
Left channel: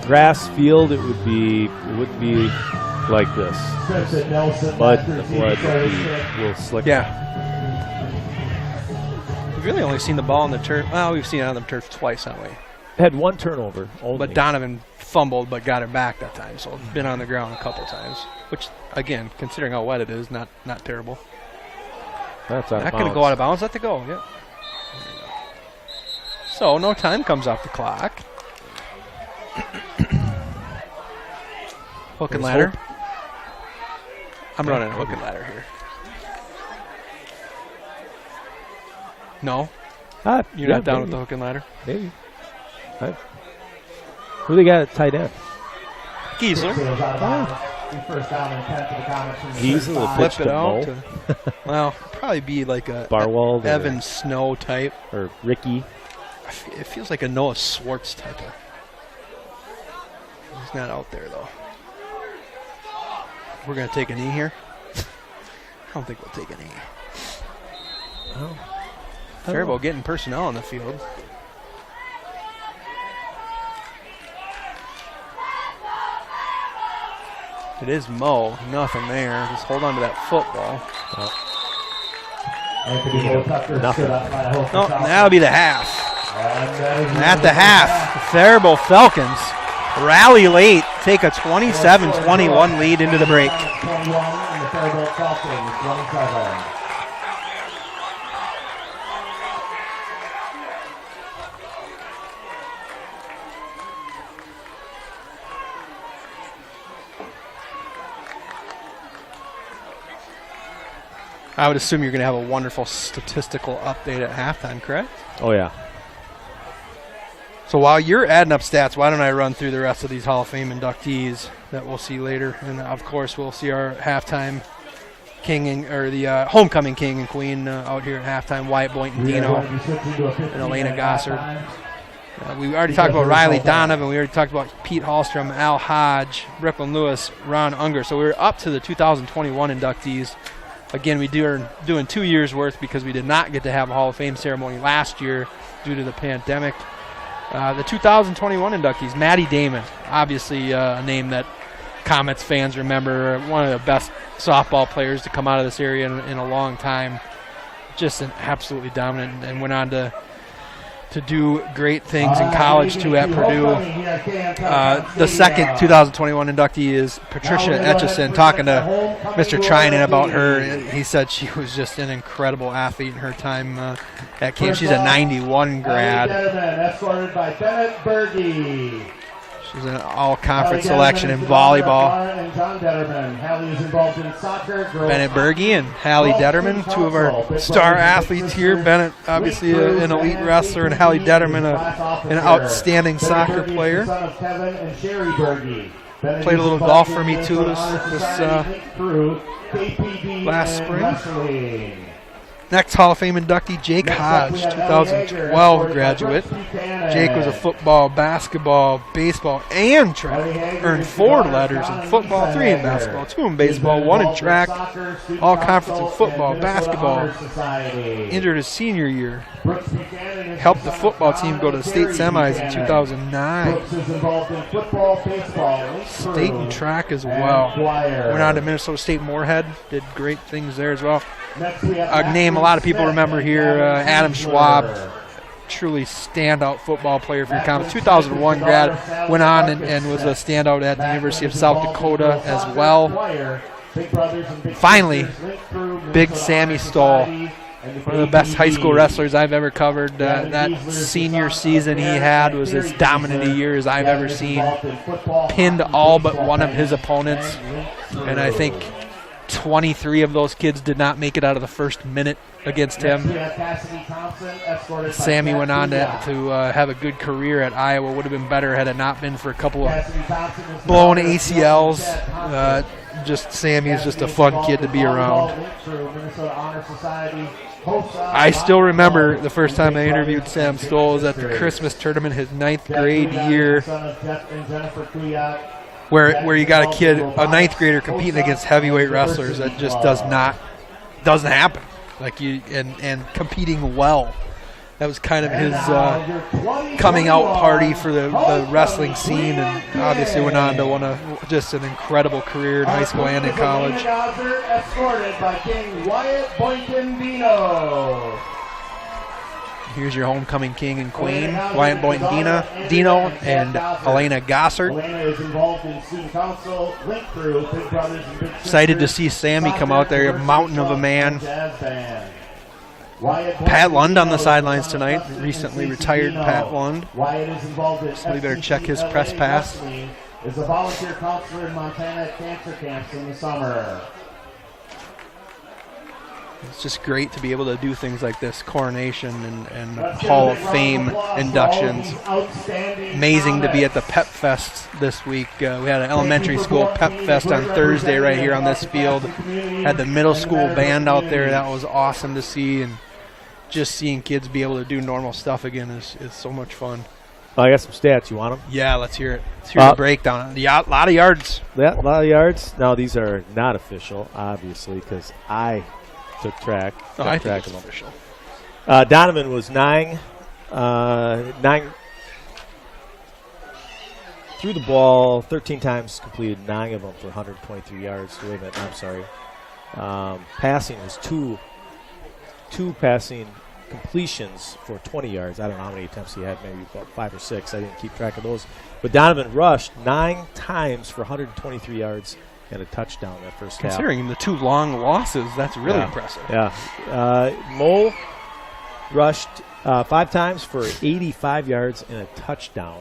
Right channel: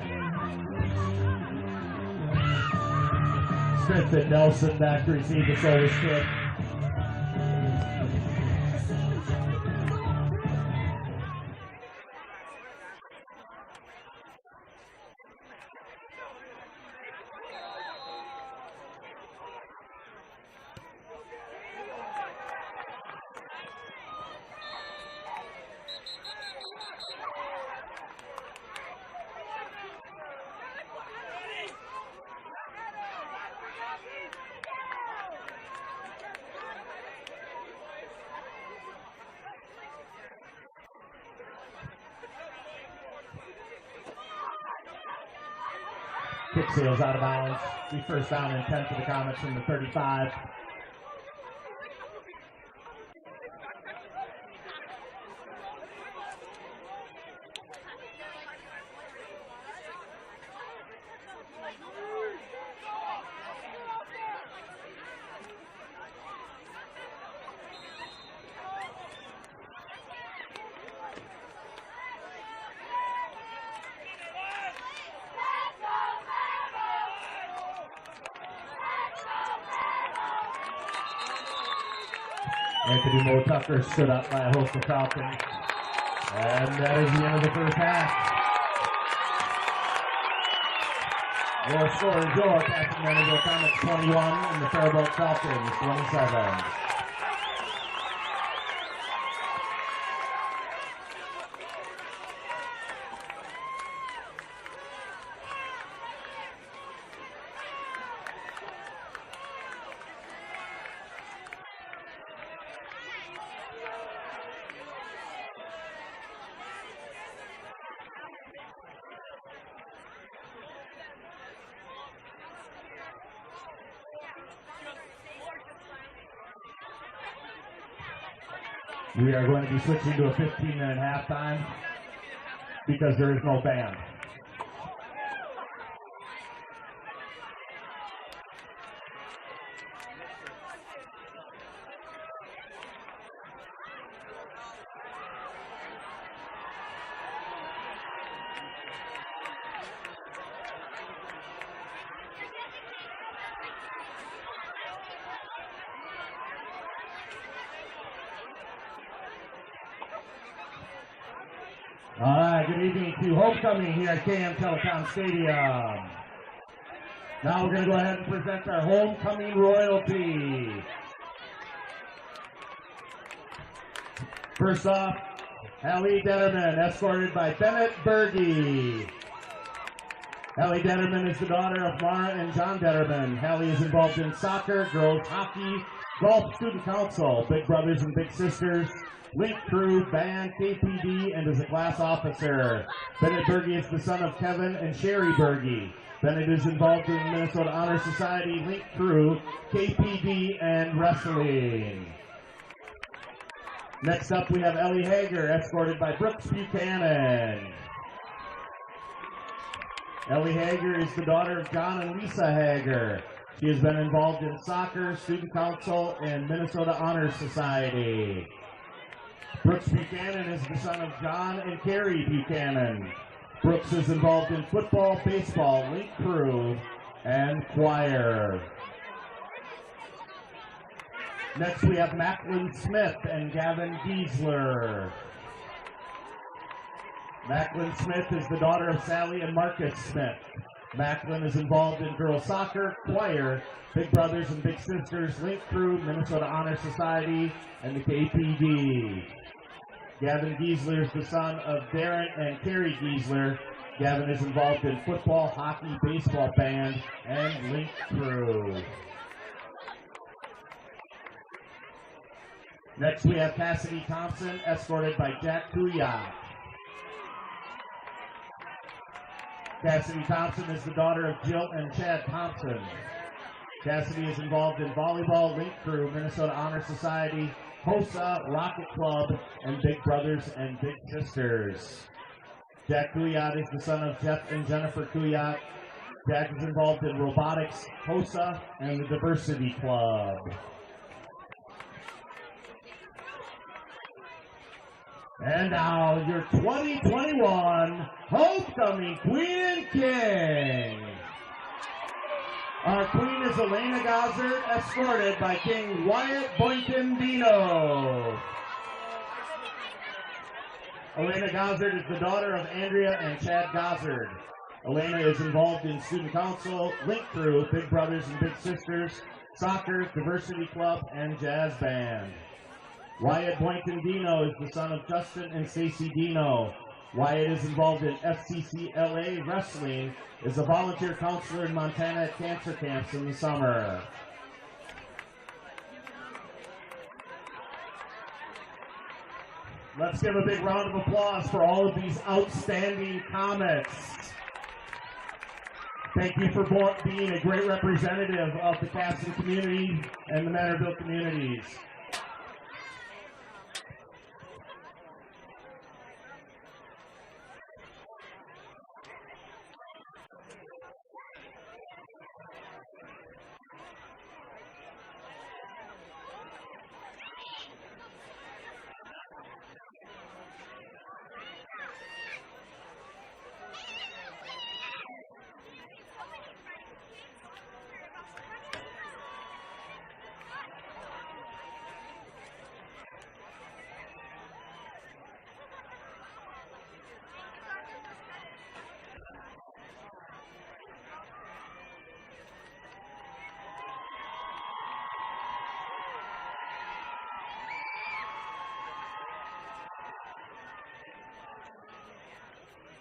grass field, it would be like this. But will slick. Yeah. We've really only seen the ball on the turf. Well, we've seen it on the turf twice, haven't we? Had 1 turnover only. But Donovan fumbled but got it back that time, so it's been on the ground a couple times. Which, again, considering how wet it is, not terrible. That's out of bounds. Not going to go out of bounds. Let it go. Yep. So no time comes off the clock. Hook and ladder. I'm running a hook and ladder here. No? You're not down with the hook and ladder? Maybe. Right. Who they got at tight end? Giesler. First down and 10 for the Comets from the Giesler Flip it out. Well, probably be like a Barwald Evan Snow type. Or Ricky. It feels like a Noah Swartz type of. He's not out there, though. We're going to take a knee here. I don't think we'll take a knee. Oh. Faribault getting personnel on the field. It is Mo. Nothing there. Just hold on to that football. No, that'll be the half. At the half, Faribault Falcons rally late, take a 27-21 lead into the break. 21 in the Faribault Falcons, 27. I would assume you're going to have a wonderful statistical update at halftime, correct? Oh, yeah. So while you're adding up stats, why don't I run through the rest of these Hall of Fame inductees that we'll see later. And, of course, we'll see our halftime king or the homecoming king and queen out here at halftime, Wyatt Boynton Dino and Elena Gossard. We already talked about Riley Donovan. We already talked about Pete Hallstrom, Al Hodge, Brooklyn Lewis, Ron Unger. So we're up to the 2021 inductees. Again, are doing 2 years worth because we did not get to have a Hall of Fame ceremony last year due to the pandemic. The 2021 inductees, Maddie Damon, obviously a name that Comets fans remember, one of the best softball players to come out of this area in a long time. Just an absolutely dominant, and went on to do great things in college too at Purdue. The second 2021 inductee is Patricia Hutchison. Talking to Mr. Trinan about her, he said she was just an incredible athlete in her time at camp. She's a 91 grad. Escorted by Bennett Berge. She's an all-conference selection in volleyball. And John Detterman. Hallie is involved in soccer. Bennett Berge and Hallie Detterman, two of our star athletes here. Bennett, obviously an elite wrestler, and Hallie Detterman, an outstanding soccer player. Son of Kevin and Sherry Berge. Played a little golf for me too this last spring. Next Hall of Fame inductee, Jake Hodge, 2012 graduate. Jake was a football, basketball, baseball, and track. Earned 4 letters in football, 3 in basketball, 2 in baseball, 1 in track, all conference in football, basketball. Injured his senior year. Helped the football team go to the state semis in 2009. State and track as well. Went on to Minnesota State Moorhead, did great things there as well. A name a lot of people remember here, Adam Schwab, truly standout football player for the Comets. 2001 grad, went on and was a standout at the University of South Dakota as well. Finally, Big Sammy Stoll, one of the best high school wrestlers I've ever covered. That senior season he had was as dominant a year as I've ever seen. Pinned all but one of his opponents, and I think 23 of those kids did not make it out of the first minute against him. Sammy went on to have a good career at Iowa. Would have been better had it not been for a couple of blown ACLs. Sammy is just a fun kid to be around. I still remember the first time I interviewed Sam Stoll was at the Christmas tournament, his 9th grade year, where you got a kid, a 9th grader, competing against heavyweight wrestlers. That just doesn't happen. And competing well. That was kind of his coming out party for the wrestling scene, and obviously went on to just an incredible career in high school and in college. Escorted by King Wyatt Boynton Dino. Here's your homecoming king and queen, Wyatt Boynton Dino and Elena Gossard. Elena is involved in student council, link crew, Big Brothers and Big Sisters. Excited to see Sammy come out there, a mountain of a man. Pat Lund on the sidelines tonight, recently retired Pat Lund. Wyatt is involved in So we better check his press pass. Is a volunteer counselor in Montana at cancer camps in the summer. It's just great to be able to do things like this, coronation and Hall of Fame inductions. Amazing to be at the Pep Fest this week. We had an elementary school Pep Fest on Thursday right here on this field. Had the middle school band out there. That was awesome to see, and just seeing kids be able to do normal stuff again is so much fun. I got some stats. You want them? Yeah, let's hear it. Let's hear the breakdown. A lot of yards. Yeah, a lot of yards. Now, these are not official, obviously, because I took track. I think it's official. Donovan was 9 threw the ball 13 times, completed 9 of them for 123 yards. Wait a minute, I'm sorry. Passing was two passing completions for 20 yards. I don't know how many attempts he had, maybe about 5 or 6. I didn't keep track of those. But Donovan rushed 9 times for 123 yards and a touchdown that first half. Considering the 2 long losses, that's really impressive. Yeah. Mole rushed 5 times for 85 yards and a touchdown.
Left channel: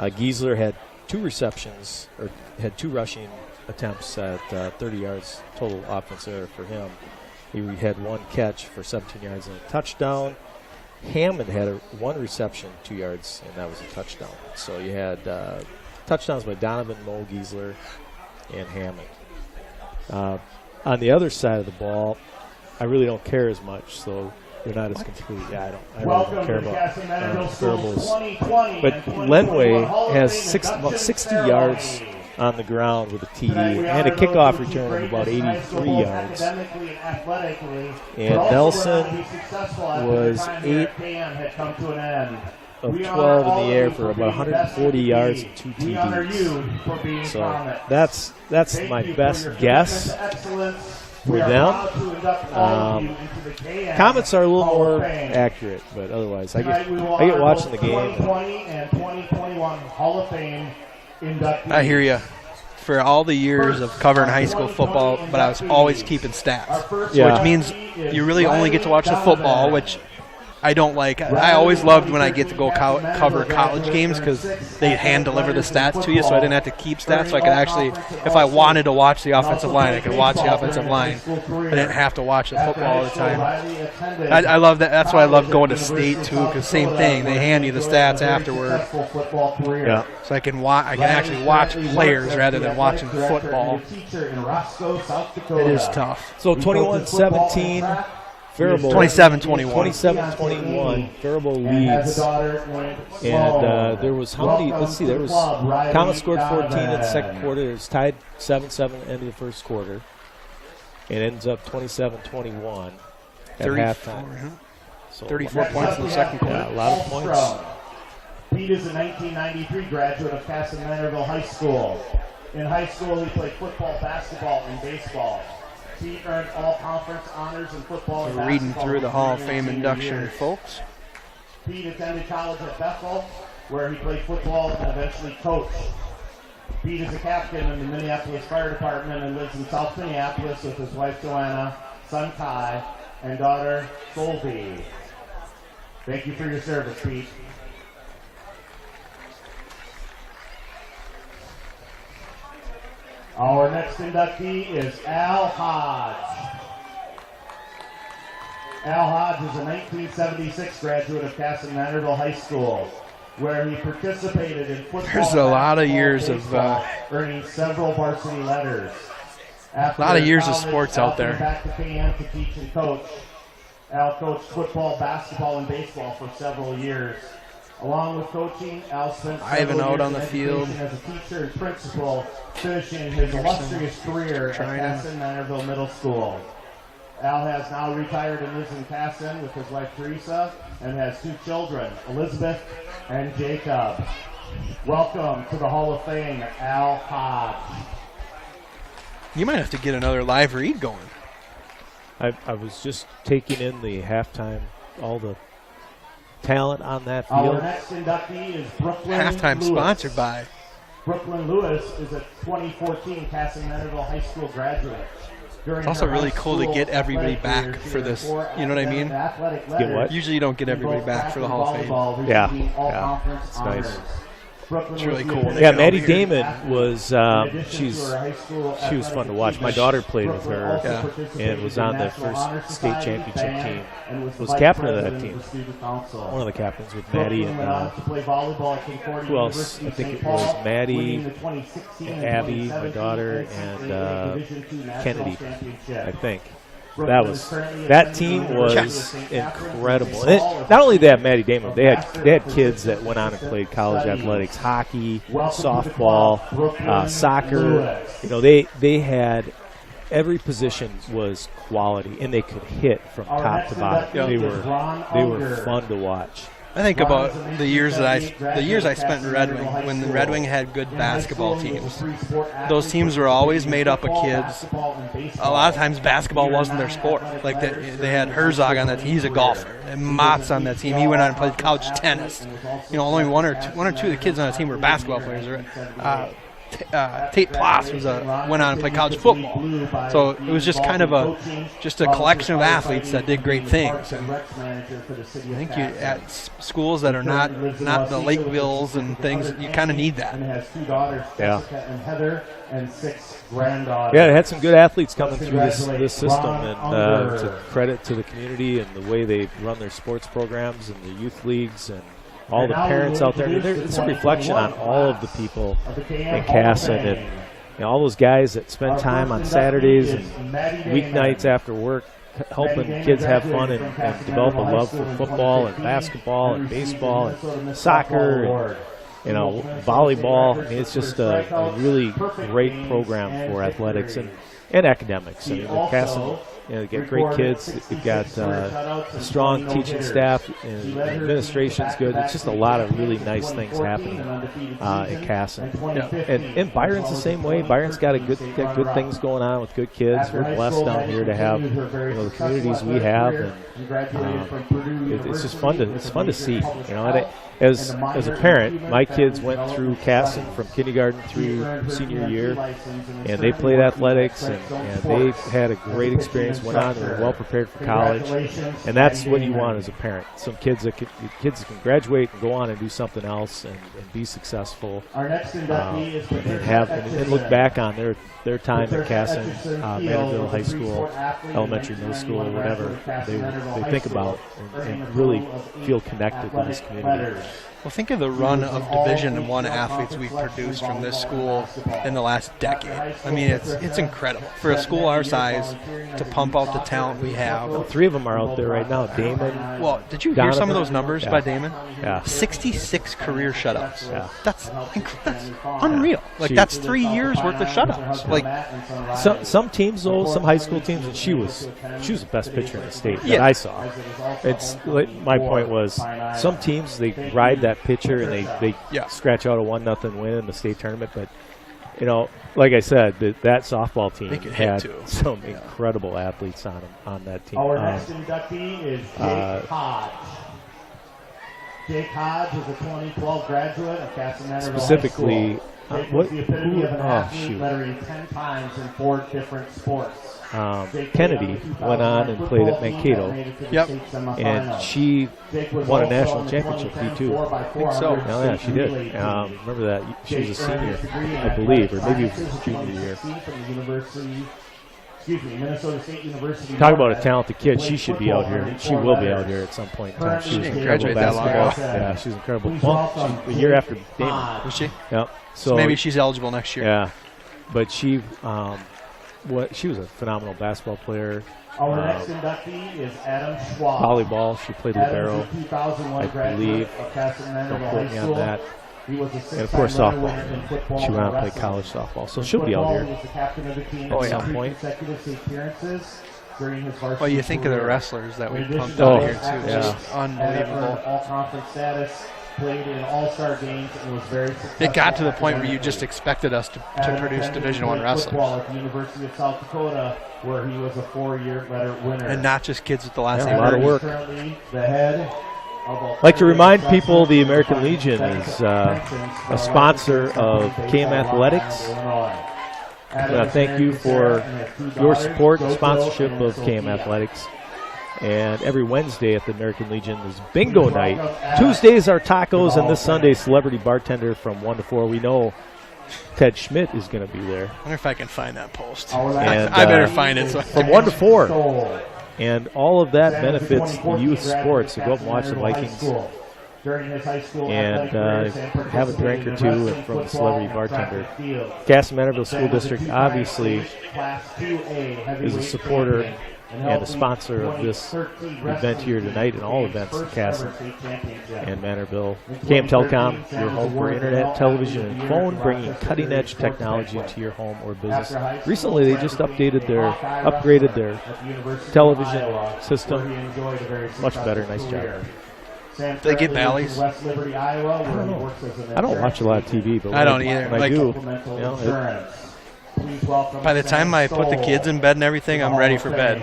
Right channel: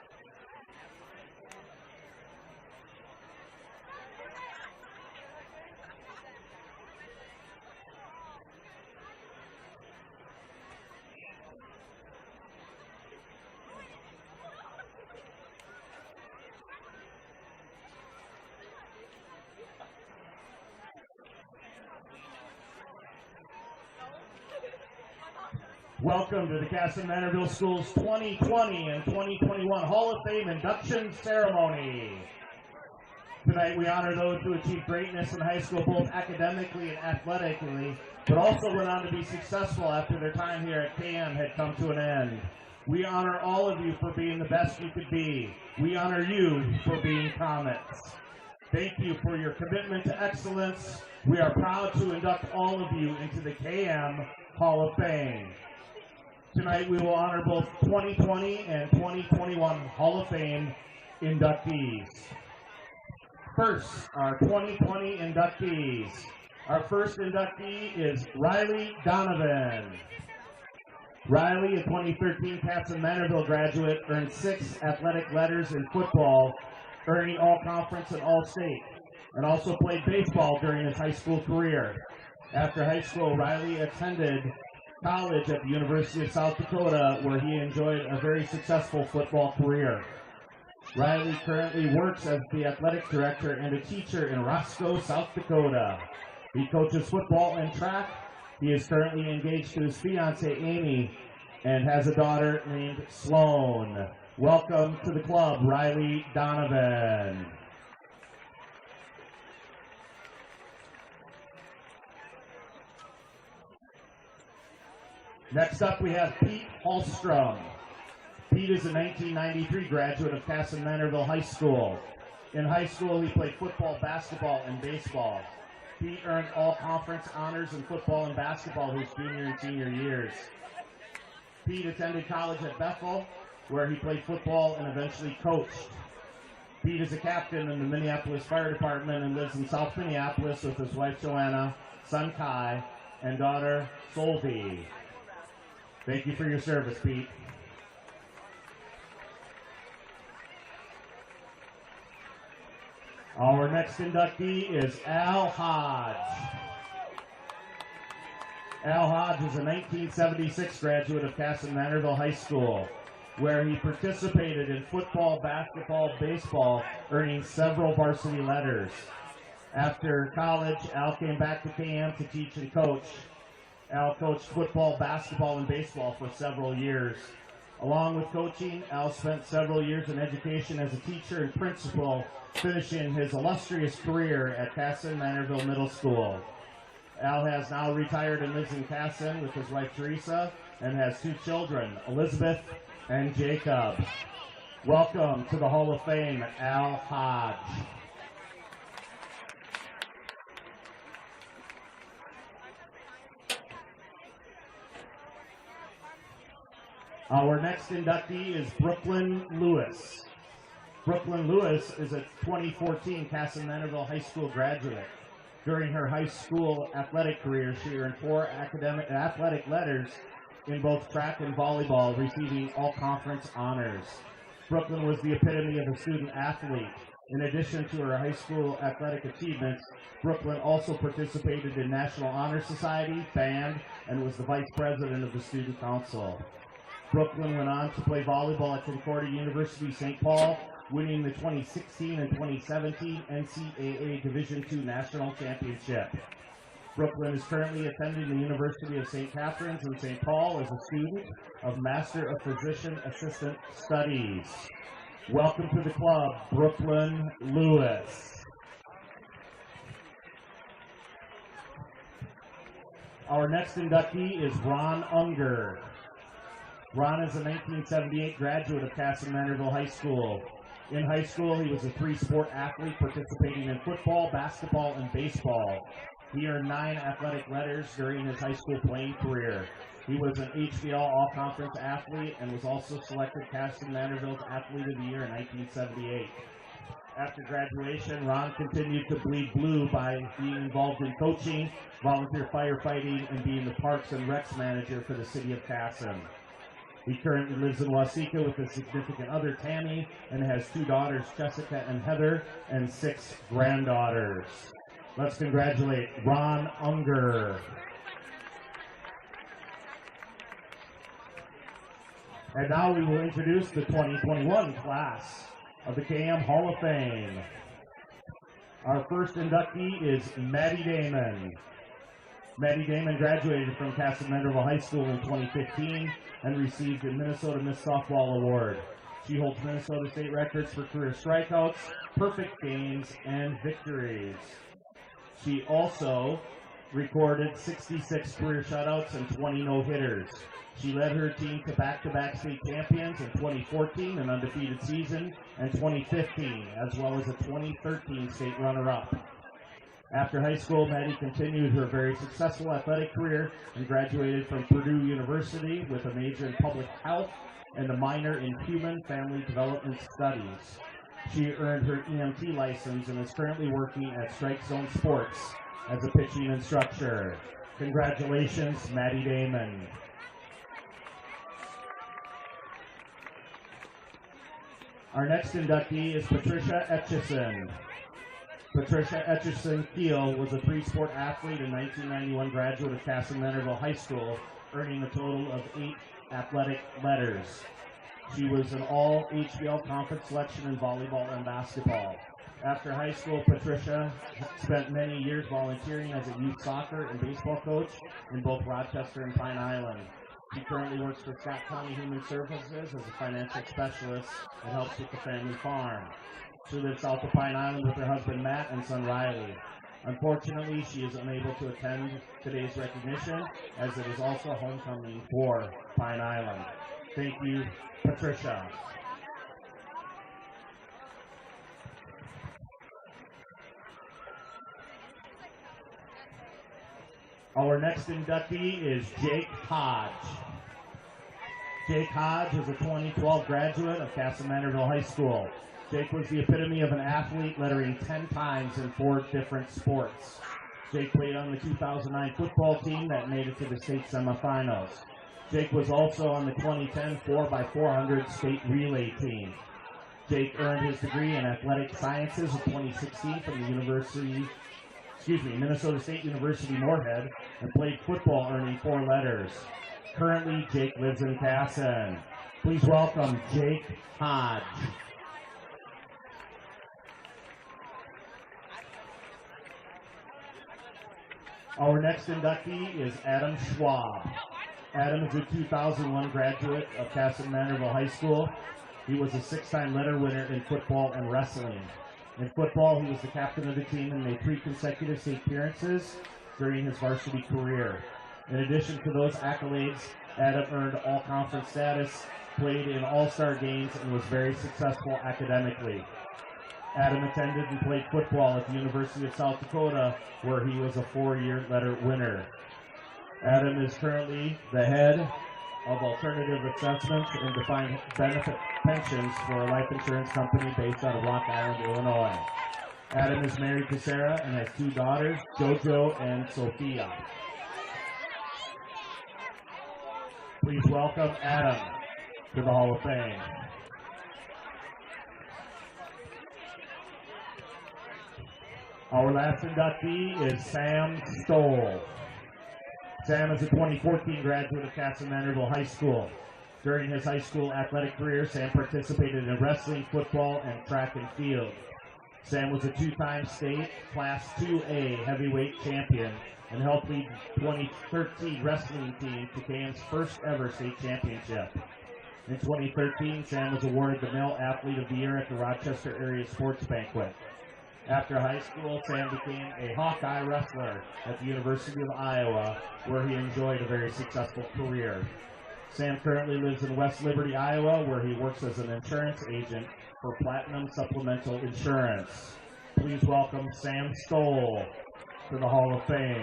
Giesler had 2 receptions, or had 2 rushing attempts at 30 yards total offense error for him. He had 1 catch for 17 yards and a touchdown. Hammond had 1 reception, 2 yards, and that was a touchdown. So you had touchdowns by Donovan, Mo, Giesler, and Hammond. On the other side of the ball, I really don't care as much, so you're not as complete. Yeah, I don't care about Faribault's. But Lenway has about 60 yards on the ground with a TD and a kickoff return of about 83 yards. And Nelson was 8 of 12 in the air for about 140 yards and 2 TDs. So that's my best guess for them. Comments are a little more accurate, but otherwise, I get watching the game. 2020 and 2021 Hall of Fame inductees. I hear you. For all the years of covering high school football, but I was always keeping stats, which means you really only get to watch the football, which I don't like. I always loved when I get to go cover college games because they hand deliver the stats to you, so I didn't have to keep stats. So I could actually, if I wanted to watch the offensive line, I could watch the offensive line. I didn't have to watch the football all the time. I love that. That's why I love going to state too, because same thing. They hand you the stats afterward. Yeah. So I can actually watch players rather than watching football. It is tough. So 21-17. Faribault 27-21. 27-21. Faribault leads. And there was how many? Let's see. There was Thomas scored 14 in the second quarter. It was tied 7-7 at the end of the first quarter. It ends up 27-21 at halftime. So 34 points in the second quarter. Yeah, a lot of points. Pete is a 1993 graduate of Kasson-Mantorville High School. In high school, he played football, basketball, and baseball. Pete earned all conference honors in football and basketball. Reading through the Hall of Fame induction, folks. Pete attended college at Bethel, where he played football and eventually coached. Pete is a captain in the Minneapolis Fire Department and lives in South Minneapolis with his wife Joanna, son Kai, and daughter Solby. Thank you for your service, Pete. Our next inductee is Al Hodge. Al Hodge is a 1976 graduate of Kasson-Mantorville High School, where he participated in football. There's a lot of years baseball, earning several varsity letters. After a lot of years of college, sports Al out there. came back to KM to teach and coach. Al coached football, basketball, and baseball for several years. Along with coaching, Al spent several years on the in field. education as a teacher and principal, finishing his illustrious career at Kasson-Mantorville Middle School. Al has now retired and lives in Kasson with his wife Teresa and has 2 children, Elizabeth and Jacob. Welcome to the Hall of Fame, Al Hodge. You might have to get another live read going. I was just taking in the halftime, all the talent on that field. Our next inductee is Brooklyn Halftime Lewis. sponsored by. Brooklyn Lewis is a 2014 Kasson-Mantorville High School graduate. It's also really cool to get everybody back for this. You know what I mean? Get what? Usually you don't get everybody back for the Hall of Fame. Yeah. It's nice. It's really cool. Yeah, Maddie Damon was she was fun to watch. My daughter played with her and was on the first state championship team. Was captain of that team. One of the captains with Maddie and who else? I think it was Maddie, Abby, my daughter, and Kennedy, I think. That team was incredible. And not only that, Maddie Damon, they had kids that went on and played college athletics, hockey, softball, soccer. You know, they had every position was quality, and they could hit from top to bottom. They were fun to watch. I think about the years I spent in Red Wing when the Red Wing had good basketball teams. Those teams were always made up of kids. A lot of times basketball wasn't their sport. Like they had Herzog on that team. He's a golfer. And Mott's on that team. He went on and played college tennis. You know, only one or two of the kids on the team were basketball players. Tate Ploss went on and played college football. So it was just kind of a collection of athletes that did great things. And I think at schools that are not the Lakeville's and things, you kind of need that. And has 2 daughters, Jessica and Heather, and 6 granddaughters. Yeah, it had some good athletes coming through this system, and it's a credit to the community and the way they run their sports programs and the youth leagues and all the parents out there. It's a reflection on all of the people in Kasson and all those guys that spend time on Saturdays and weeknights after work helping kids have fun and develop a love for football and basketball and baseball and soccer and volleyball. I mean, it's just a really great program for athletics and academics. I mean, Kasson, they get great kids. They've got a strong teaching staff, and administration's good. It's just a lot of really nice things happening in Kasson. And Byron's the same way. Byron's got good things going on with good kids. We're blessed down here to have the communities we have. And, it's just fun to see. As a parent, my kids went through Kasson from kindergarten through senior year, and they played athletics, and they had a great experience, went on, they were well prepared for college, and that's what you want as a parent. Some kids that can graduate and go on and do something else and be successful, and look back on their time at Kasson, Mantorville High School, elementary, middle school, or whatever they think about and really feel connected to this community. Well, think of the run of Division I athletes we've produced from this school in the last decade. I mean, it's incredible. For a school our size to pump out the talent we have. Well, 3 of them are out there right now. Damon. Well, did you hear some of those numbers by Damon? Yeah. 66 career shutouts. Yeah. That's unreal. Like, that's 3 years worth of shutouts. Like, some teams, though, some high school teams, and she was the best pitcher in the state that I saw. My point was, some teams, they ride that pitcher and they scratch out a 1-0 win in the state tournament, but like I said, that softball team had some incredible athletes on that team. Our next inductee is Jake Hodge. Jake Hodge is a 2012 graduate of Kasson-Mantorville High School. Jake was the epitome of an athlete, lettering 10 times in 4 different sports. Kennedy went on and played at Mankato, and she won a national championship too. I think so. Yeah, she did. Remember that she was a senior, I believe, or maybe it was a junior year. Minnesota State University. Talk about a talented kid. She should be out here. She will be out here at some point in time. She didn't graduate that long ago. Yeah, she's incredible. Well, a year after Damon. Was she? Yep. So maybe she's eligible next year. Yeah, but she was a phenomenal basketball player. Our next inductee is Adam Schwab. Volleyball, she played libero. Adam is a 2001 graduate of Kasson-Mantorville High School. He was a 6-time winner in football. She went out and played college softball, so she'll be out here. He was the captain of the team in 3 consecutive state appearances during his varsity Well, you think career. of the wrestlers that we pumped out here too. Just unbelievable. All-conference status. Played in all-star games and was very successful. It got to the point where you just expected us to produce Division I wrestlers. Football at the University of South Dakota, where he was a 4-year letter winner. And not just kids with the last name. A lot of work. Currently the head of I'd like to remind people the American Legion is a sponsor of KM Athletics. And thank you for your support and sponsorship of KM Athletics. And every Wednesday at the American Legion is bingo night. Tuesdays are tacos, and this Sunday, celebrity bartender from 1 to 4. We know Ted Schmidt is going to be there. I wonder if I can find that post. And, I better find it. From 1 to 4. And all of that benefits the youth sports. So go up and watch the Vikings. And have a drink or two from a celebrity bartender. Kasson-Mantorville School District obviously is a supporter and a sponsor of this event here tonight and all events in Kasson and Mantorville. KM Telecom, your home for internet, television, and phone, bringing cutting-edge technology into your home or business. Recently, they just upgraded their television system. Much better. Nice job. They get valleys. I don't watch a lot of TV, but I don't either. When I do, by the time I put the kids in bed and everything, I'm ready for bed.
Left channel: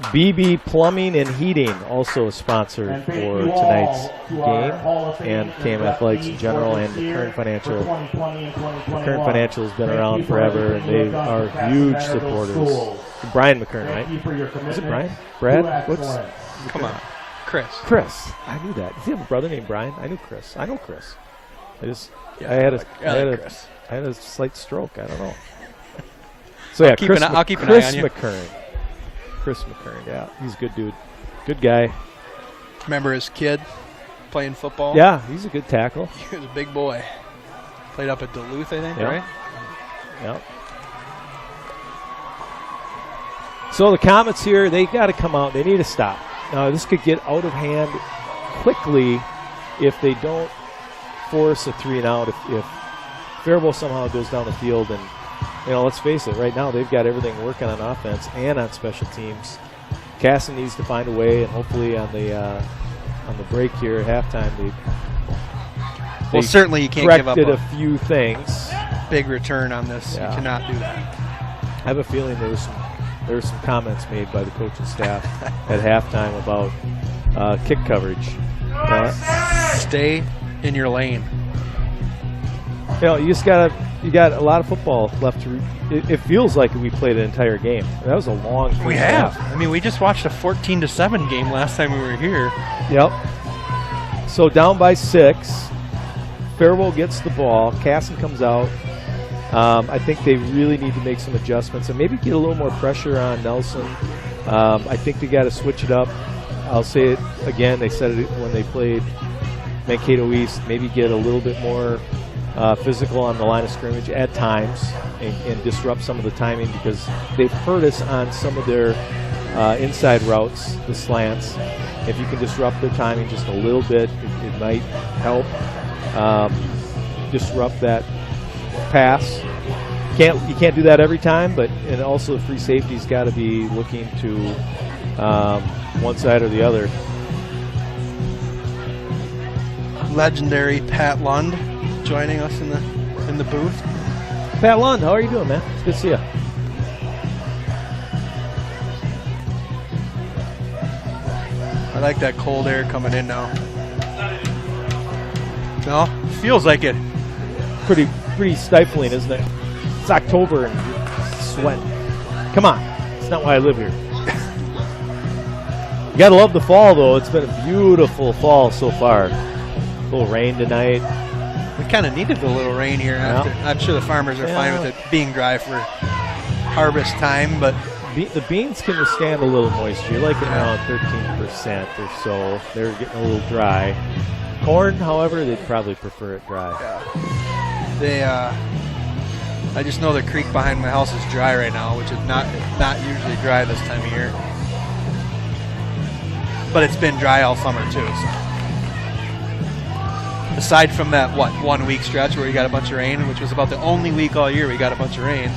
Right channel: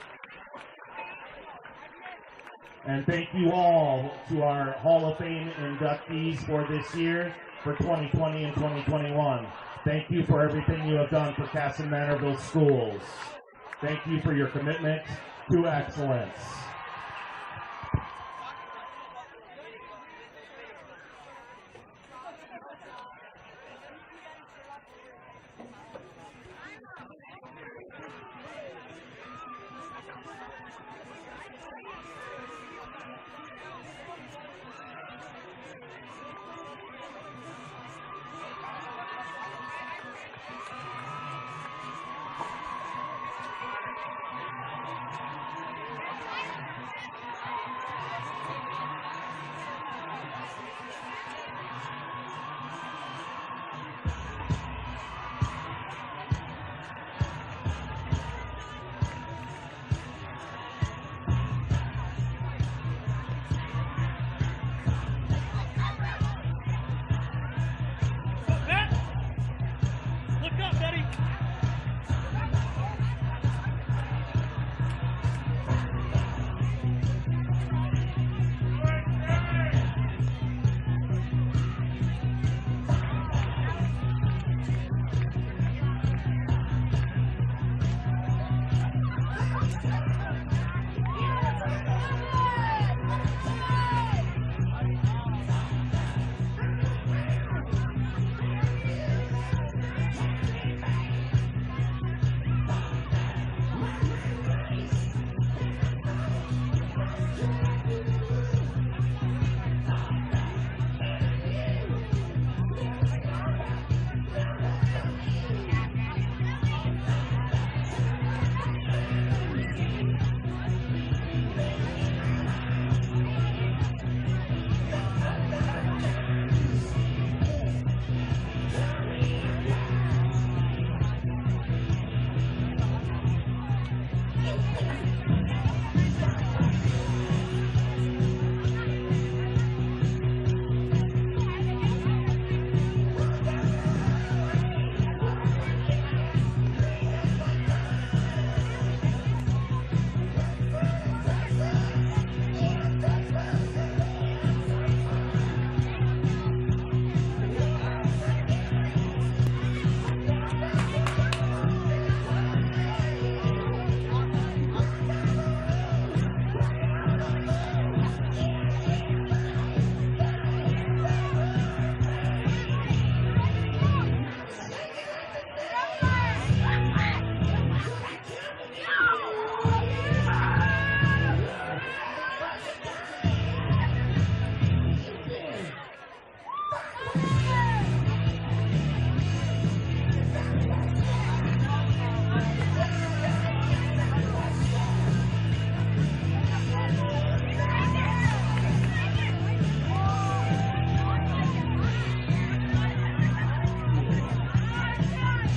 BB Plumbing and Heating, also a sponsor And for thank you tonight's all to our Hall of game, Fame and KM Athletics in inductees general, for and this year, Current Financial. for 2020 and 2021. Current Financial has been Thank around you for forever. everything you They have done are for huge Kasson-Mantorville supporters. schools. Brian McKern, Thank right? you for your Is it commitment Brian? to Brad? What's, excellence. Come on, Chris. Chris. I knew that. Does he have a brother named Brian? I knew Chris. I know Chris. Yeah, I had Chris. a slight stroke. I don't know. So yeah, I'll keep an eye Chris on you. McKern. Chris McKern. Yeah, he's a good dude. Good guy. Remember his kid playing football? Yeah, he's a good tackle. He was a big boy. Played up at Duluth, I think, Yeah. right? Yeah. So the Comets here, they got to come out. They need to stop. Now this could get out of hand quickly if they don't force a 3-and-out. If Faribault somehow goes down the field, and let's face it, right now they've got everything working on offense and on special teams. Kasson needs to find a way, and hopefully on the break here at halftime, Well, certainly you can't give up corrected a few things. big return on this. Yeah. You cannot do that. I have a feeling there was some comments made by the coaching staff at halftime about kick coverage. Stay in your lane. You got a lot of football left to. It feels like we played an entire game. That was a long. We have. I mean, we just watched a 14-7 game last time we were here. Yep. So down by 6. Faribault gets the ball. Kasson comes out. I think they really need to make some adjustments and maybe get a little more pressure on Nelson. I think they got to switch it up. I'll say it again. They said it when they played Mankato East. Maybe get a little bit more physical on the line of scrimmage at times and disrupt some of the timing, because they've hurt us on some of their inside routes, the slants. If you can disrupt their timing just a little bit, it might help disrupt that pass. You can't do that every time, and also free safety's got to be looking to one side or the other. Legendary Pat Lund joining us in the booth. Pat Lund, how are you doing, man? It's good to see you. I like that cold air coming in now. No, feels like it. Pretty stifling, isn't it? It's October and sweat. Come on, it's not why I live here. You gotta love the fall, though. It's been a beautiful fall so far. A little rain tonight. We kind of needed a little rain here. Yeah. I'm sure the farmers are fine with it being dry for harvest time, but The beans can withstand a little moisture. You're like around 13% or so. They're getting a little dry. Corn, however, they'd probably prefer it dry. I just know the creek behind my house is dry right now, which is not usually dry this time of year. But it's been dry all summer too. So. Aside from that 1 week stretch where we got a bunch of rain, which was about the only week all year we got a bunch of rain.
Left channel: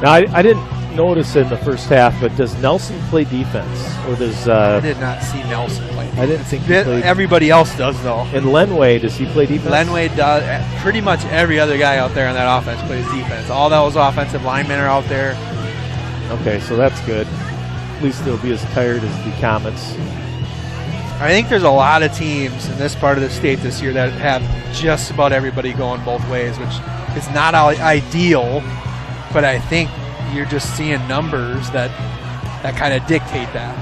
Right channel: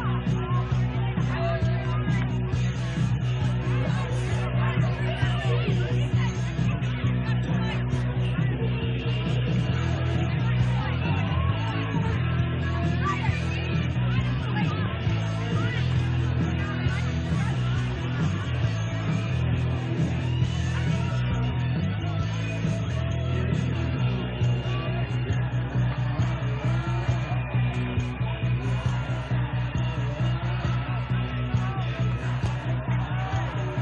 Now I didn't notice in the first half, but does Nelson play defense, or does I did not see Nelson play. I didn't think he played. Everybody else does though. And Lenway, does he play defense? Lenway does. Pretty much every other guy out there on that offense plays defense. All those offensive linemen are out there. Okay, so that's good. At least they'll be as tired as the Comets. I think there's a lot of teams in this part of the state this year that have just about everybody going both ways, which is not ideal, but I think you're just seeing numbers that kind of dictate that.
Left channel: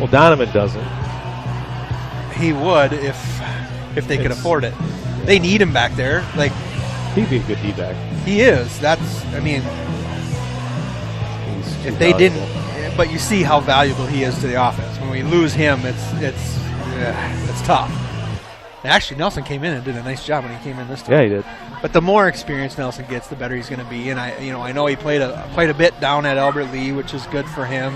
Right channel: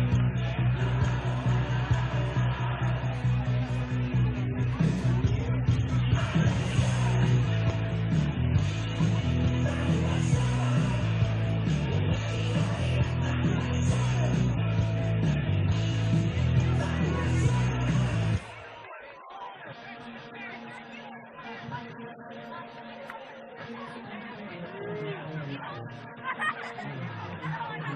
Well, Donovan doesn't. He would if they could afford it. They need him back there. Like, he'd be a good D-back. He is. If they didn't, but you see how valuable he is to the offense. When we lose him, it's tough. Actually, Nelson came in and did a nice job when he came in this time. Yeah, he did. But the more experience Nelson gets, the better he's going to be. And I know he played quite a bit down at Albert Lee, which is good for him.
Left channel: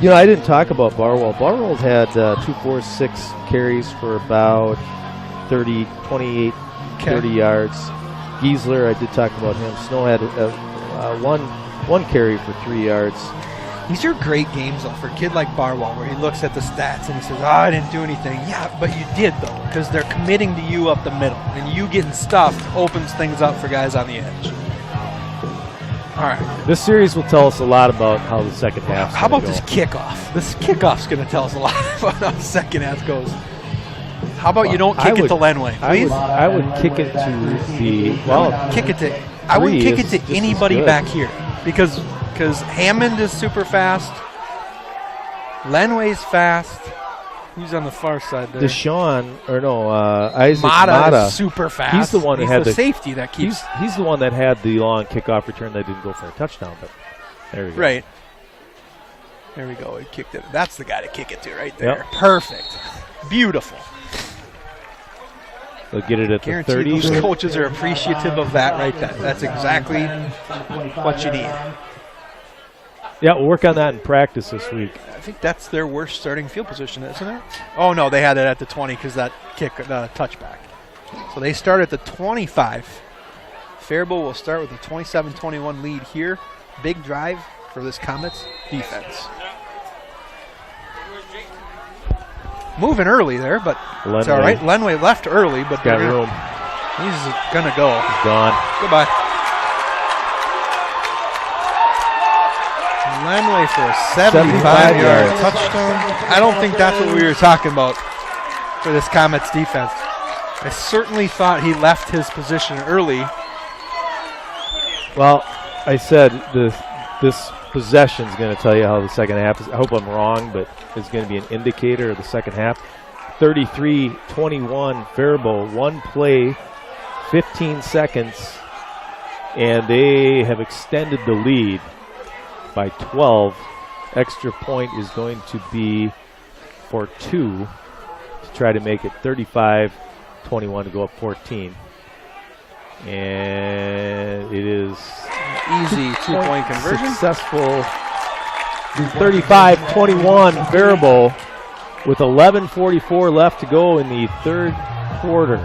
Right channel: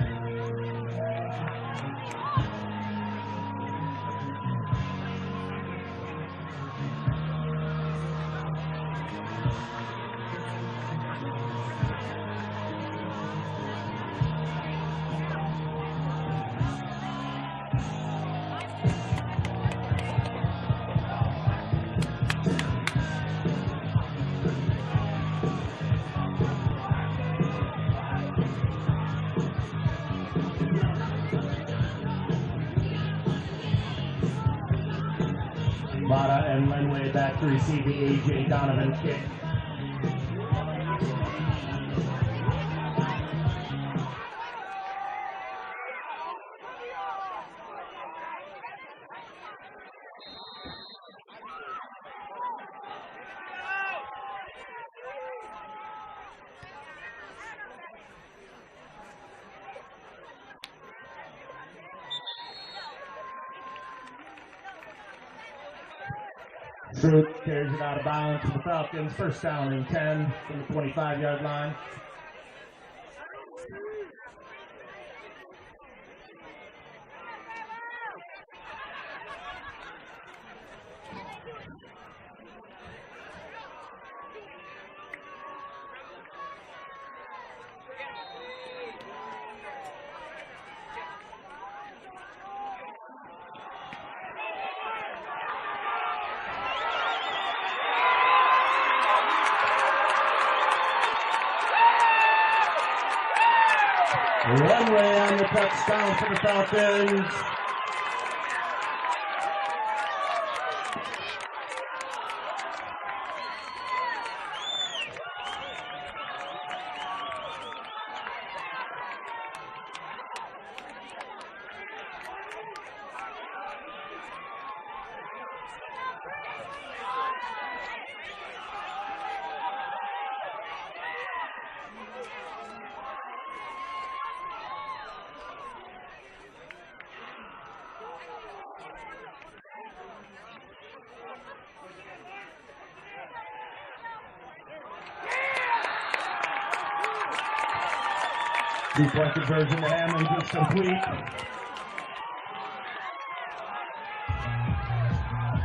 And I didn't talk about Barwell. Barwell had 6 carries for about 28, 30 yards. Giesler, I did talk about him. Snow had one carry for 3 yards. These are great games, though, for a kid like Barwell, where he looks at the stats and he says, I didn't do anything. Yeah, but you did, though, because they're committing to you up the middle. And you getting stuffed opens things up for guys on the edge. All right. This series will tell us a lot about how the second half. How about this kickoff? This kickoff's going to tell us a lot about how the second half goes. How about you don't kick it to Lenway, please? I would kick it to the kick it to. I wouldn't kick it to anybody back here because Hammond is super fast. Lenway's fast. Who's on the far side there? Isaac Mata is super fast. He's the one that had the safety that keeps. He's the one that had the long kickoff return that didn't go for a touchdown. But there we go. Right. There we go. He kicked it. That's the guy to kick it to right there. Yep. Perfect. Beautiful. They'll get it at the 30. Those coaches are appreciative of that right there. That's exactly what you need. Yeah, we'll work on that in practice this week. I think that's their worst starting field position, isn't it? Oh, no, they had it at the 20 because that kick, touchback. So they start at the 25. Faribault will start with a 27-21 lead here. Big drive for this Comets defense. Moving early there, but it's all right. Lenway left early, but got room. He's going to go. He's gone. Goodbye. Lenway for a 75-yard touchdown. I don't think that's what we were talking about for this Comets defense. I certainly thought he left his position early. Well, I said this possession is going to tell you how the second half is. I hope I'm wrong, but it's going to be an indicator of the second half. 33-21 Faribault, one play, 15 seconds, and they have extended the lead by 12. Extra point is going to be for 2 to try to make it 35-21 to go up 14. And it is easy 2-point conversion. Successful. 35-21 Faribault with 11:44 left to go in the third quarter.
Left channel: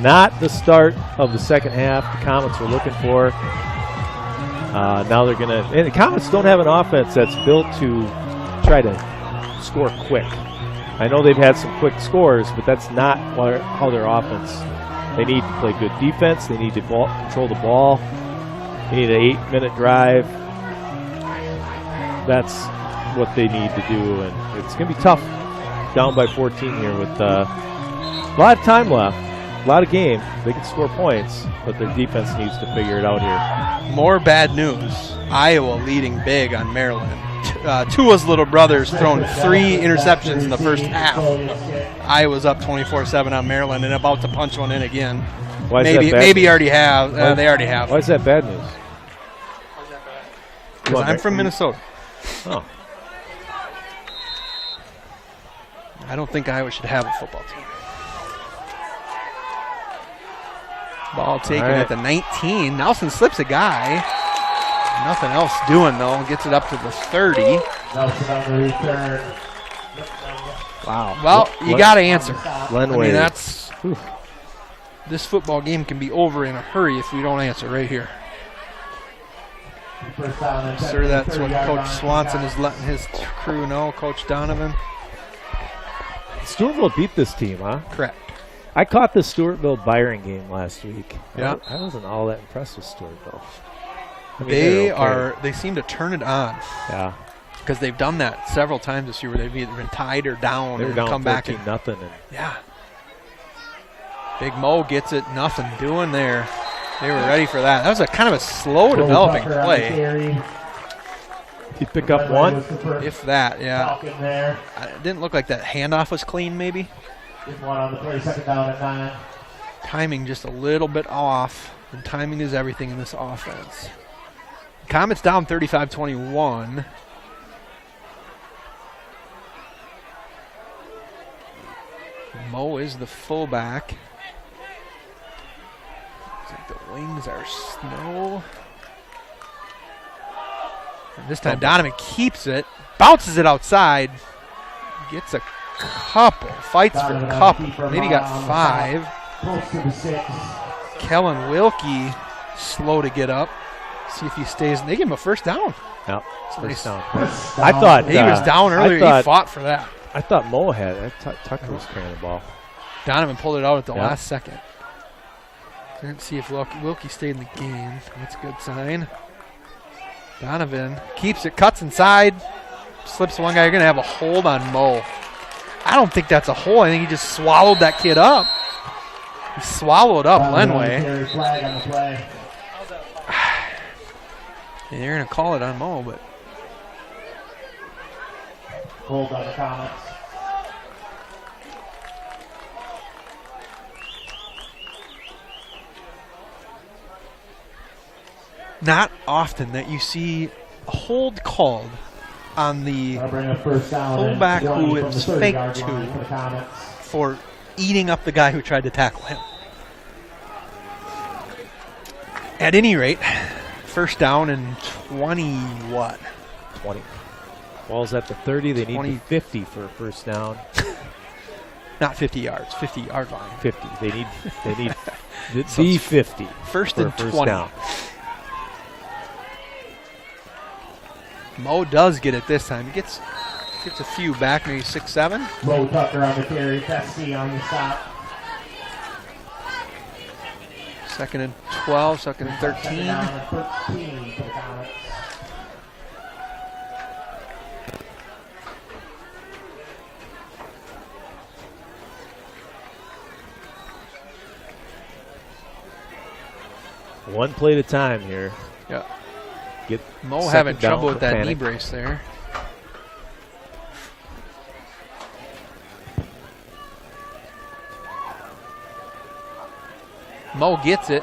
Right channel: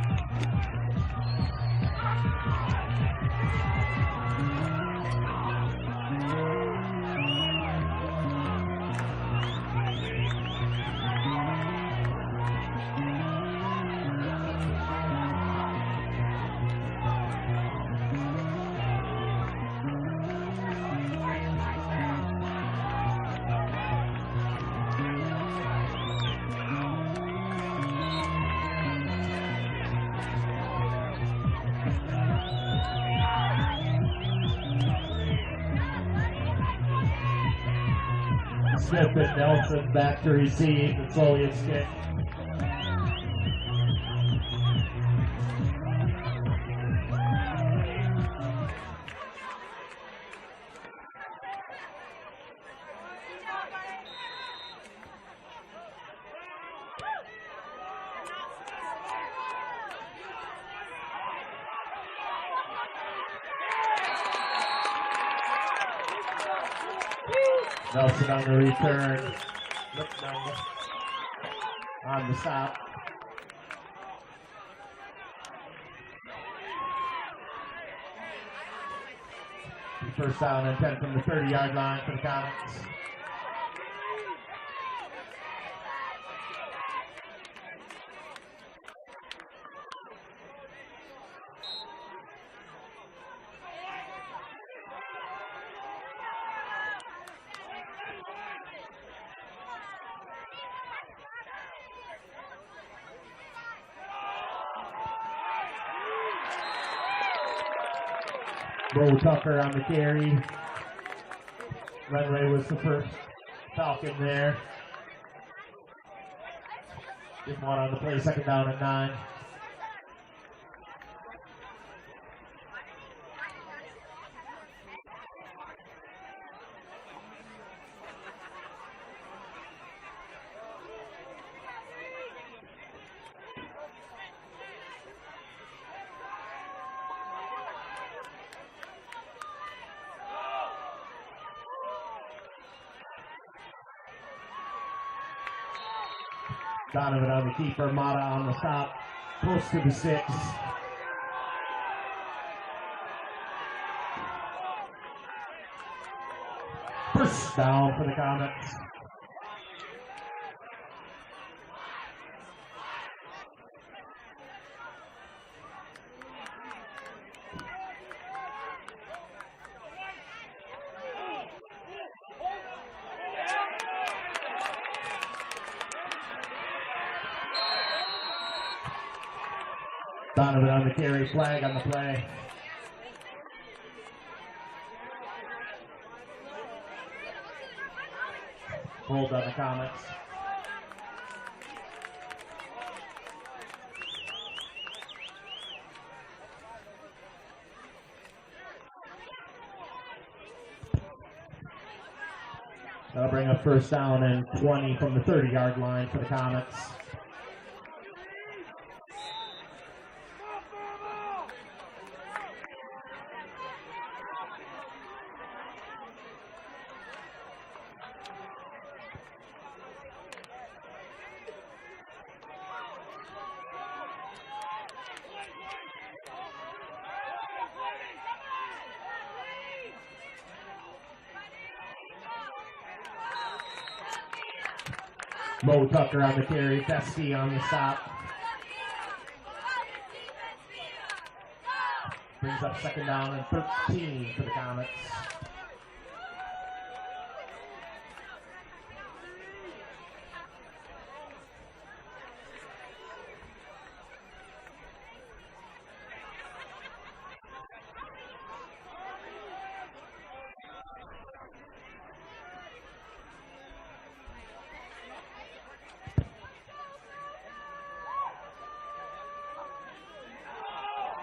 Not the start of the second half the Comets were looking for. Now they're going to, and the Comets don't have an offense that's built to try to score quick. I know they've had some quick scores, but that's not how their offense. They need to play good defense. They need to control the ball. They need an 8-minute drive. That's what they need to do, and it's going to be tough. Down by 14 here with a lot of time left. A lot of game. They can score points, but their defense needs to figure it out here. More bad news. Iowa leading big on Maryland. Tua's little brother's thrown 3 interceptions in the first half. Iowa's up 24-7 on Maryland and about to punch one in again. Why is that bad maybe news? already have. They already have. Why is that bad news? Because I'm from Minnesota. Oh. I don't think Iowa should have a football team. Ball taken at the 19. Nelson slips a guy. Nothing else doing, though. Gets it up to the 30. Nelson on the return. Wow. Well, you got to answer. Lenway. I mean, that's... This football game can be over in a hurry if we don't answer right here. Sure, that's what Coach Swanson is letting his crew know, Coach Donovan. Stewartville beat this team, huh? Correct. I caught the Stewartville-Byron game last week. Yeah. I wasn't all that impressed with Stewartville. I mean, they seem to turn it on. Yeah. Because they've done that several times this year where they've either been tied or down and come back and nothing. Yeah. Big Mo gets it, nothing doing there. They were ready for that. That was a kind of a slow developing play. You pick up one? If that, yeah. It didn't look like that handoff was clean, maybe. One on the play, second down at 9. Timing just a little bit off, and timing is everything in this offense. Comets down 35-21. Mo is the fullback. The wings are snow. And this time Donovan keeps it, bounces it outside, gets a couple, fights for a couple, maybe got 5. Close to the 6. Kellen Wilkie slow to get up. See if he stays. They give him a first down. No, first down. I thought he was down earlier. He fought for that. I thought Mo had it. Tucker was carrying the ball. Donovan pulled it out at the last second. Didn't see if Wilkie stayed in the game. That's a good sign. Donovan keeps it, cuts inside, slips one guy. You're going to have a hold on Mo. I don't think that's a hold. I think he just swallowed that kid up. He swallowed up Lenway. Flag on the play. And they're going to call it on Mo, but Hold on the Comets. not often that you see a hold called on the Bring a first down and fullback 20 who from the it's 30-yard faked line for the to Comets. for eating up the guy who tried to tackle him. At any rate, first down and 20 what? 20. Ball's at the 30. They 20. need 50 for a first down. Not 50 yards, 50-yard line. 50. They need the So it's 50. First for a and first 20. down. Mo does get it this time. He gets a few back, maybe 6, 7. Mo Tucker on the carry. Pesky on the stop. Second and 12, second and Second 13. down and 13 for the Comets. One play at a time here. Yeah. Get Mo second having down trouble with for that knee panic. brace there. Mo gets it.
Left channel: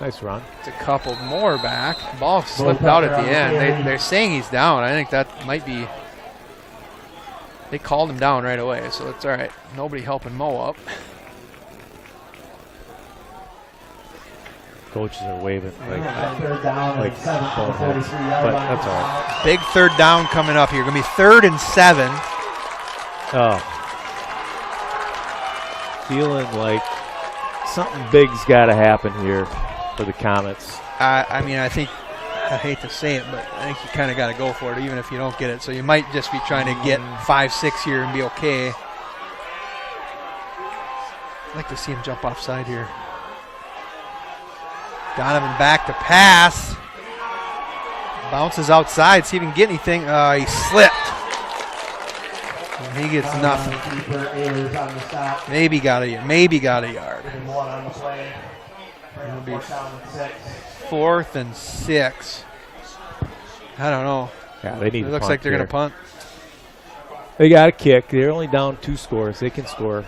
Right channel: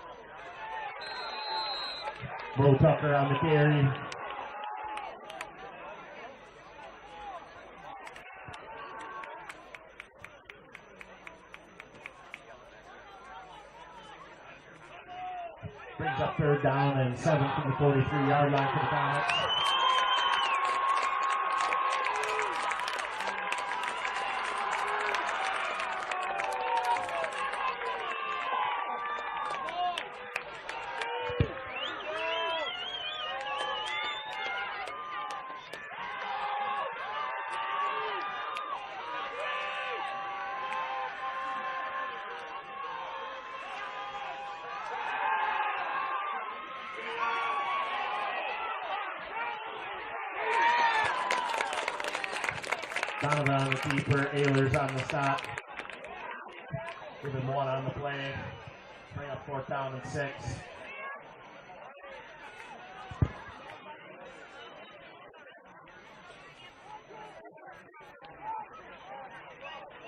Nice run. It's a couple more back. Ball slipped out at the end. They're saying he's down. I think that might be. They called him down right away, so it's all right. Nobody helping Mo up. Coaches are waving. Third down and 7 for the 43-yard But line. that's all right. Big third down coming up here. Going to be 3rd and 7. Oh. Feeling like something big's got to happen here for the Comets. I mean, I hate to say it, but I think you kind of got to go for it, even if you don't get it. So you might just be trying to get 5, 6 here and be okay. I'd like to see him jump offside here. Donovan back to pass. Bounces outside, see if he can get anything. He slipped. And he gets nothing. Keeper is on the stop. Maybe got a yard. Give him one on the play. It'll be 4th down and 6. 4th and 6. I don't know. Yeah, they need It to looks punt like they're going here. to punt. They got a kick. They're only down 2 scores. They can score.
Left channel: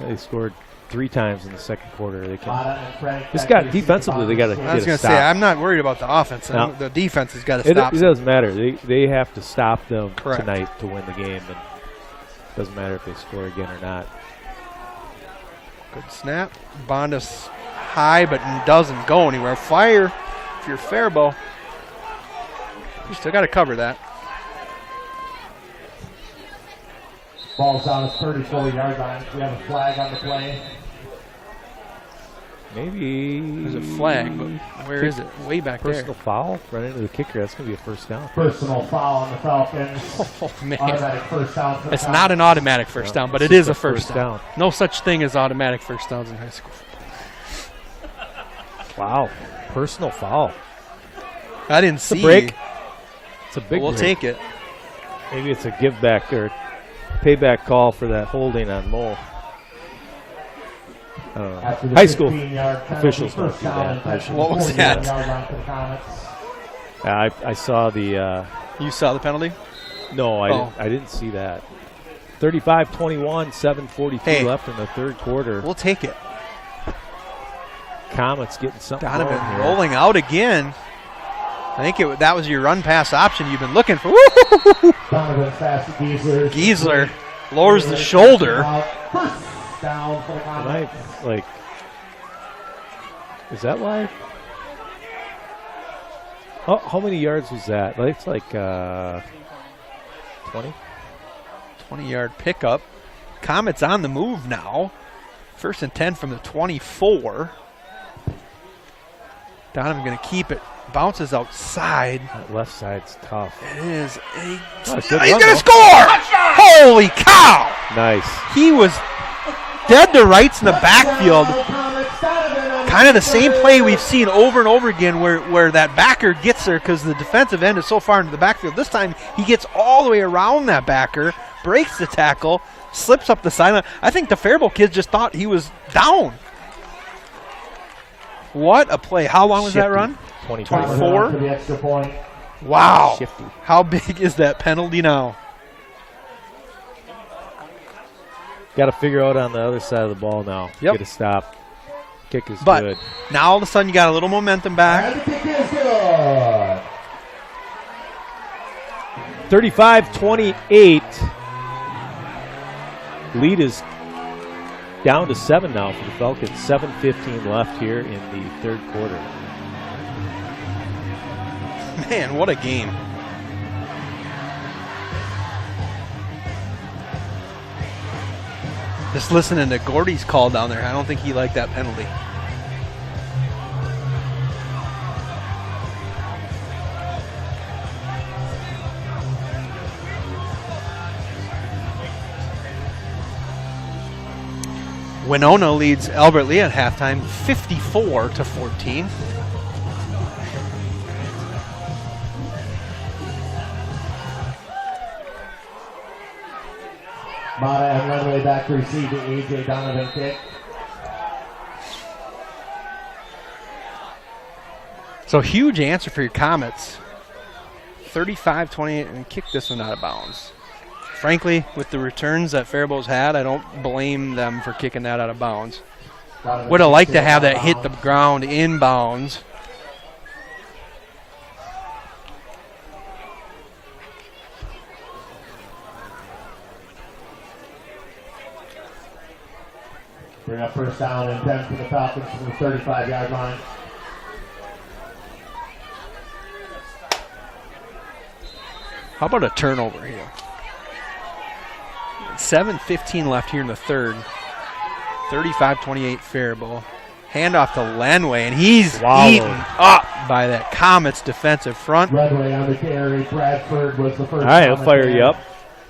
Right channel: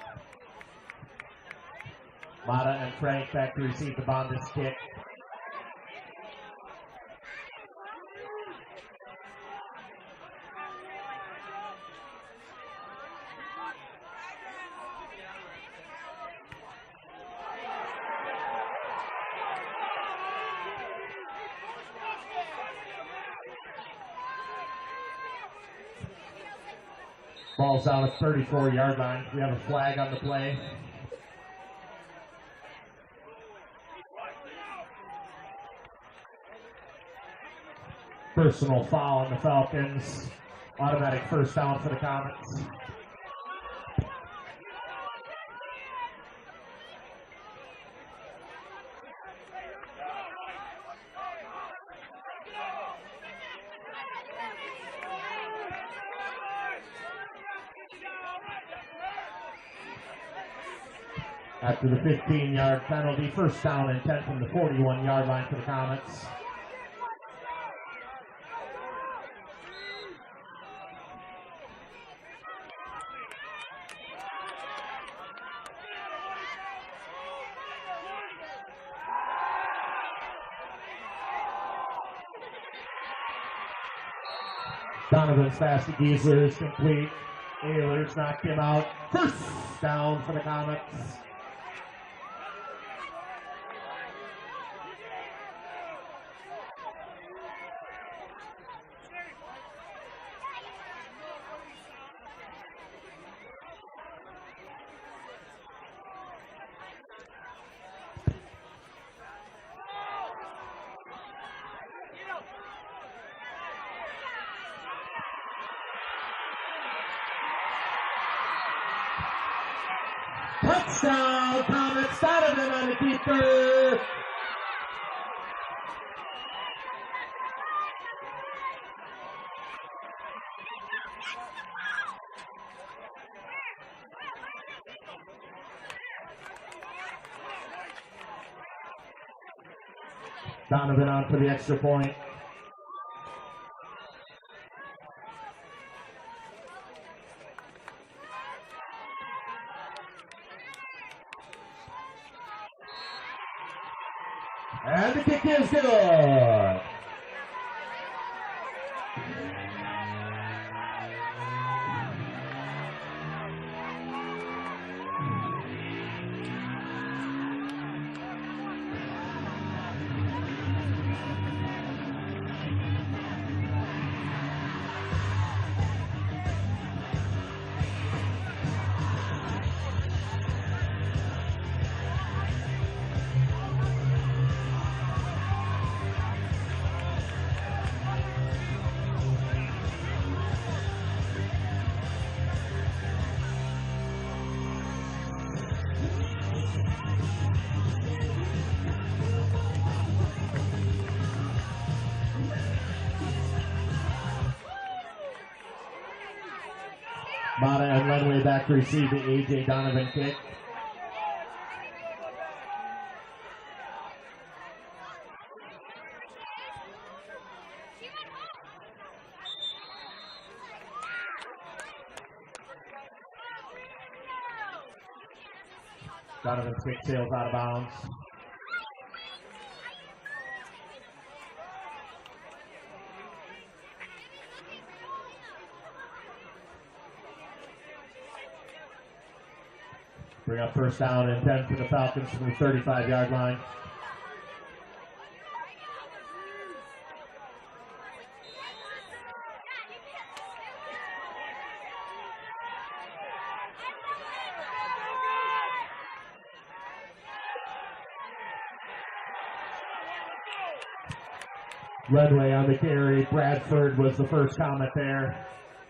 They scored 3 times in the second quarter. They can. It's got defensively. They got to I get was a going to stop. say, I'm not worried about the offense. No. The defense has got to It stop. doesn't matter. They have to stop them Correct. tonight to win the game. And doesn't matter if they score again or not. Good snap. Bonda's high, but doesn't go anywhere. Fire if you're Faribault. You still got to cover that. Ball's down at 34-yard line. We have a flag on the play. Maybe There's a flag, but where is it? Way back there. personal foul right into the kicker. That's going to be a first down. Personal foul on the Falcons. Oh, man. Automatic first down for the It's Comets. not an automatic first down, but It's it is just a first down. No such thing as automatic first downs in high school. Wow. Personal foul. I didn't It's a see. break. It's a But big we'll break. take it. Maybe it's a give back or payback call for that holding on Mo. After the High school 15-yard penalty, officials don't first do down that. and 10 from What the was that? 41-yard line for the Comets. I saw the You saw the penalty? no, Oh. I didn't see that. 35-21, 7:42 Hey. left in the third quarter. We'll take it. Comets getting something Donovan going here. rolling out again. I think that was your run pass option you've been looking for. Woo! Donovan's pass to Giesler. Giesler lowers the shoulder. First down for the Right, Comets. like, is that live? How many yards was that? Like, it's like 20. 20-yard pickup. Comets on the move now. 1st and 10 from the 24. Donovan going to keep it. Bounces outside. That left side's tough. It is Oh, it's he's good run, going to though. score! Holy cow! Nice. He was dead to rights in the backfield. Comets, Donovan on the Kind of the same play we've seen over and over again where that backer gets there because the defensive end is so far into the backfield. This time he gets all the way around that backer, breaks the tackle, slips up the sideline. I think the Faribault kids just thought he was down. What a play. How long was that run? 24. For the extra point. Wow. Shifty. How big is that penalty now? Got to figure out on the other side of the ball now. Yep. Get a stop. Kick is But good. now all of a sudden you got a little momentum back. And the kick is good. 35-28. Lead is down to 7 now for the Falcons. 7:15 left here in the third quarter. Man, what a game. Just listening to Gordy's call down there, I don't think he liked that penalty. Winona leads Albert Lee at halftime, 54-14. Mata and runway back to receive the A.J. Donovan kick. So huge answer for your Comets. 35-28 and kick this one out of bounds. Frankly, with the returns that Faribault's had, I don't blame them for kicking that out of bounds. Would have liked to have that hit the ground inbounds. Bring up first down and 10 for the Falcons from the 35-yard line. How about a turnover here? 7:15 left here in the third. 35-28 Faribault. Handoff to Lenway, and he's eaten up by that Comets defensive front. Redway on the carry. Bradford was the first. All right, I'll fire you up.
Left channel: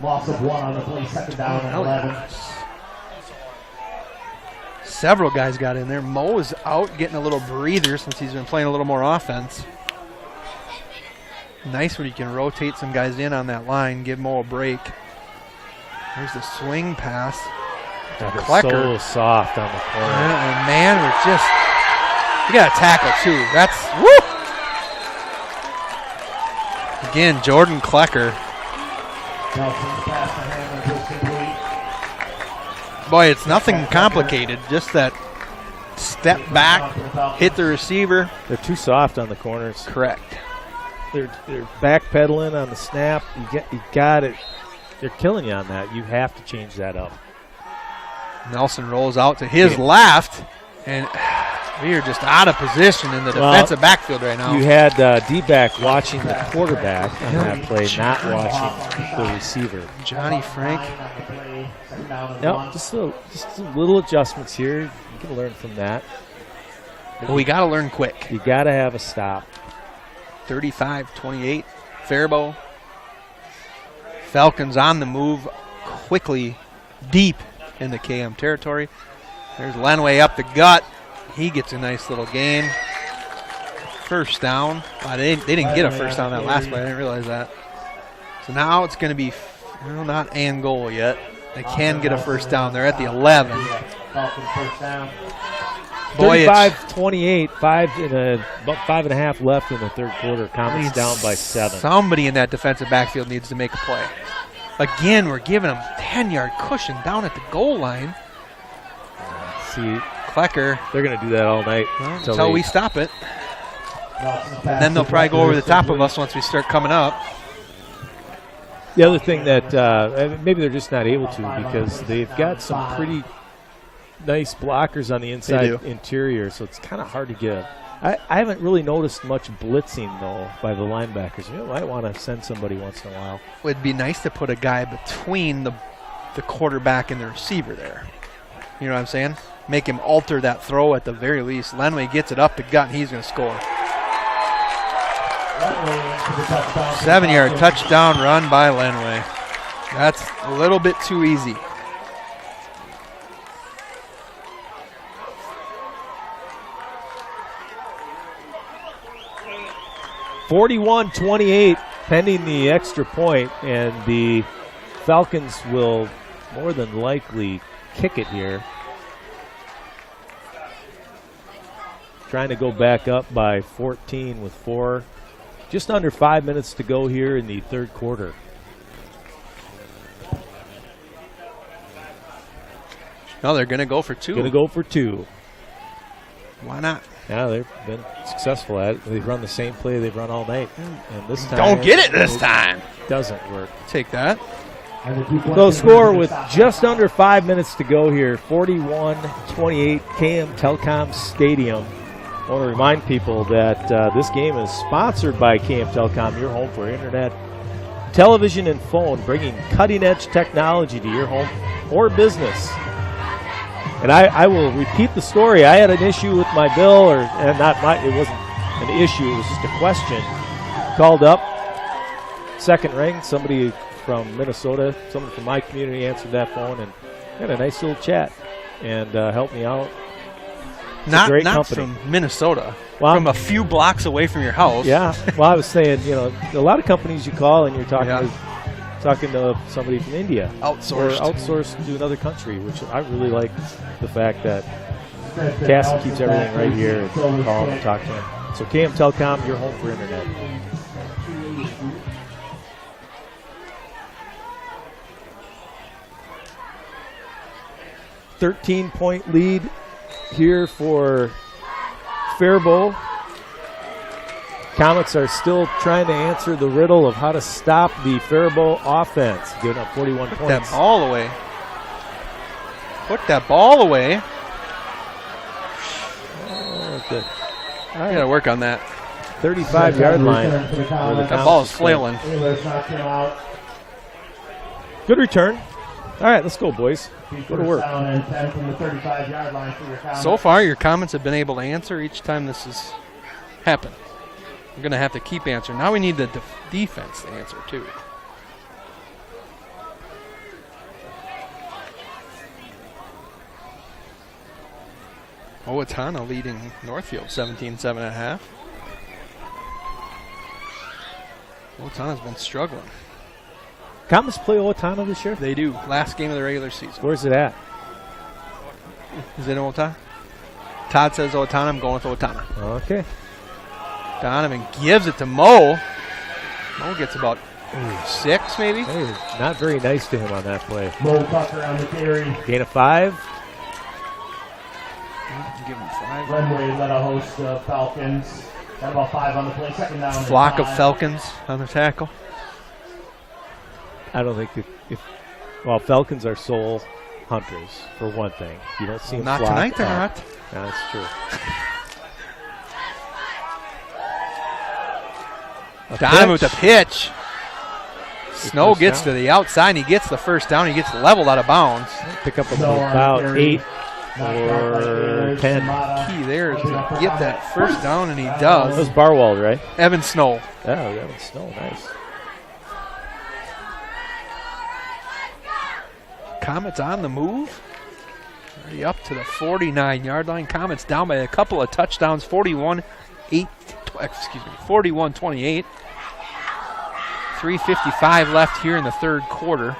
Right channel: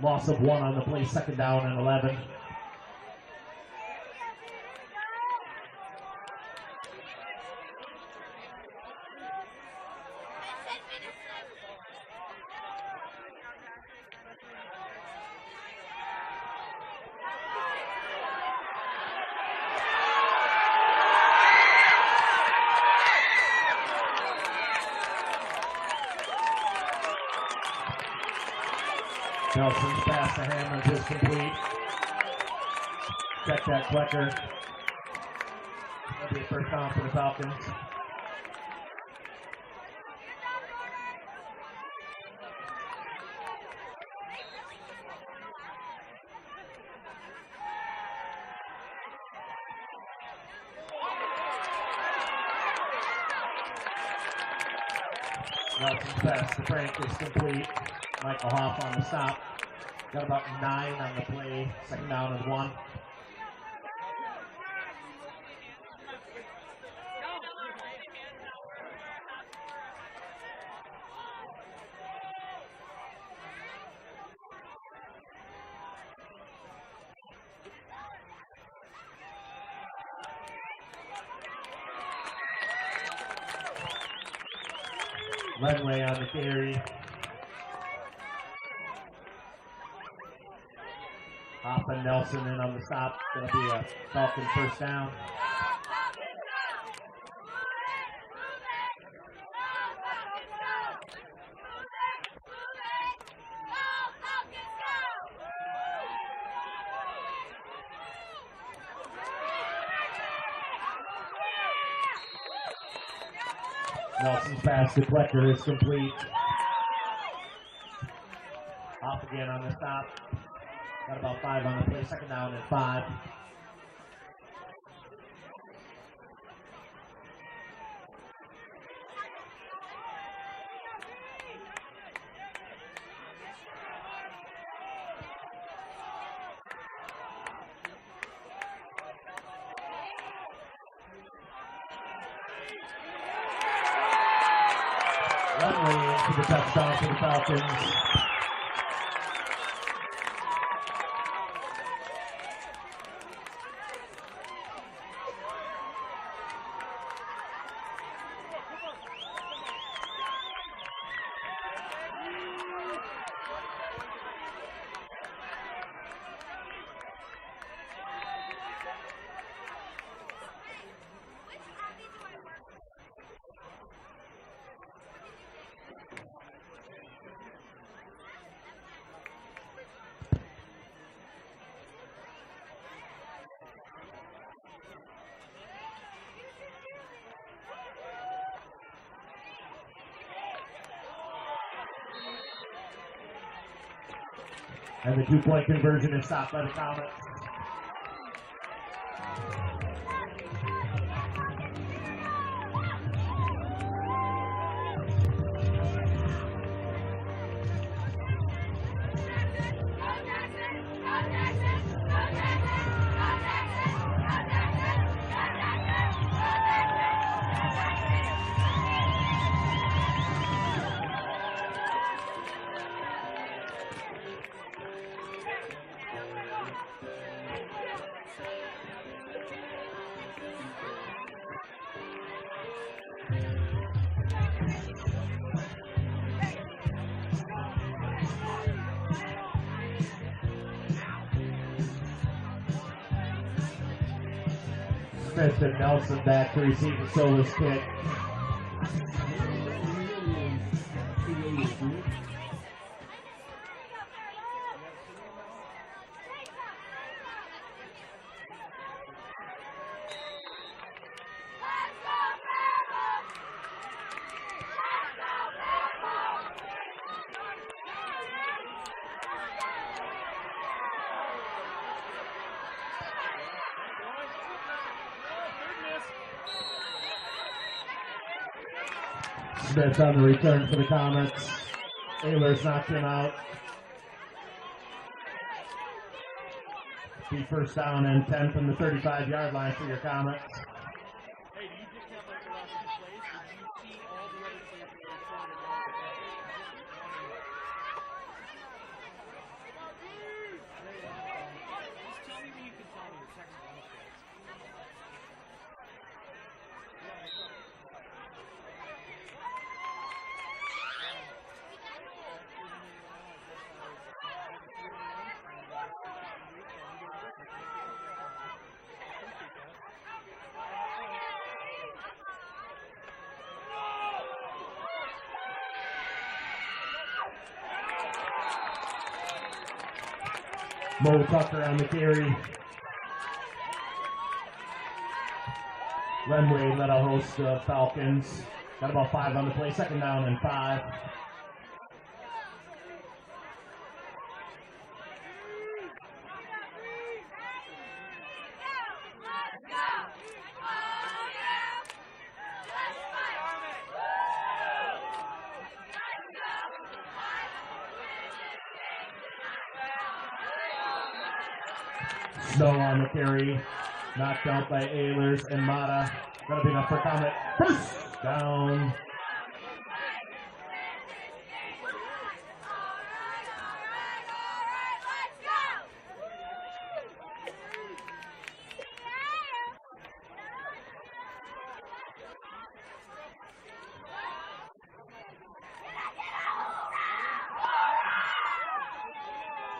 Loss of 1 on the play, second down and 11. Several guys got in there. Mo is out getting a little breather since he's been playing a little more offense. Nice when you can rotate some guys in on that line, give Mo a break. There's the swing pass. Klecker. So soft on the corner. And man, we're just, we got a tackle too. That's, woo! Again, Jordan Klecker. Nelson's pass to Hammond is complete. Boy, it's nothing complicated. Just that step back, hit the receiver. They're too soft on the corners. Correct. They're backpedaling on the snap. You got it. They're killing you on that. You have to change that up. Nelson rolls out to his left, and we are just out of position in the defensive backfield right now. You had D-back watching the quarterback on that play, not watching the receiver. Johnny Frank. No, just little adjustments here. You can learn from that. Well, we got to learn quick. You got to have a stop. 35-28, Faribault. Falcons on the move quickly deep in the KM territory. There's Lenway up the gut. He gets a nice little gain. First down. They didn't get a first down that last play. I didn't realize that. So now it's going to be, well, not and goal yet. They can get a first down. They're at the 11. Falcons first down. Boy, 35-28, about 5.5 left in the third quarter. Comets down by 7. Somebody in that defensive backfield needs to make a play. Again, we're giving them 10-yard cushion down at the goal line. See, Klecker. they're going to do that all night Until we stop it. Then they'll probably go over the top of us once we start coming up. The other thing that maybe they're just not able to because they've got some pretty nice blockers on the inside interior, so it's kind of hard to get. I haven't really noticed much blitzing, though, by the linebackers. You might want to send somebody once in a while. It'd be nice to put a guy between the quarterback and the receiver there. You know what I'm saying? Make him alter that throw at the very least. Lenway gets it up the gut, and he's going to score. 7-yard touchdown run by Lenway. That's a little bit too easy. 41-28 pending the extra point, and the Falcons will more than likely kick it here. Trying to go back up by 14 with just under 5 minutes to go here in the third quarter. No, they're going to go for two. Going to go for two. Why not? Yeah, they've been successful at it. They've run the same play they've run all night. And this time, don't get it this time. Doesn't work. Take that. So score with just under 5 minutes to go here, 41-28, KM Telecom Stadium. I want to remind people that this game is sponsored by KM Telecom, your home for internet, television, and phone, bringing cutting-edge technology to your home or business. And I will repeat the story. I had an issue with my bill, it wasn't an issue, it was just a question. Called up, second ring, somebody from Minnesota, someone from my community answered that phone and had a nice little chat and helped me out. It's a great company. From Minnesota, well, from a few blocks away from your house. Yeah, well, I was saying, a lot of companies you call and you're talking to somebody from India. Outsourced. Or outsourced to another country, which I really like the fact that Kasson keeps everything right here and call them and talk to them. So KM Telecom, your home for internet. .13 lead here for Faribault. Comets are still trying to answer the riddle of how to stop the Faribault offense. Giving up 41 points. Put that ball away. Put that ball away. Okay. I got to work on that. 35-yard line. That ball is flailing. Good return. All right, let's go, boys. Go to work. Down and 10 from the 35-yard line for your Comets. So far, your Comets have been able to answer each time this has happened. We're going to have to keep answering. Now we need the defense to answer, too. Owatonna leading Northfield 17-7.5. Owatonna's been struggling. Comets play Owatonna this year? They do. Last game of the regular season. Where's it at? Is it Owatonna? Todd says Owatonna. I'm going with Owatonna. Okay. Donovan gives it to Mo. Mo gets about 6, maybe. Hey, not very nice to him on that play. Mo Tucker on the carry. Gain of 5. Give him 5. Runway let a host of Falcons. Got about 5 on the play. Second down. And Flock 5. of Falcons on the tackle. I don't think Falcons are soul hunters, for one thing. You don't see them Not flock tonight, they're out. not. Yeah, that's true. Donovan with the pitch. Snow first gets down. to the outside, and he gets the first down. He gets leveled out of bounds. Pick up Snow on the about carry. 8 Knocked out by or Taylor 10. Samata. Key there is Holding to up for get Comets. that first down, and he That does. was Barwald, right? Evan Snow. Yeah, we got Snow. Nice. Comets on the move. Already up to the 49-yard line. Comets down by a couple of touchdowns. 41-28. 3:55 left here in the third quarter.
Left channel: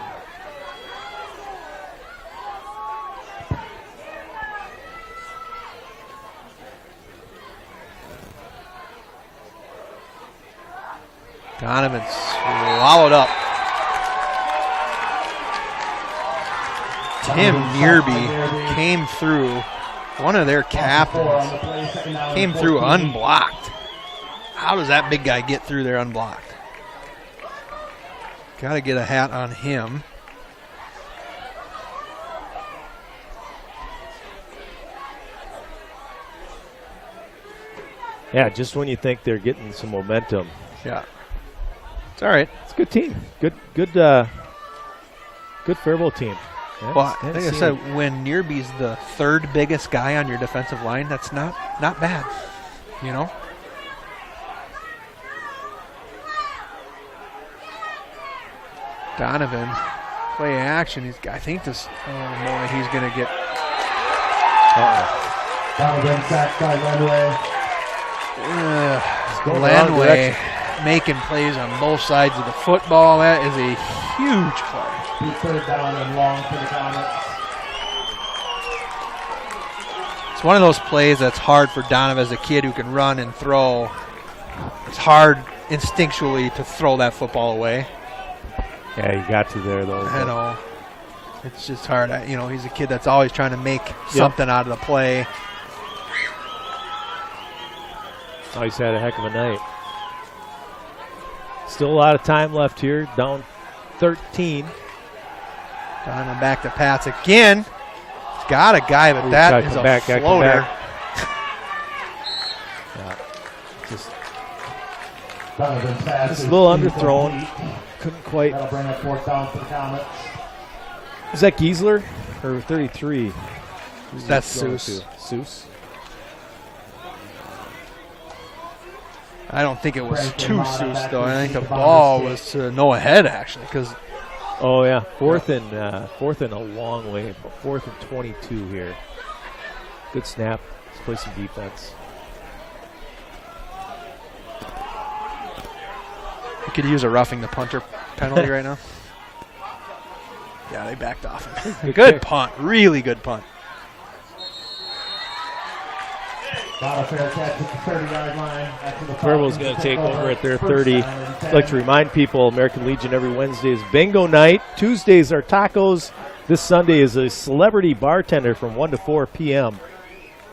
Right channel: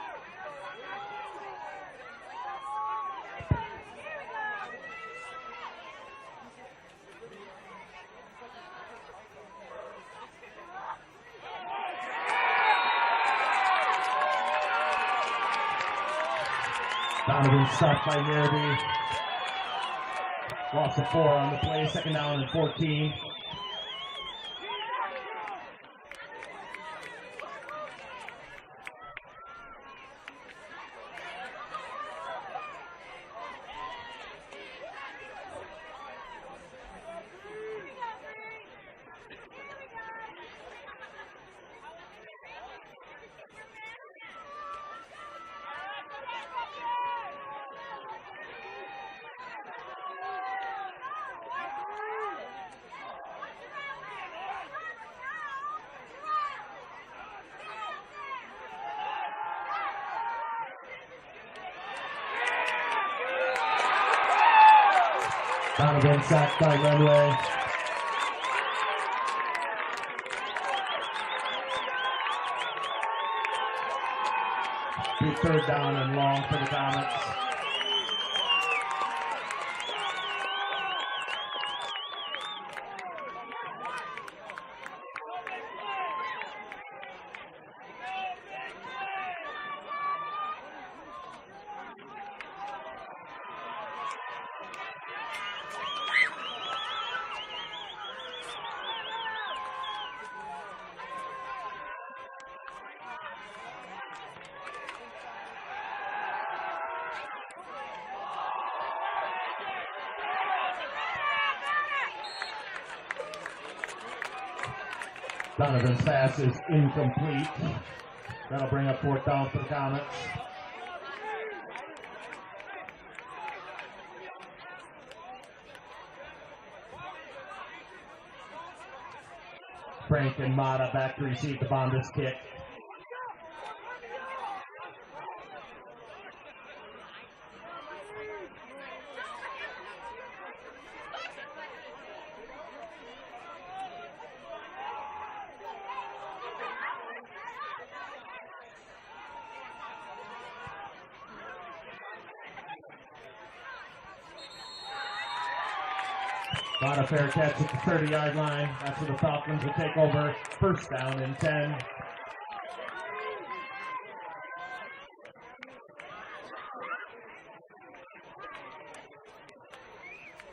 Donovan swallowed up. Tim Nearby came through. One of their captains came through unblocked. How does that big guy get through there unblocked? Got to get a hat on him. Yeah, just when you think they're getting some momentum. Yeah. It's all right. It's a good team. Good Faribault team. Yeah, Well, like I said, when Nearby's the third biggest guy on your defensive line, that's not bad, you know? Donovan, play action. I think this, oh boy, he's going to get. Donovan sacked by Runway. going the wrong Glenway. direction. making plays on both sides of the football. That is a huge play. Big third down and long for the Comets. It's one of those plays that's hard for Donovan as a kid who can run and throw. It's hard instinctually to throw that football away. Yeah, you got to there, though. I know. It's just hard. He's a kid that's always trying to make something out of the play. Oh, he's had a heck of a night. Still a lot of time left here. Down 13. Donovan back to pass again. He's got a guy, but that is a floater. Just a little underthrown. Couldn't quite. That'll bring up fourth down for the Comets. Is that Giesler or 33? That's Seuss. Seuss. I don't think it was too Seuss, though. I think the ball was to Noah Head, actually, because. Oh yeah, fourth and a long way. 4th and 22 here. Good snap. Let's play some defense. We could use a roughing the punter penalty right now. Yeah, they backed off. Good punt. Really good punt. Not a fair catch at the 30-yard line. Faribault's going to take over at their 30. I'd like to remind people, American Legion every Wednesday is bingo night. Tuesdays are tacos. This Sunday is a celebrity bartender from 1 to 4 p.m.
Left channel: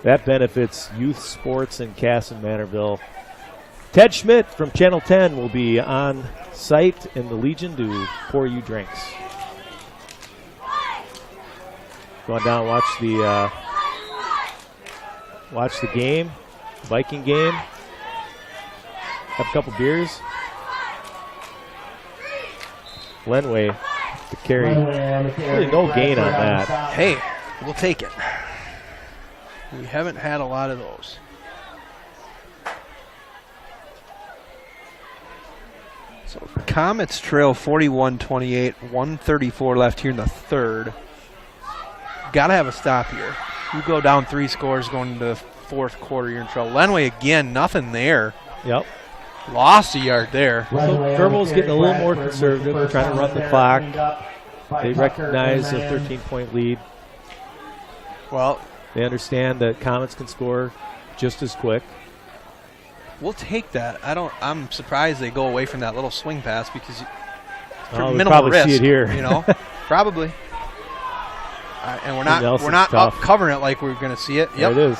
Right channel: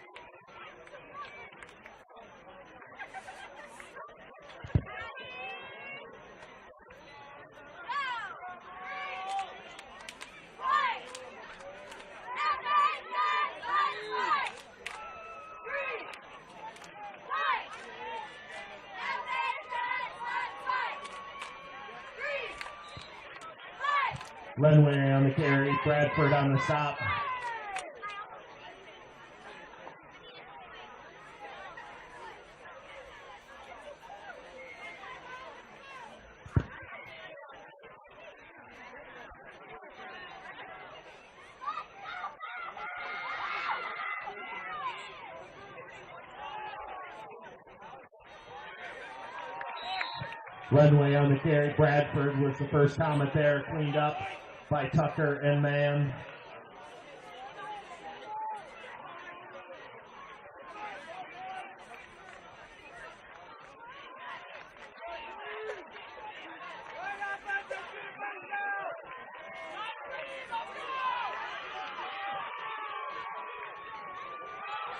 That benefits youth sports in Kasson-Mantorville. Ted Schmidt from Channel 10 will be on site in the Legion to pour you drinks. Going down, watch the game, Viking game. Have a couple beers. Lenway to carry. Really no gain on that. Hey, we'll take it. We haven't had a lot of those. So Comets trail 41-28, 1:34 left here in the third. Got to have a stop here. You go down 3 scores going into the fourth quarter, you're in trouble. Lenway again, nothing there. Yep. Lost a yard there. Faribault's getting a little more conservative, trying to run the clock. They recognize a 13-point lead. Well, they understand that Comets can score just as quick. We'll take that. I'm surprised they go away from that little swing pass because we'll minimal probably risk, see it here. Probably. And we're not up covering it like we're going to see it. Yep. There it is.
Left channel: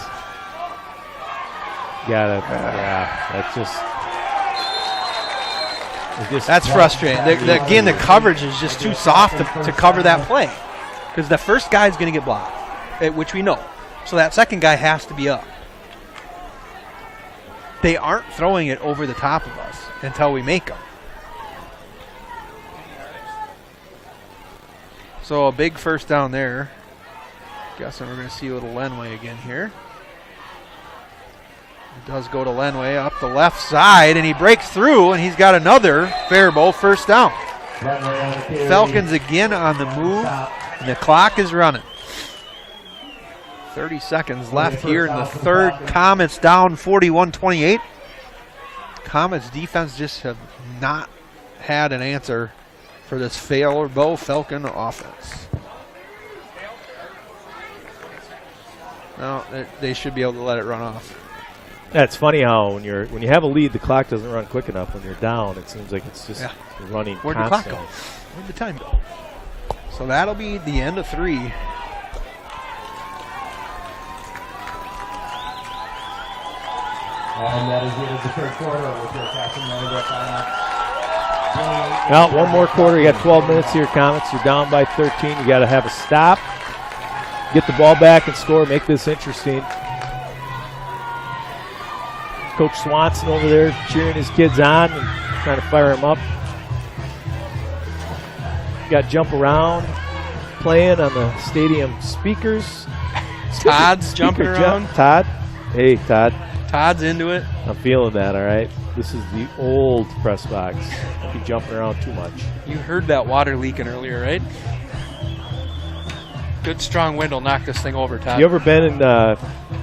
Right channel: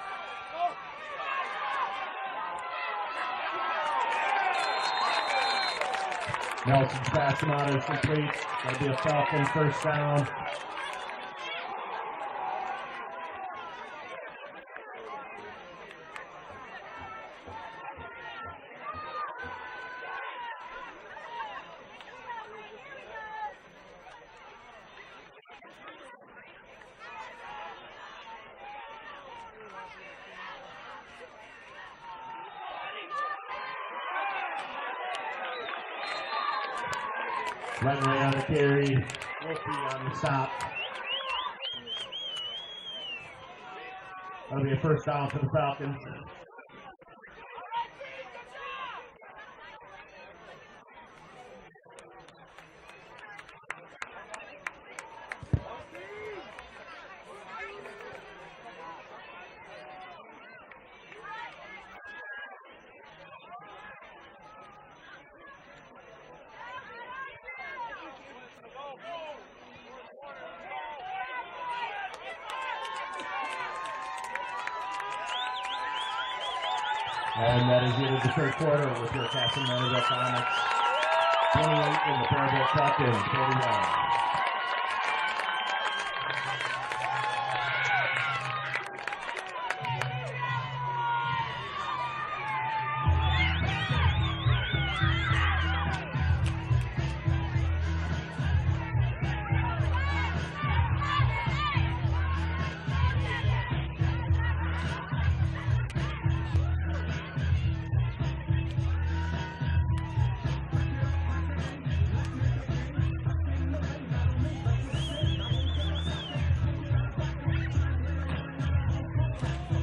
That's just. That's frustrating. Again, the coverage is just too soft to cover that play because the first guy's going to get blocked, which we know. So that second guy has to be up. They aren't throwing it over the top of us until we make them. So a big first down there. Guessing we're going to see a little Lenway again here. It does go to Lenway up the left side, and he breaks through, and he's got another Faribault first down. Falcons again on the move, and the clock is running. 30 seconds left here in the third. Comets down 41-28. Comets defense just have not had an answer for this Faribault Falcon offense. No, they should be able to let it run off. That's funny how when you have a lead, the clock doesn't run quick enough. When you're down, it seems like it's just running Where'd constantly. the clock go? Where'd the time go? So that'll be the end of 3. And that is it of the third quarter with your Kasson-Mantorville Comets. Well, one more quarter. You got 12 minutes here, Comets. You're down by 13. You got to have a stop, get the ball back and score, make this interesting. Coach Swanson over there cheering his kids on and trying to fire them up. You got jump around playing on the stadium speakers. Todd's jumping around. Todd. Hey, Todd. Todd's into it. I'm feeling that, all right? This is the old press box. Keep jumping around too much. You heard that water leaking earlier, right? Good strong wind will knock this thing over, Todd. You ever been in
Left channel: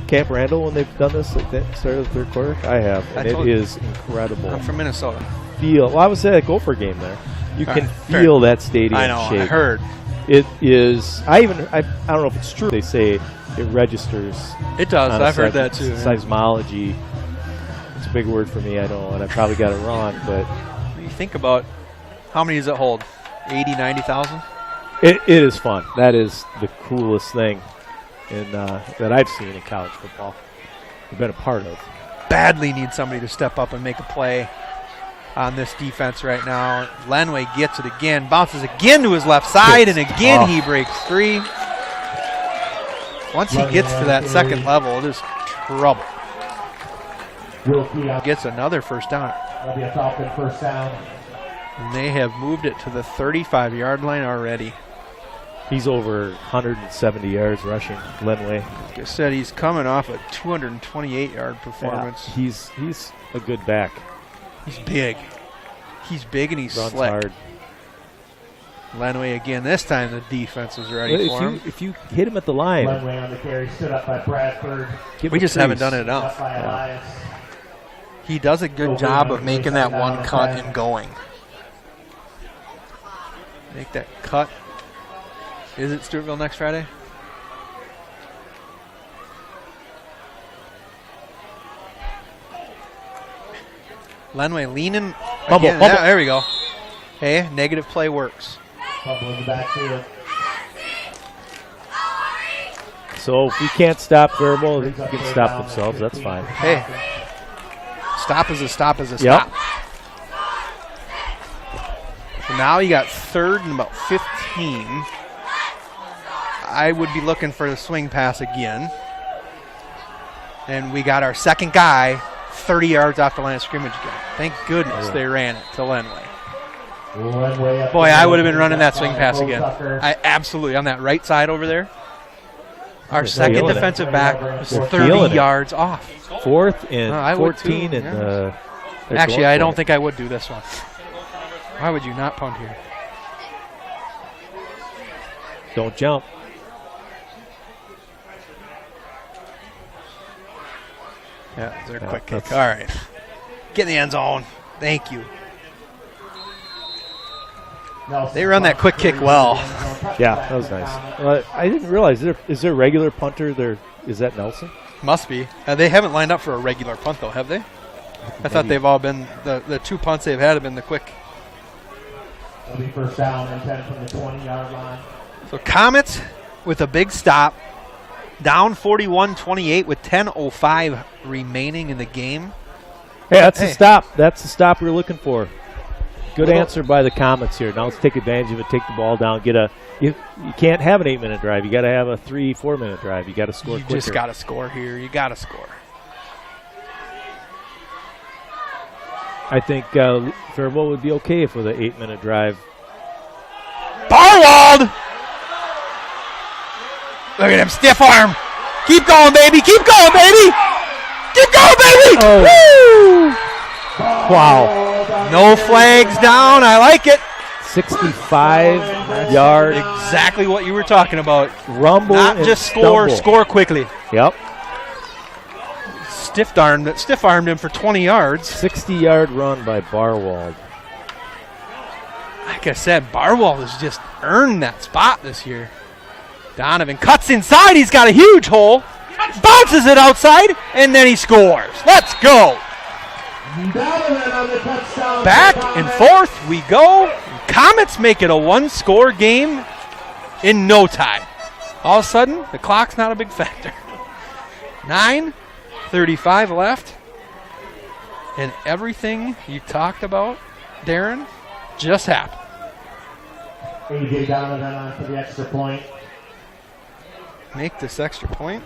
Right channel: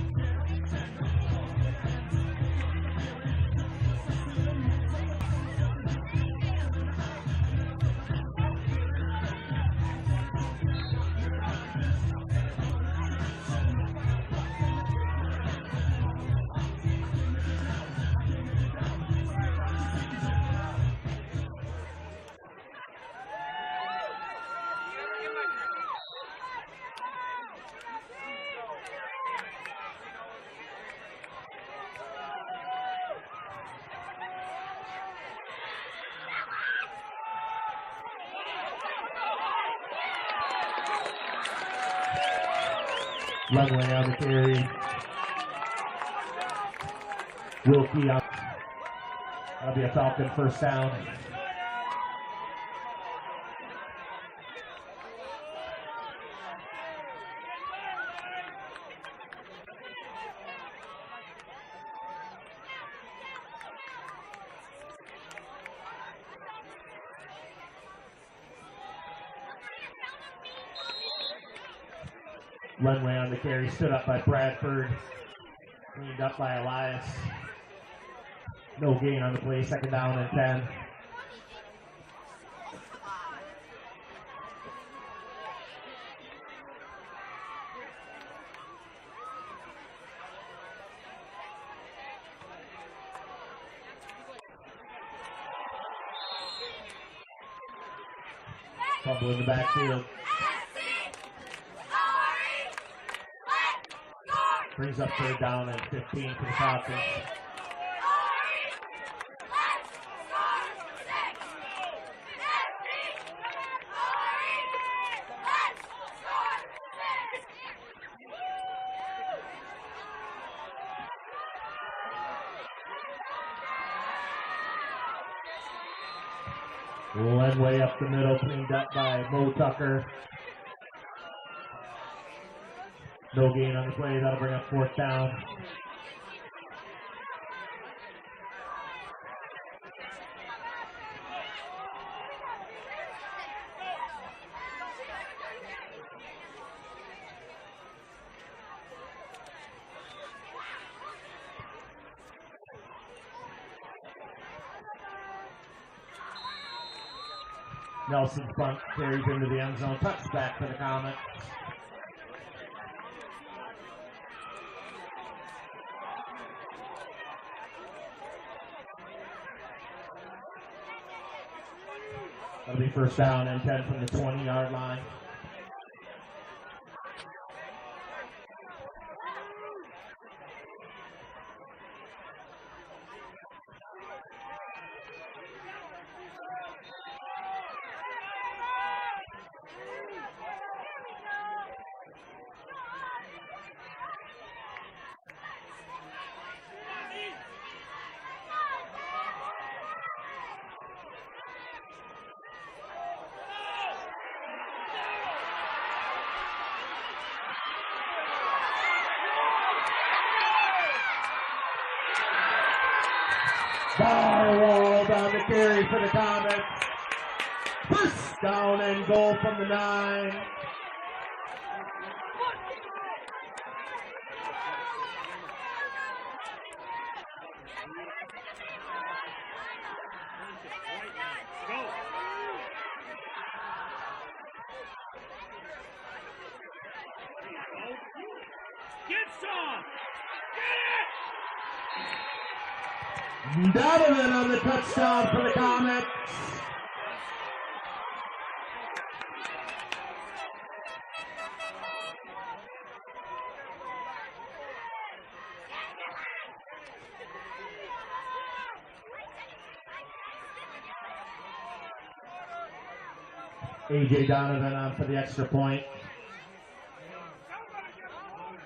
Camp Randall when they've done this at the start of the third quarter? I have, and it is incredible. I'm from Minnesota. Well, I was at a Gopher game there. You can feel that stadium I know, shake. I heard. It is. I don't know if it's true. They say it registers. It does. I've heard that too. Seismology. It's a big word for me. I know, and I probably got it wrong. But You think about how many does it hold? 80, 90,000? it is fun. That is the coolest thing that I've seen in college football. I've been a part of. Badly need somebody to step up and make a play on this defense right now. Lenway gets it again, bounces again to his left side, and again he breaks free. Once he gets to that second level, it is trouble. Gets another first down. That'll be a Falcon first down. And they have moved it to the 35-yard line already. He's over 170 yards rushing, Lenway. Like I said, he's coming off a 228-yard performance. Yeah, he's a good back. He's big. He's big and he's Runs slick. hard. Lenway again. This time the defense is ready for him. If you hit him at the line. Lenway on the carry, stood up by Bradford. We just haven't done it enough. Up by Elias. He does a good job of making that one cut and going. Make that cut. Is it Stewartville next Friday? Lenway leaning. Bubble, Again. bubble. Yeah, there we go. Hey, negative play works. Fumble in the backfield. So if we can't stop Faribault, they can stop themselves. That's fine. Hey, stop is a stop is a Yep. stop. So now you got third and about 15. I would be looking for the swing pass again. And we got our second guy 30 yards off the line of scrimmage again. Thank goodness they ran it to Lenway. Boy, I would have been running that swing pass again. I absolutely, on that right side over there. Our second defensive back was 30 yards off. Fourth and I would 14. too, And Actually, I don't think I would do this one. Why would you not punt here? Don't jump. Yeah, they're Yeah, quick kick. that's- All right. Get in the end zone. Thank you. They run that quick kick well. Yeah, that was nice. Well, I didn't realize, is there a regular punter there? Is that Nelson? Must be. They haven't lined up for a regular punt, though, have they? I thought they've all been, the two punts they've had have been the quick. That'll be first down and 10 from the 20-yard line. So Comets with a big stop. Down 41-28 with 10:05 remaining in the game. Hey, that's a stop. That's the stop we were looking for. Good answer by the Comets here. Now let's take advantage of it, take the ball down, you can't have an 8-minute drive. You got to have a 3-4 minute drive. You got to score quicker. You just got to score here. You got to score. I think Faribault would be okay with an 8-minute drive. Barwald! Look at him, stiff arm. Keep going, baby. Keep going, baby. Keep going, baby. Oh. Wow. No flags down. I like it. 65 yard. Exactly what you were talking about. Rumble. Not just score, stumble. score quickly. Yep. Stiff-armed him for 20 yards. 60-yard run by Barwald. Like I said, Barwald has just earned that spot this year. Donovan cuts inside. He's got a huge hole. Bounces it outside, and then he scores. Let's go. Back and forth we go. Comets make it a one-score game in no time. All of a sudden, the clock's not a big factor. 9:35 left. And everything you talked about, Darren, just happened. A.J. Donovan on for the extra point. Make this extra point.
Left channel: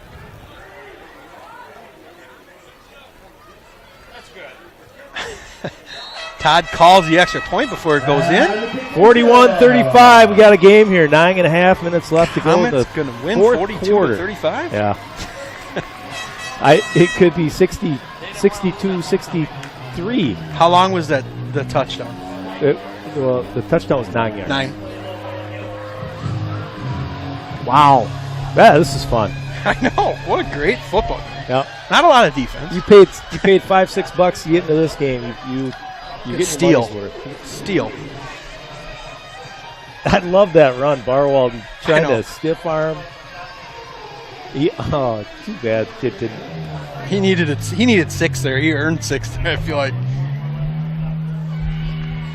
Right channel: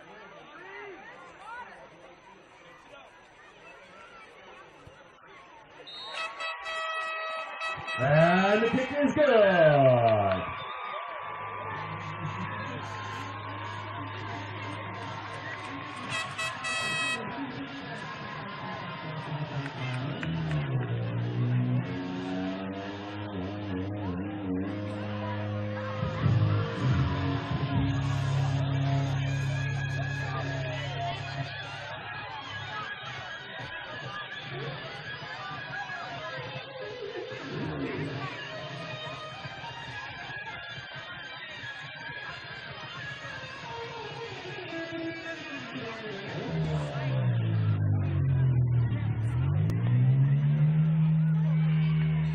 Todd calls the extra point before it goes in. 41-35. We got a game here. 9.5 minutes left to go in the going to win fourth 42-35. Yeah. It could be 60, 62, 63. How long was the touchdown? Well, the touchdown was 9 yards. 9. Wow. Yeah, this is fun. I know. What a great football. Yep. Not a lot of defense. You paid $5-6 to get into this game. You get Steal. your money's worth. Steal. I love that run. Barwald trying I know. to stiff arm. Oh, too bad. Kid didn't. He needed 6 there. He earned 6 there, I feel like.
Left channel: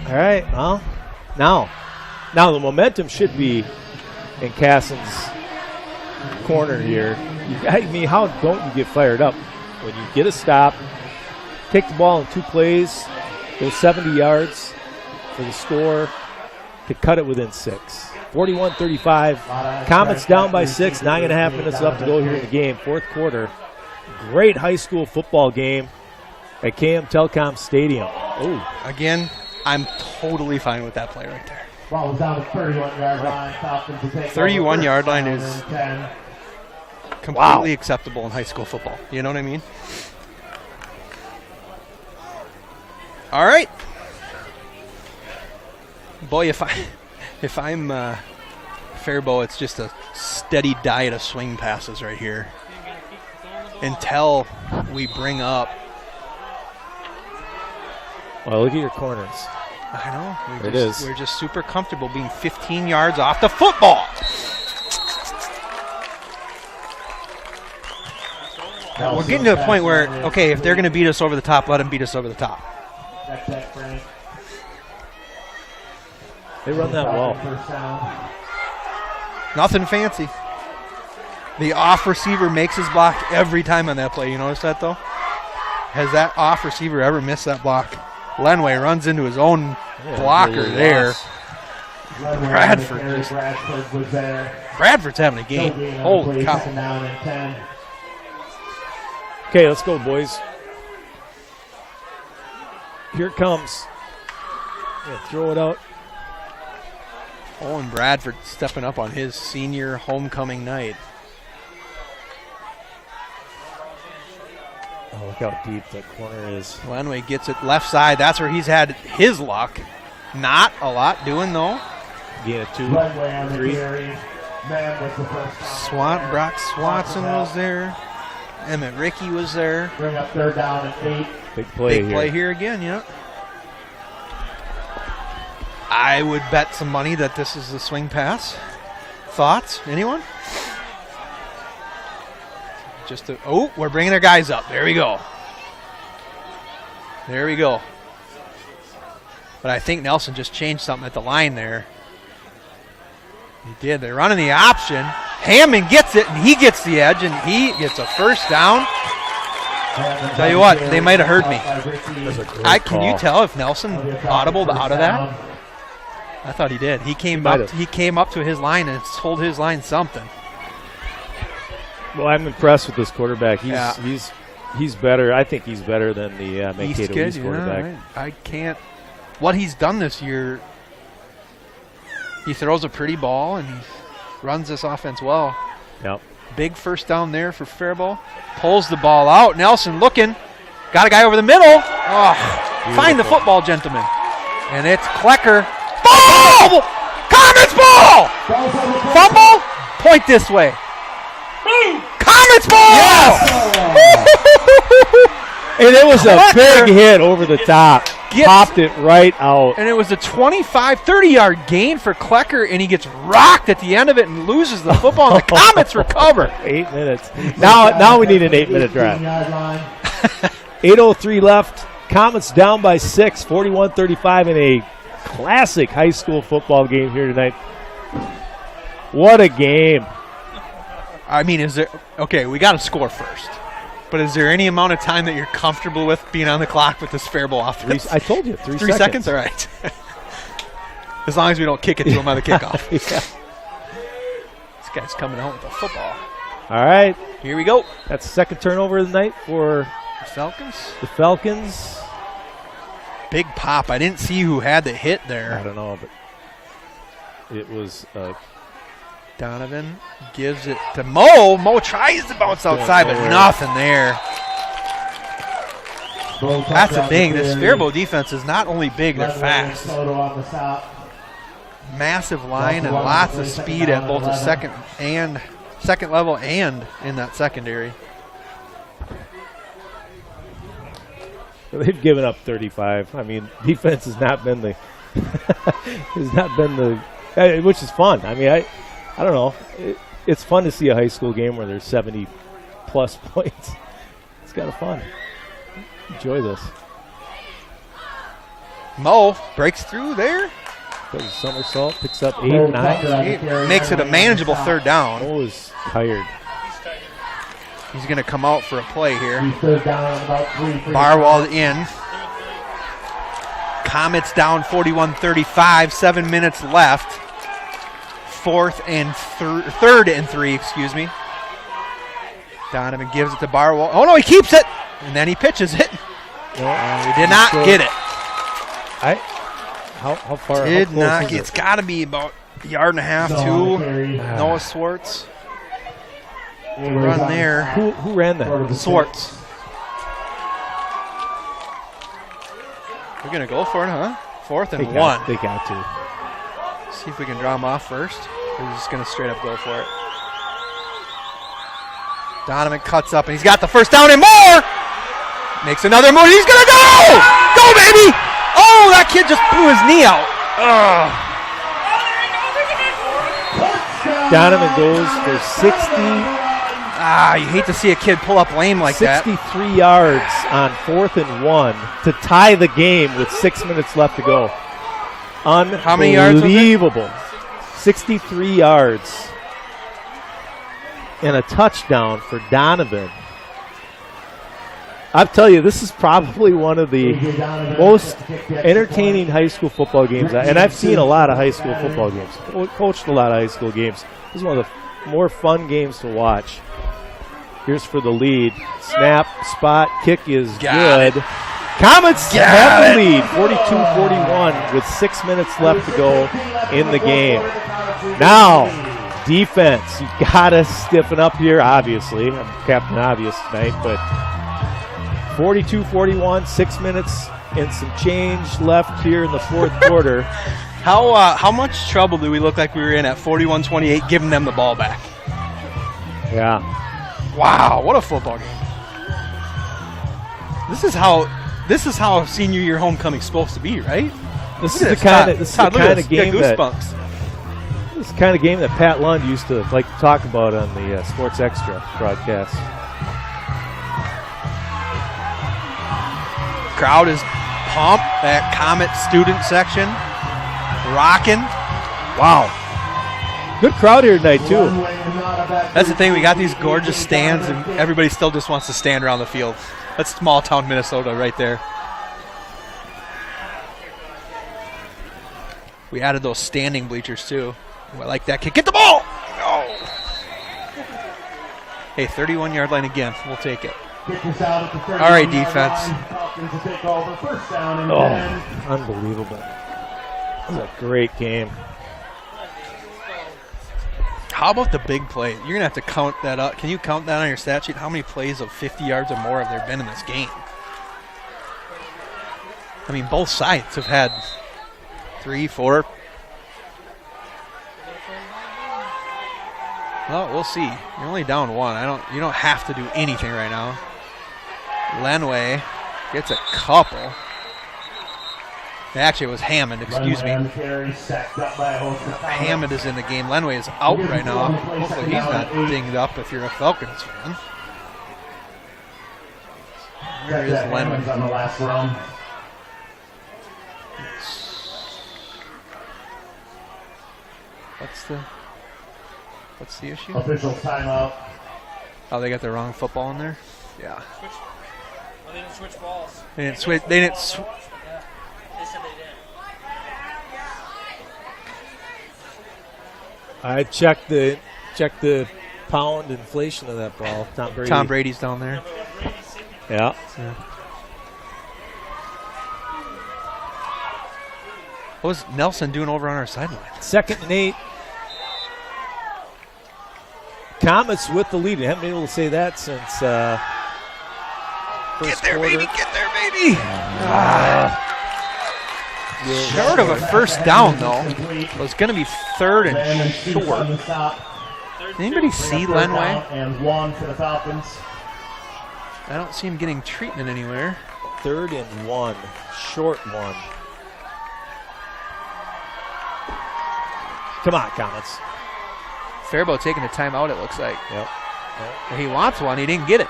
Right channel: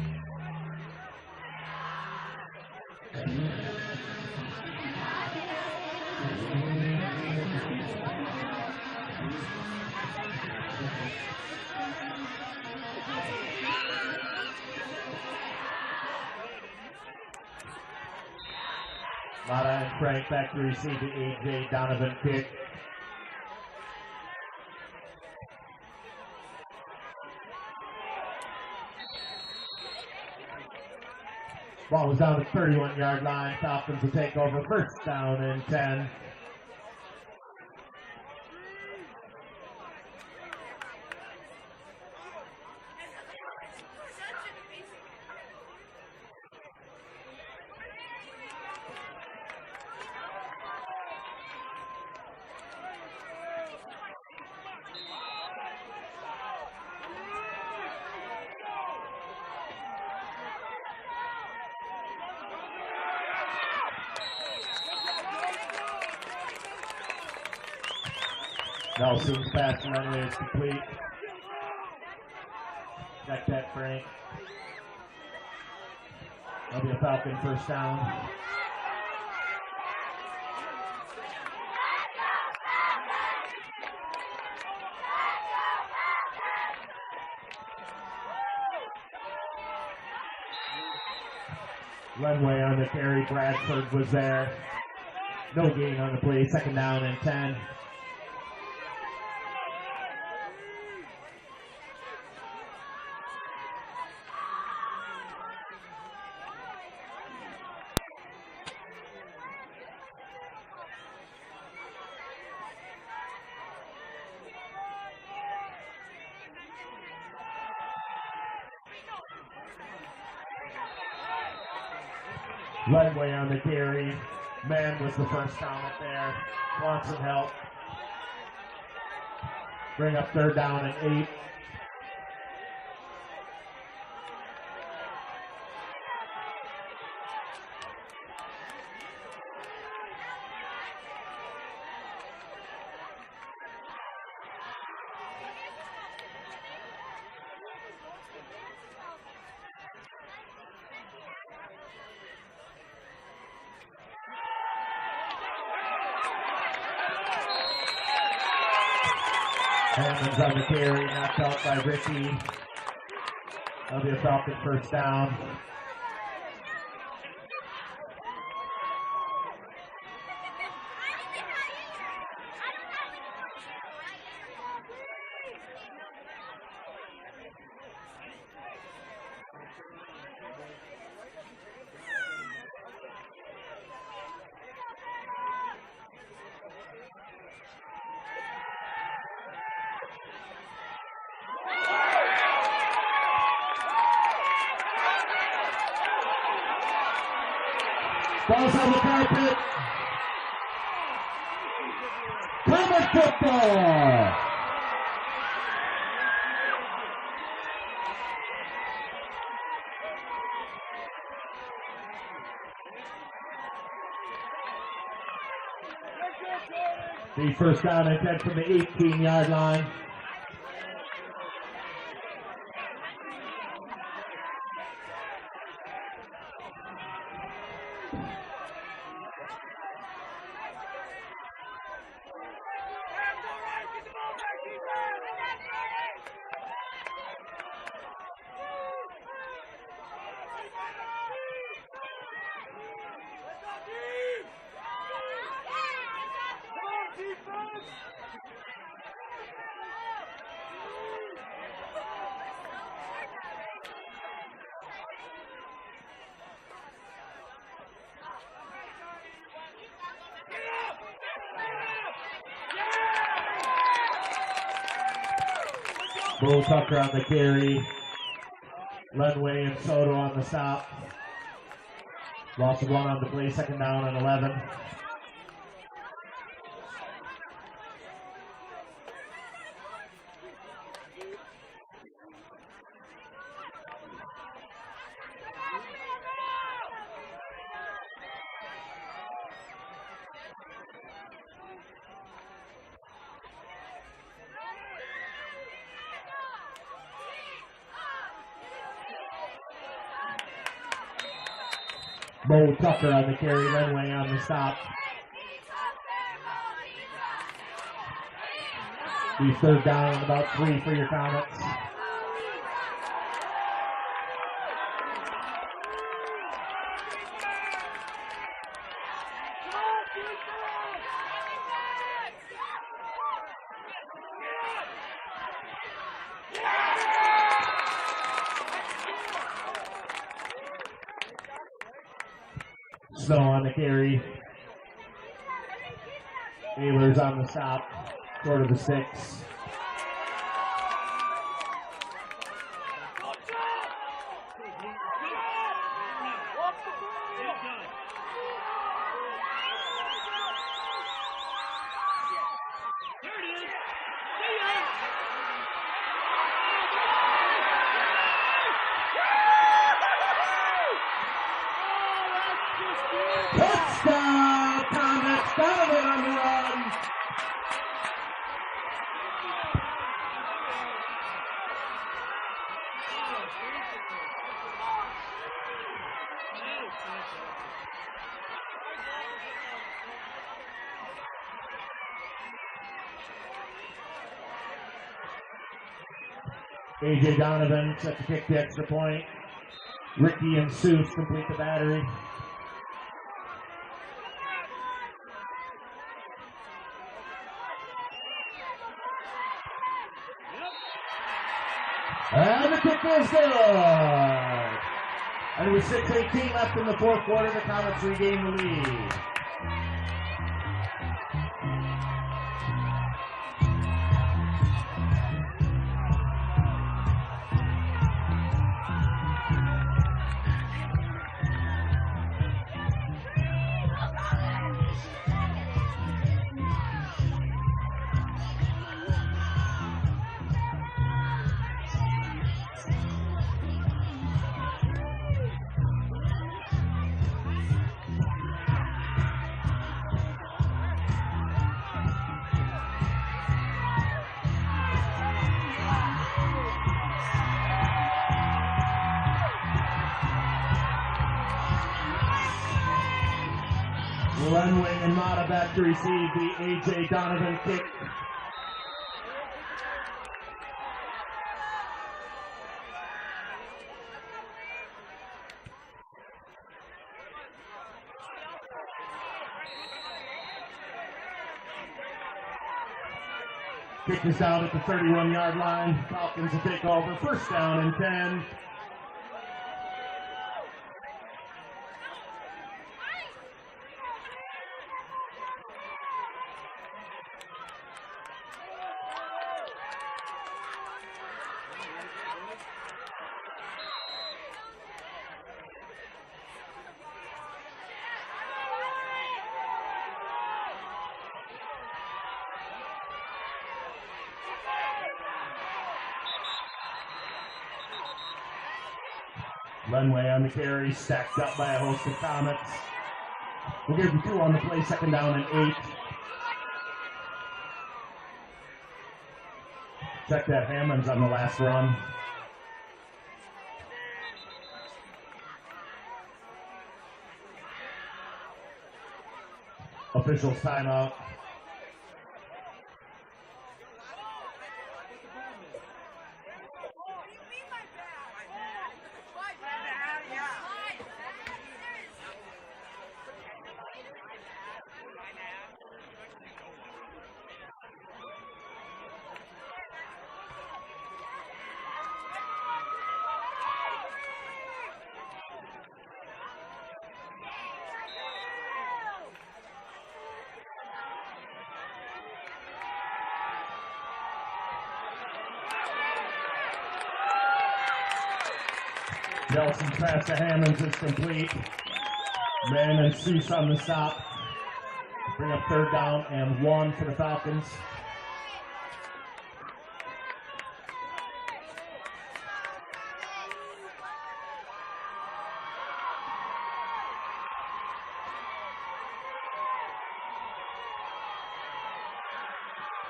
All right. Well, now the momentum should be in Kasson's corner here. I mean, how don't you get fired up when you get a stop, take the ball in 2 plays, go 70 yards for the score to cut it within 6. 41-35. Comets down by 6. 9.5 minutes left to go here in the game. 4th quarter. Great high school football game at KM Telecom Stadium. Oh, Again, I'm totally fine with that play right there. Ball was down the 31-yard line. Falcons to take 31-yard line is 10. completely acceptable in high school football. You know what I mean? All right. Boy, if I'm Faribault, it's just a steady diet of swing passes right here until we bring up. well, look at your corners. I know. We're just super comfortable being 15 yards off the football. We're getting to a point where, okay, if they're going to beat us over the top, let them beat us over the top. That's that, Frank. They run that well. First down. Nothing fancy. The off receiver makes his block every time on that play. You notice that, though? Has that off receiver ever missed that block? Lenway runs into his own blocker really there. Bradford was there. Bradford's having a game. Holy cow. Second down and 10. Okay, let's go, boys. Here it comes. Yeah, throw it out. Owen Bradford stepping up on his senior homecoming night. Oh, look how deep that corner is. Lenway gets it left side. That's where he's had his luck. Not a lot doing, though. Yeah, 2, Lenway on the 3. carry. Man was the first down. Brock Swanson was there. Emmett Rickey was there. Bring up 3rd down and 8. Big play Big play here again, yep. I would bet some money that this is the swing pass. Thoughts? Anyone? We're bringing their guys up. There we go. There we go. But I think Nelson just changed something at the line there. He did. They're running the option. Hammond gets it, and he gets the edge, and he gets a first down. Tell you what, they might have heard me. Can you tell if Nelson audibled out of that? I thought he did. He came up to his line and told his line something. Well, I'm impressed with this quarterback. He's better. I think he's better than the Mankato East quarterback. I can't. What he's done this year, he throws a pretty ball and he runs this offense well. Yep. Big first down there for Faribault. Pulls the ball out. Nelson looking. Got a guy over the middle. Oh, find the football, gentlemen. And it's Klecker. Ball! Comets ball! Fumble? Point this way. Comets ball! And it was a big hit over the top. Popped it right out. And it was a 25, 30-yard gain for Klecker, and he gets rocked at the end of it and loses the football, and the Comets recover. 8 minutes. Now we need an 8-minute drive. 8:03 left. Comets down by 6, 41-35 in a classic high school football game here tonight. What a game. I mean, we got to score first. But is there any amount of time that you're comfortable with being on the clock with this Faribault offense? I told you, 3 seconds? All right. As long as we don't kick it to him on the kickoff. Yeah. This guy's coming out with the football. All right. Here we go. That's the second turnover of the night for the Falcons. Big pop. I didn't see who had the hit there. I don't know, but it was Donovan gives it to Mo. Mo tries to bounce outside, but nothing there. That's the thing. This Faribault defense is not only big, they're fast. massive line and lots of speed at both the second level and in that secondary. They've given up 35. I mean, defense has not been the which is fun. I mean, I don't know. It's fun to see a high school game where there's 70-plus points. It's kind of fun. Enjoy this. Mo breaks through there. Does a somersault, picks up 8, 9. Makes it a manageable third down. Mo is tired. He's going to come out for a play here. Third down, about 3. Barwald in. Comets down 41-35. 7 minutes left. Third and three, excuse me. Donovan gives it to Barwald. Oh no, he keeps it, and then he pitches it. Yeah, he did not get it. How far? Did not get. It's got to be about a yard and a half. Two. Noah Swartz. Run there. Who ran that? Swartz. We're gonna go for it, huh? 4th and 1. They got to. See if we can draw him off first. We're just going to straight up go for it. Donovan cuts up, and he's got the first down and more! Makes another move. He's going to go! Go, baby! Oh, that kid just blew his knee out. Donovan goes for 60. You hate to see a kid pull up lame like 63 yards on 4th and 1 to tie the game with 6 minutes left to go. How many yards was it? Unbelievable. 63 yards and a touchdown for Donovan. I'll tell you, this is probably one of the most entertaining high school football games. And I've seen a lot of high school football games. Coached a lot of high school games. This is one of the more fun games to watch. Here's for the lead. Snap, spot, kick is good. Comets have the lead, 42-41, with 6 minutes left to go in the game. Now, defense. You got to stiffen up here, obviously. I'm Captain Obvious tonight, but 42-41, 6 minutes and some change left here in the fourth quarter. How much trouble do we look like we were in at 41-28 giving them the ball back? Yeah. Wow, what a football game. This is how senior year homecoming's supposed to be, right? This is the kind of game goosebumps. This is the kind of game that Pat Lund used to like to talk about on the Sports Extra broadcast. Crowd is pumped. That Comet student section rocking. Wow. Good crowd here tonight, too. That's the thing. We got these gorgeous stands, and everybody still just wants to stand around the field. That's small town Minnesota right there. We added those standing bleachers, too. I like that kick. Get the ball! Oh. Hey, 31-yard line again. We'll take it. All right, defense. Unbelievable. This is a great game. How about the big play? You're going to have to count that up. Can you count that on your stat sheet? How many plays of 50 yards or more have there been in this game? I mean, both sides have had 3, 4. Well, we'll see. You're only down 1. You don't have to do anything right now. Lenway gets a couple. Actually, it was Hammond, excuse me. Hammond is in the game. Lenway is out right now. Hopefully he's not dinged up if you're a Falcons fan. There is Lenway. On the last run. What's the issue? Official timeout. Oh, they got the wrong football in there? Yeah. They didn't switch balls. They didn't I checked the pound inflation of that ball. Tom Brady's down there. Yeah. What was Nelson doing over on our sideline? 2nd and 8. Comets with the lead. I haven't been able to say that since first Get there, quarter. baby! Get there, baby! Short of a first down, though. It was going to be third and short. Anybody see Lenway? And 1 for the Falcons. I don't see him getting treatment anywhere. 3rd and 1, short 1. Come on, Comets. Faribault taking a timeout, it looks like. Yep. He wants one. He didn't get it.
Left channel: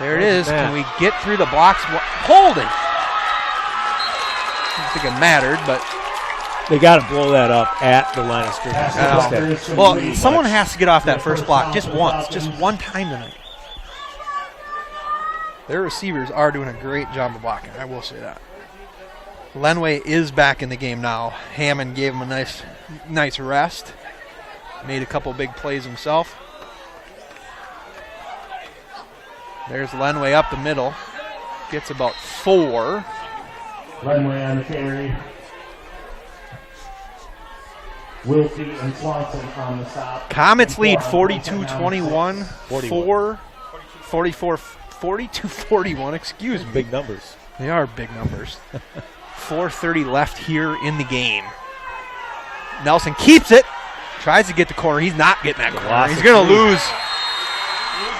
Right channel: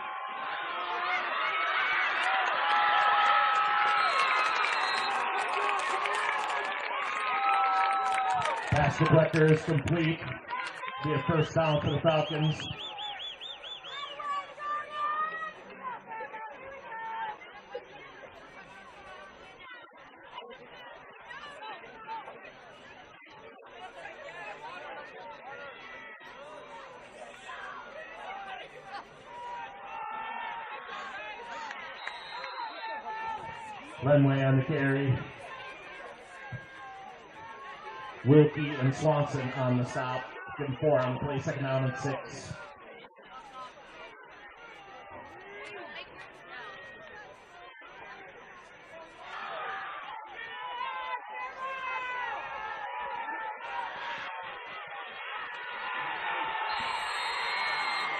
There it is. Can we get through the blocks? Hold it. I don't think it mattered, but they got to blow that up at the line of scrimmage. Well, someone has to get off that first block just once, just one time tonight. Their receivers are doing a great job of blocking. I will say that. Lenway is back in the game now. Hammond gave him a nice rest. Made a couple big plays himself. There's Lenway up the middle. Gets about 4. Lenway on the carry. Wilkie and Swanson on the stop. Comets lead 42-21. 42-41, excuse me. Big numbers. They are big numbers. 4:30 left here in the game. Nelson keeps it. Tries to get the corner. He's not getting that corner. He's going to lose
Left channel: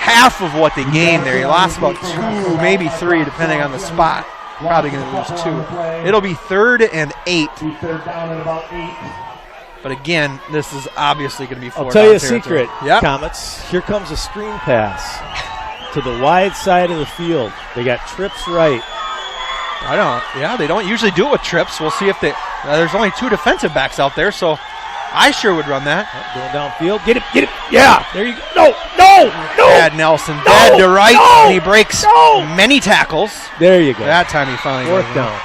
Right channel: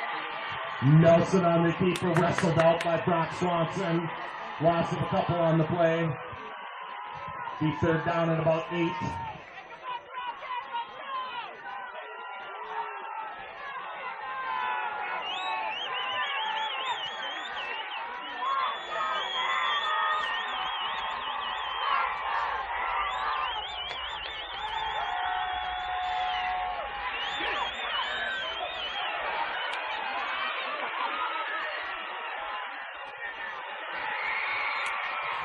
half of what they gained there. He lost about 2, maybe 3, depending on the spot. Probably going to lose 2. It'll be 3rd and 8. Third down and about 8. But again, this is obviously going to be 4 I'll tell you a territory. secret, Comets. Here comes a screen pass to the wide side of the field. They got trips right. They don't usually do it with trips. We'll see if they. There's only 2 defensive backs out there, so I sure would run that. Going downfield. Get it. Yeah. There you go. No. Bad Nelson. Bad to right. And he breaks many tackles. There you go. That time he finally 4th down.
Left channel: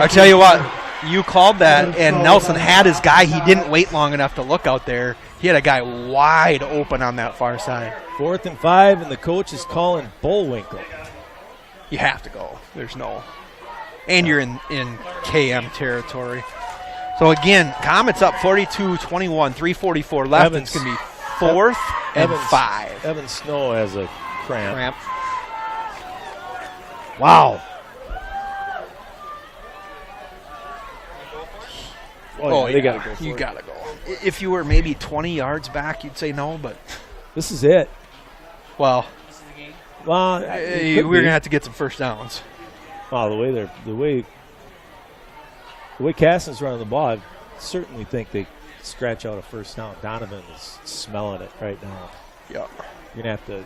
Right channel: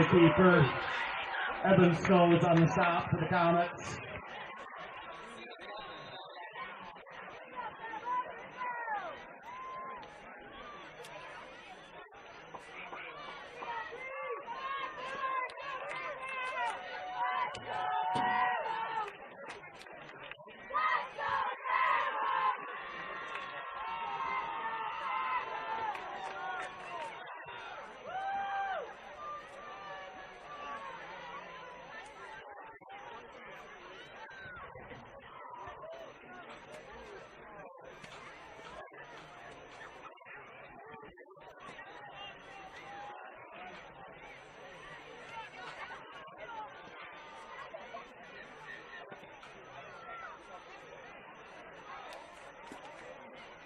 I tell you what, you called that, and Nelson had his guy. He didn't wait long enough to look out there. He had a guy wide open on that far side. 4th and 5, and the coach is calling Bullwinkle. You have to go. There's no. And you're in KM territory. So again, Comets up 42-21, 3:44 left. It's going to be 4th and 5. Evan Snow has a cramp. Wow. They got to go. You got to go. If you were maybe 20 yards back, you'd say no, but this is it. Well, we're going to have to get some first downs. Wow, the way Kasson's running the ball, I certainly think they scratch out a first down. Donovan is smelling it right now. Yeah. You're going to have to.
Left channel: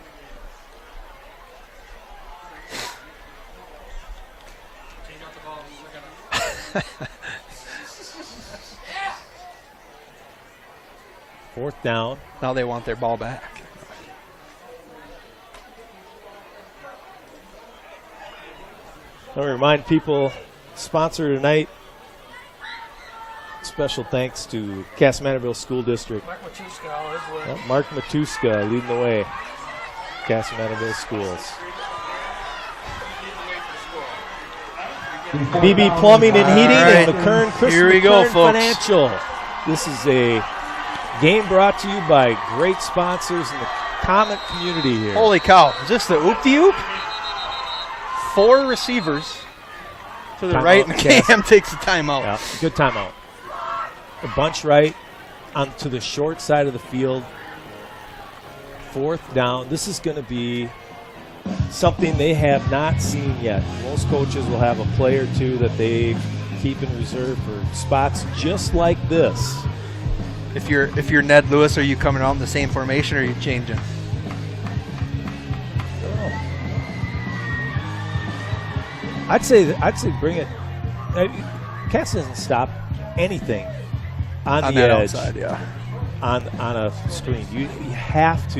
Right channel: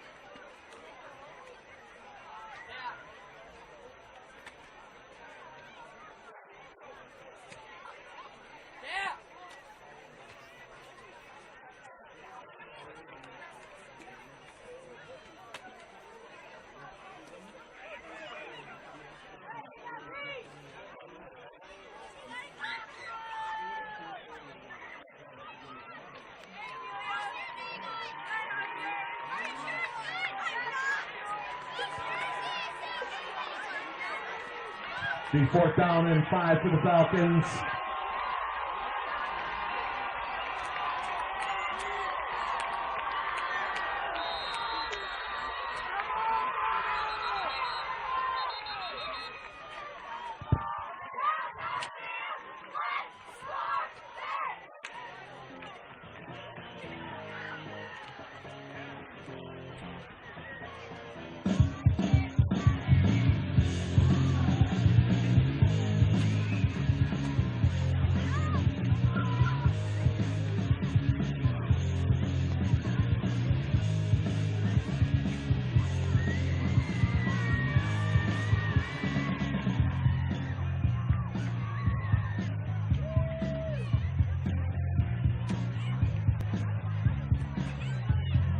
Fourth down. Now they want their ball back. I want to remind people, sponsor tonight. Special thanks to Kasson-Mantorville School District. Mark Matuska leading the way. Kasson-Mantorville Schools. BB Plumbing and Heating and McKern Financial. This is a game brought to you by great sponsors in the Comet community here. Holy cow. Is this the oop-de-oop? 4 receivers to the right, and Cam takes the timeout. Yeah, good timeout. A bunch right onto the short side of the field. 4th down. This is going to be something they have not seen yet. Most coaches will have a play or 2 that they keep in reserve for spots just like this. If you're Ned Lewis, are you coming out in the same formation or are you changing? I'd say bring it. Kasson doesn't stop anything on the edge, outside, yeah. On a screen. You have to,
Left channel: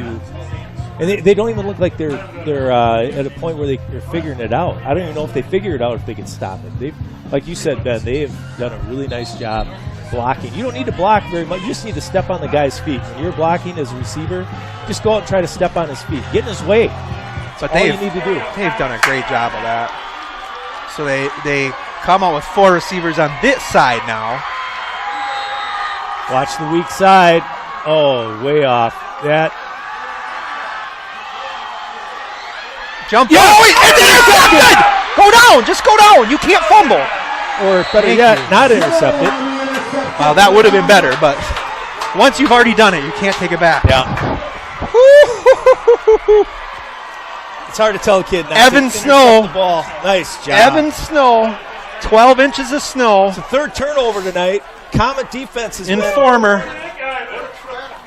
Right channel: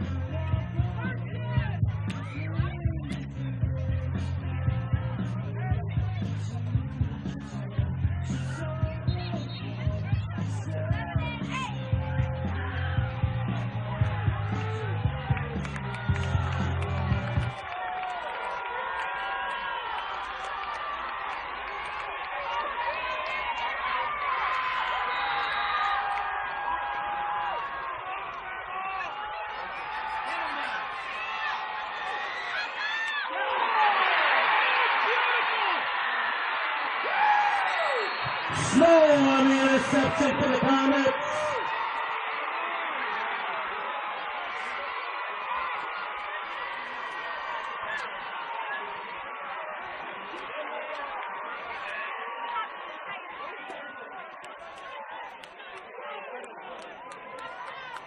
and they don't even look like they're at a point where they're figuring it out. I don't even know if they figure it out if they can stop it. Like you said, Ben, they have done a really nice job blocking. You don't need to block very much. You just need to step on the guy's feet. When you're blocking as a receiver, just go out and try to step on his feet. Get in his way. That's all you need to do. They've done a great job of that. So they come out with 4 receivers on this side now. Watch the weak side. Oh, way off. That. Jump. Yeah. Oh, it's good. Go down. Just go down. You can't fumble. or better yet, not intercepted. Well, that would have been better, but once you've already done it, you can't take it back. Yeah. It's hard to tell a kid not Evan to Snow. intercept the ball. Nice job. Evan Snow, 12 inches of snow. It's the third turnover tonight. Comet defense is Informer.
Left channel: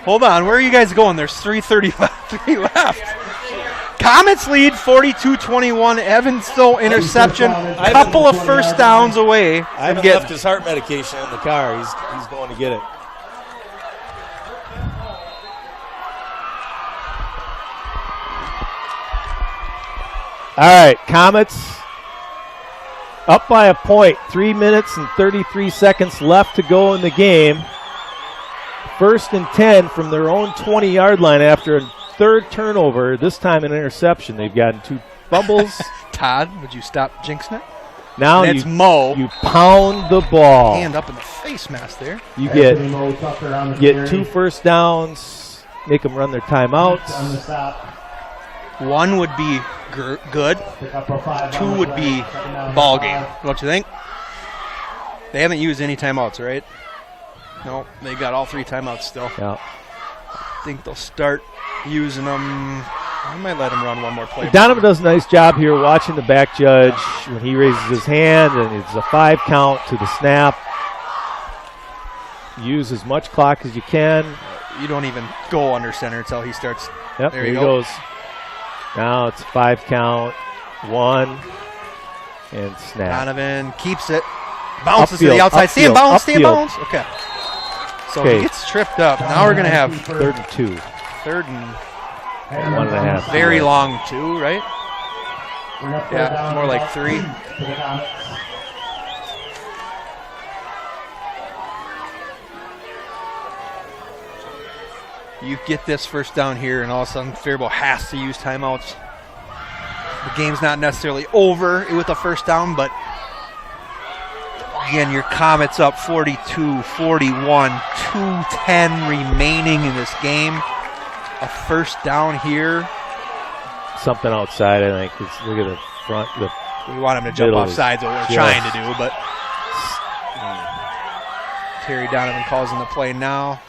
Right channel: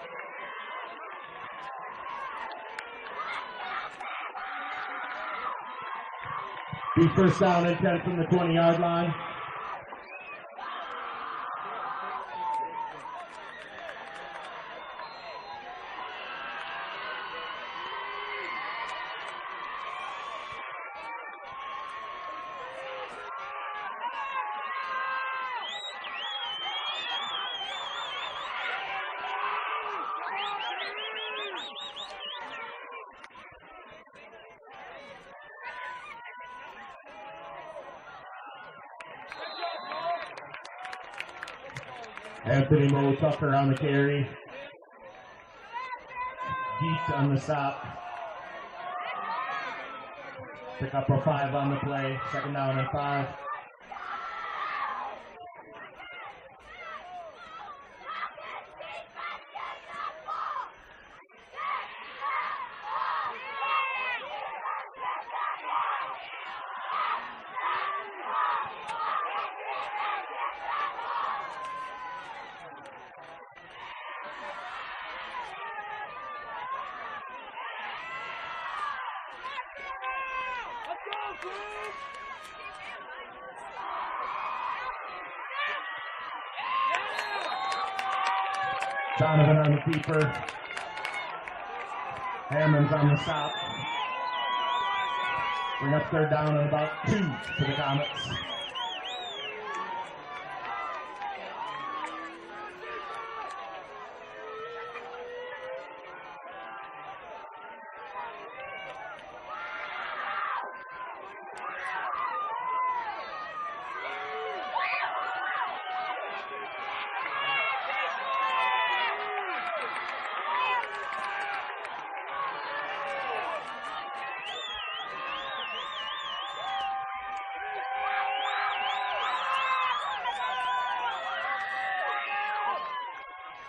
Hold on, where are you guys going? There's 3:35 left. Comets lead 42-21. Evan Snow interception. Couple of first downs away. I haven't left his heart medication in the car. He's going to get it. All right, Comets up by a point. 3 minutes and 33 seconds left to go in the game. 1st and 10 from their own 20-yard line after a third turnover, this time an interception. They've gotten 2 fumbles. Todd, would you stop jinxing it? Now it's Mo. You pound the ball. Hand up in the face mask there. You get 2 first downs, make them run their timeouts. One would be good. 2 would be ball game. Don't you think? They haven't used any timeouts, right? No, they've got all 3 timeouts still. Yeah. I think they'll start using them. I might let him run one more play. Donovan does a nice job here watching the back judge when he raises his hand, and it's a 5 count to the snap. Use as much clock as you can. You don't even go under center until he starts. Yep, there he go. goes. Now it's 5 count, 1, and snap. Donovan keeps it. Bounces to the Upfield, outside. Stay in upfield, bounds, stay in upfield. bounds. Okay. So he gets tripped up. Now we're going to have 3rd and 2. 3rd and 1.5. very long 2, right? Yeah, more like 3. You get this first down here, and all of a sudden Faribault has to use timeouts. The game's not necessarily over with a first down, but again, your Comets up 42-41, 2:10 remaining in this game. A first down here. Something outside, I think. Look at the front. We want him to jump off sides, what we're trying to do, but Terry Donovan calls in the play now.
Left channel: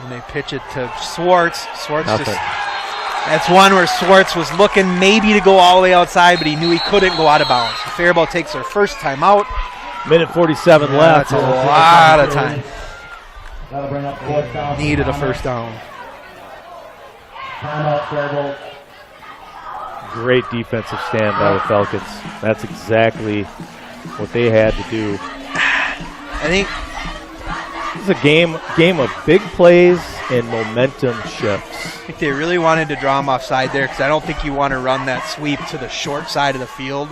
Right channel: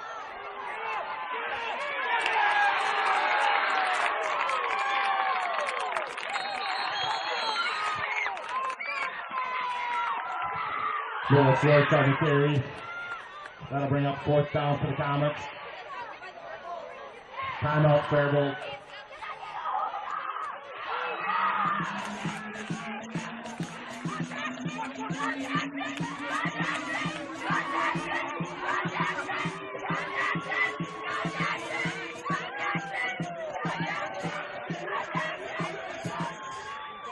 And they pitch it to Swartz. That's one where Swartz was looking maybe to go all the way outside, but he knew he couldn't go out of bounds. Faribault takes their first timeout. Minute 47 left. That's a lot of time. That'll bring up 4th down. Needed a first down. Timeout, Faribault. Great defensive stand by the Falcons. That's exactly what they had to do. I think this is a game of big plays and momentum shifts. I think they really wanted to draw him offside there because I don't think you want to run that sweep to the short side of the field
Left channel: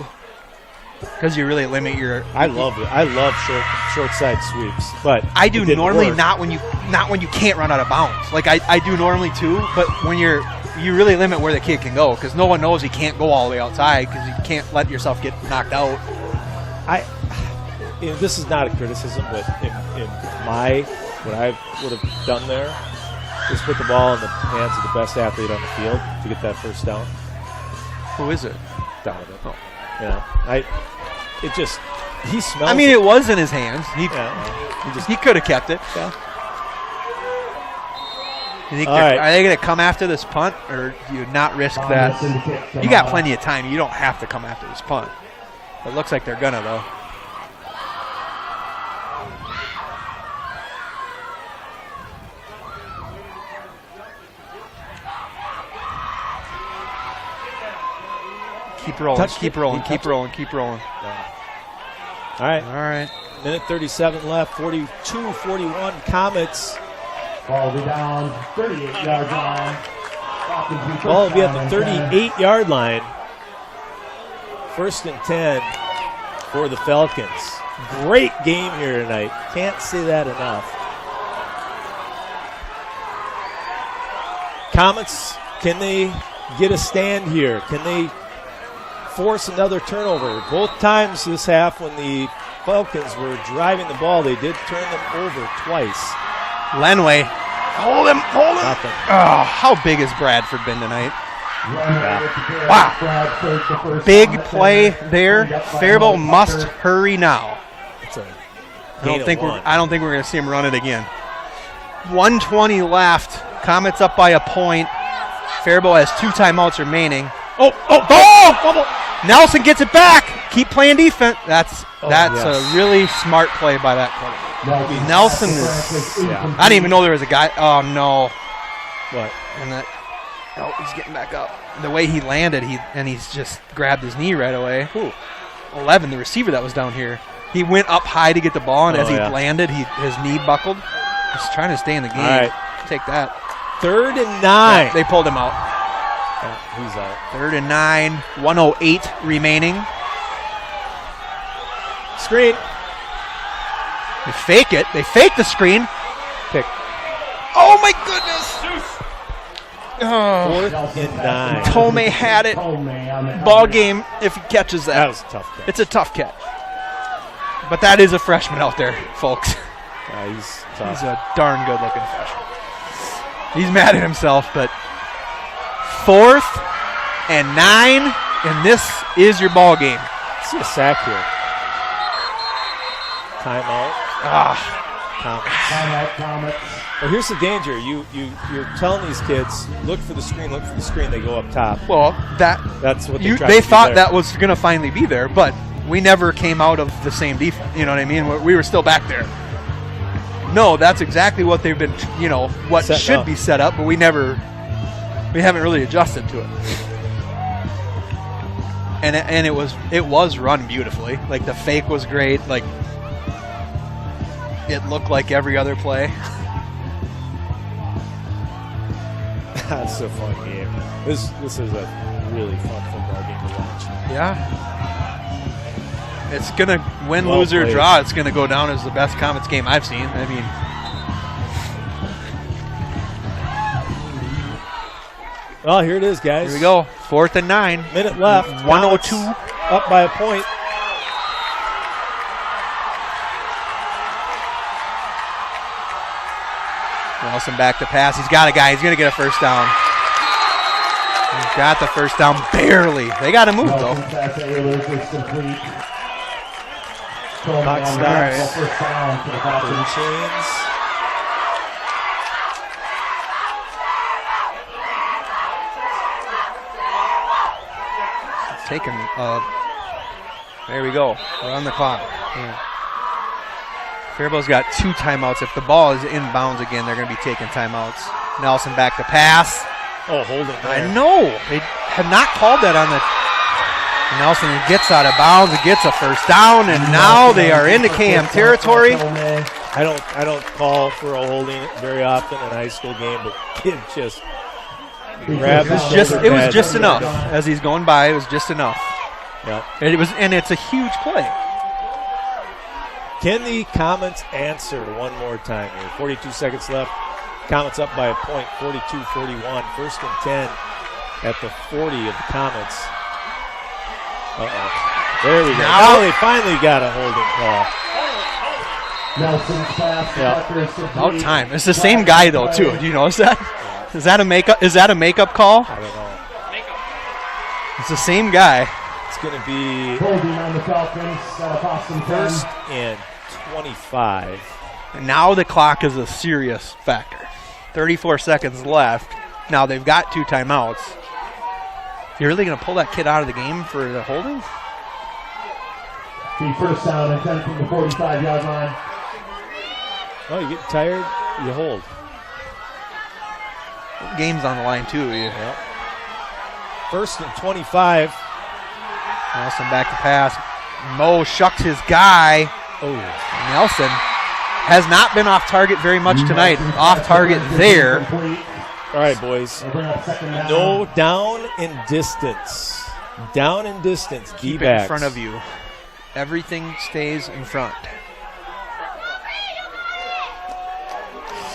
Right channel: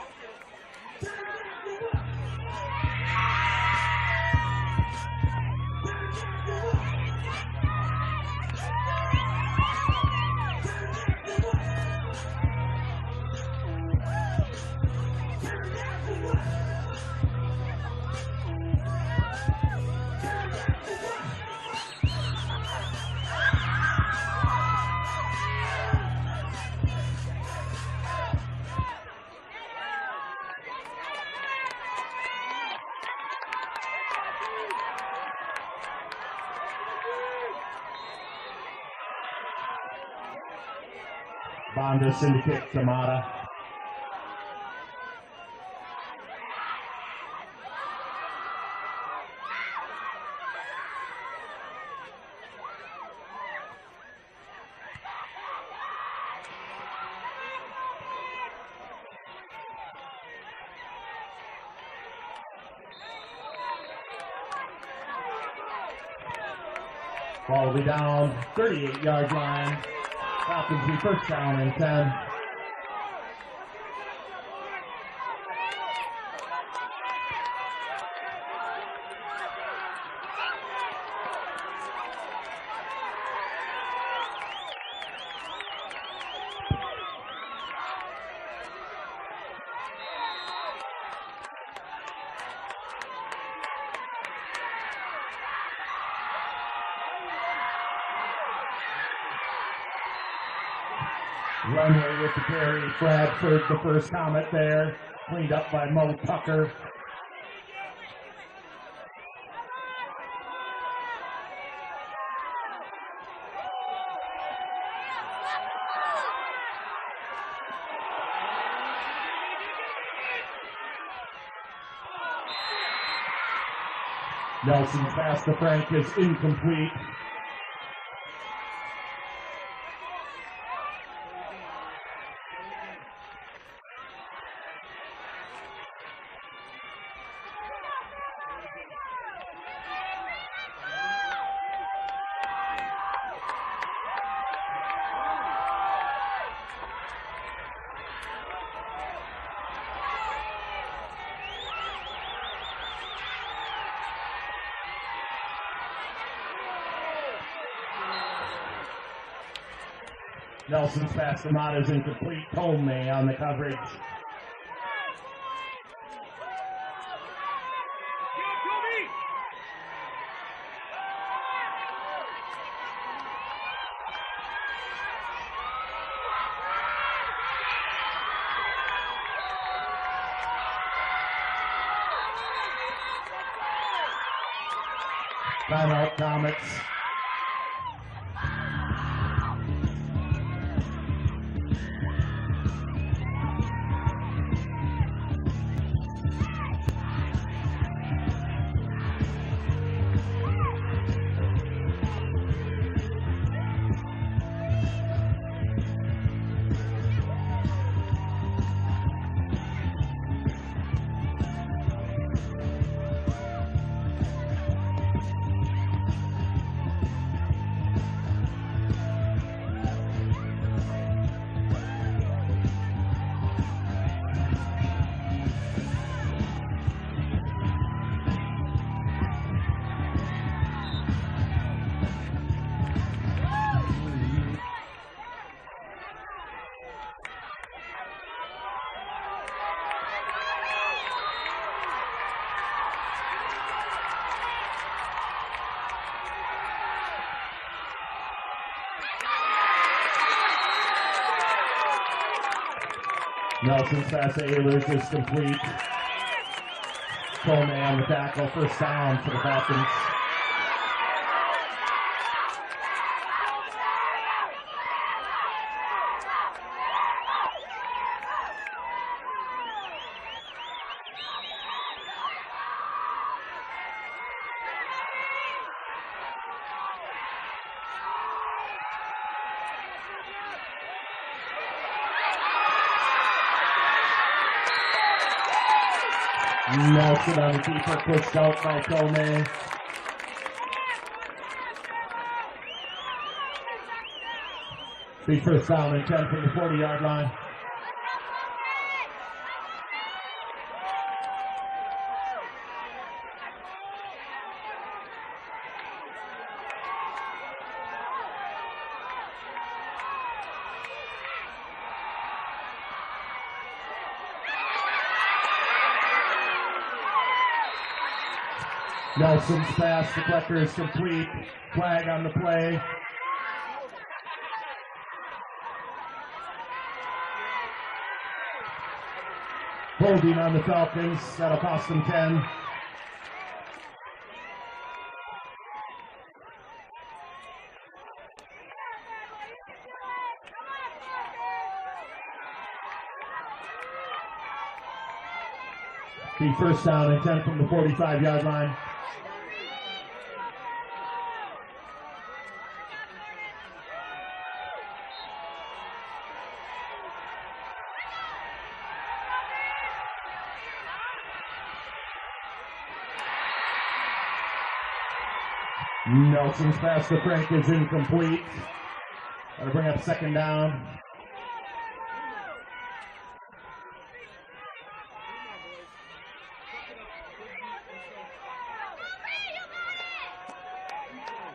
because you really limit your. I love short side sweeps, but I do normally not when you can't run out of bounds. Like I do normally too, but when you really limit where the kid can go because no one knows he can't go all the way outside because you can't let yourself get knocked out. This is not a criticism, but what I would have done there is put the ball in the hands of the best athlete on the field to get that first down. Who is it? Donovan. Oh. Yeah. He smells. I mean, it was in his hands. He could have kept it. Yeah. You think are they going to come after this punt, or do you not risk that? You got plenty of time. You don't have to come after this punt. It looks like they're going to, though. Keep rolling, keep rolling. All right. Minute 37 left, 42-41 Comets. Ball will be down, 38-yard line. Ball will be at the 38-yard line. 1st and 10 for the Falcons. Great game here tonight. Can't say that enough. Comets, can they get a stand here? Can they force another turnover? Both times this half when the Falcons were driving the ball, they did turn them over twice. Lenway. Hold him. Nothing. Oh, how big has Bradford been tonight? Wow. Big play there. Faribault must hurry now. I don't think we're going to see him run it again. 1:20 left. Comets up by a point. Faribault has 2 timeouts remaining. Oh! Nelson gets it back. Keep playing defense. That's a really smart play by that player. Nelson. I didn't even know there was a guy. Oh no! What? And that. Oh, he's getting back up. The way he landed, he's just grabbed his knee right away. Who? 11, the receiver that was down here. He went up high to get the ball, and as he landed, his knee buckled. He's trying to stay in the game. All right. Take that. 3rd and 9. They pulled him out. He's out. 3rd and 9, 1:08 remaining. Screen. They fake it. They fake the screen. Pick. Oh, my goodness. Oh. 4th and 9. Tome had it. Ball game if he catches that. That was a tough catch. It's a tough catch. But that is a freshman out there, folks. Yeah, he's tough. He's a darn good-looking freshman. He's mad at himself, but 4th and 9, and this is your ball game. Let's see a sack here. Timeout. Comets. Well, here's the danger. You're telling these kids, look for the screen, look for the screen. They go up top. Well, That's what they they thought that was going to finally be there, but we never came out of the same defense. You know what I mean? We were still back there. No, that's exactly what they've been, what Set should up. be set up, but we haven't really adjusted to it. And it was run beautifully. Like the fake was great. Like it looked like every other play. That's a fun game. This is a really fun football game to watch. Yeah. It's going to win, Well lose, or played. draw. It's going to go down as the best Comets game I've seen. I mean, well, here it is, guys. here we go. 4th and 9. Minute left. 1:02. Up by a point. Nelson back to pass. He's got a guy. He's going to get a first down. He's got the first down barely. They got to move, though. First down for the Falcons. Chains. Taking, there we go. We're on the clock. Yeah. Faribault's got 2 timeouts. If the ball is inbounds again, they're going to be taking timeouts. Nelson back to pass. Oh, hold it. I know. They have not called that on the. Nelson gets out of bounds. He gets a first down, and now they are into KM territory. I don't call for a holding very often in a high school game, but kid just grabbed It was just enough. As he's going by, it was just enough. Yeah. And it's a huge play. Can the Comets answer one more time here? 42 seconds left. Comets up by a point, 42-41. 1st and 10 at the 40 of the Comets. There we go. Now they finally got a holding call. Nelson's pass. About time. It's the same guy though too. Do you notice that? Is that a makeup call? I don't know. It's the same guy. It's going to be Holding on the Falcons. That'll cost them 10. 1st and 25. And now the clock is a serious factor. 34 seconds left. Now they've got 2 timeouts. You're really going to pull that kid out of the game for the holding? The first down and 10 from the 45-yard line. Oh, you get tired, you hold. Game's on the line too. Yeah. 1st and 25. Nelson back to pass. Mo shucked his guy. Oh, Nelson has not been off target very much tonight. Off target there. all right, boys. No down in distance. Down in distance. Keep it in front of you. Everything stays in front.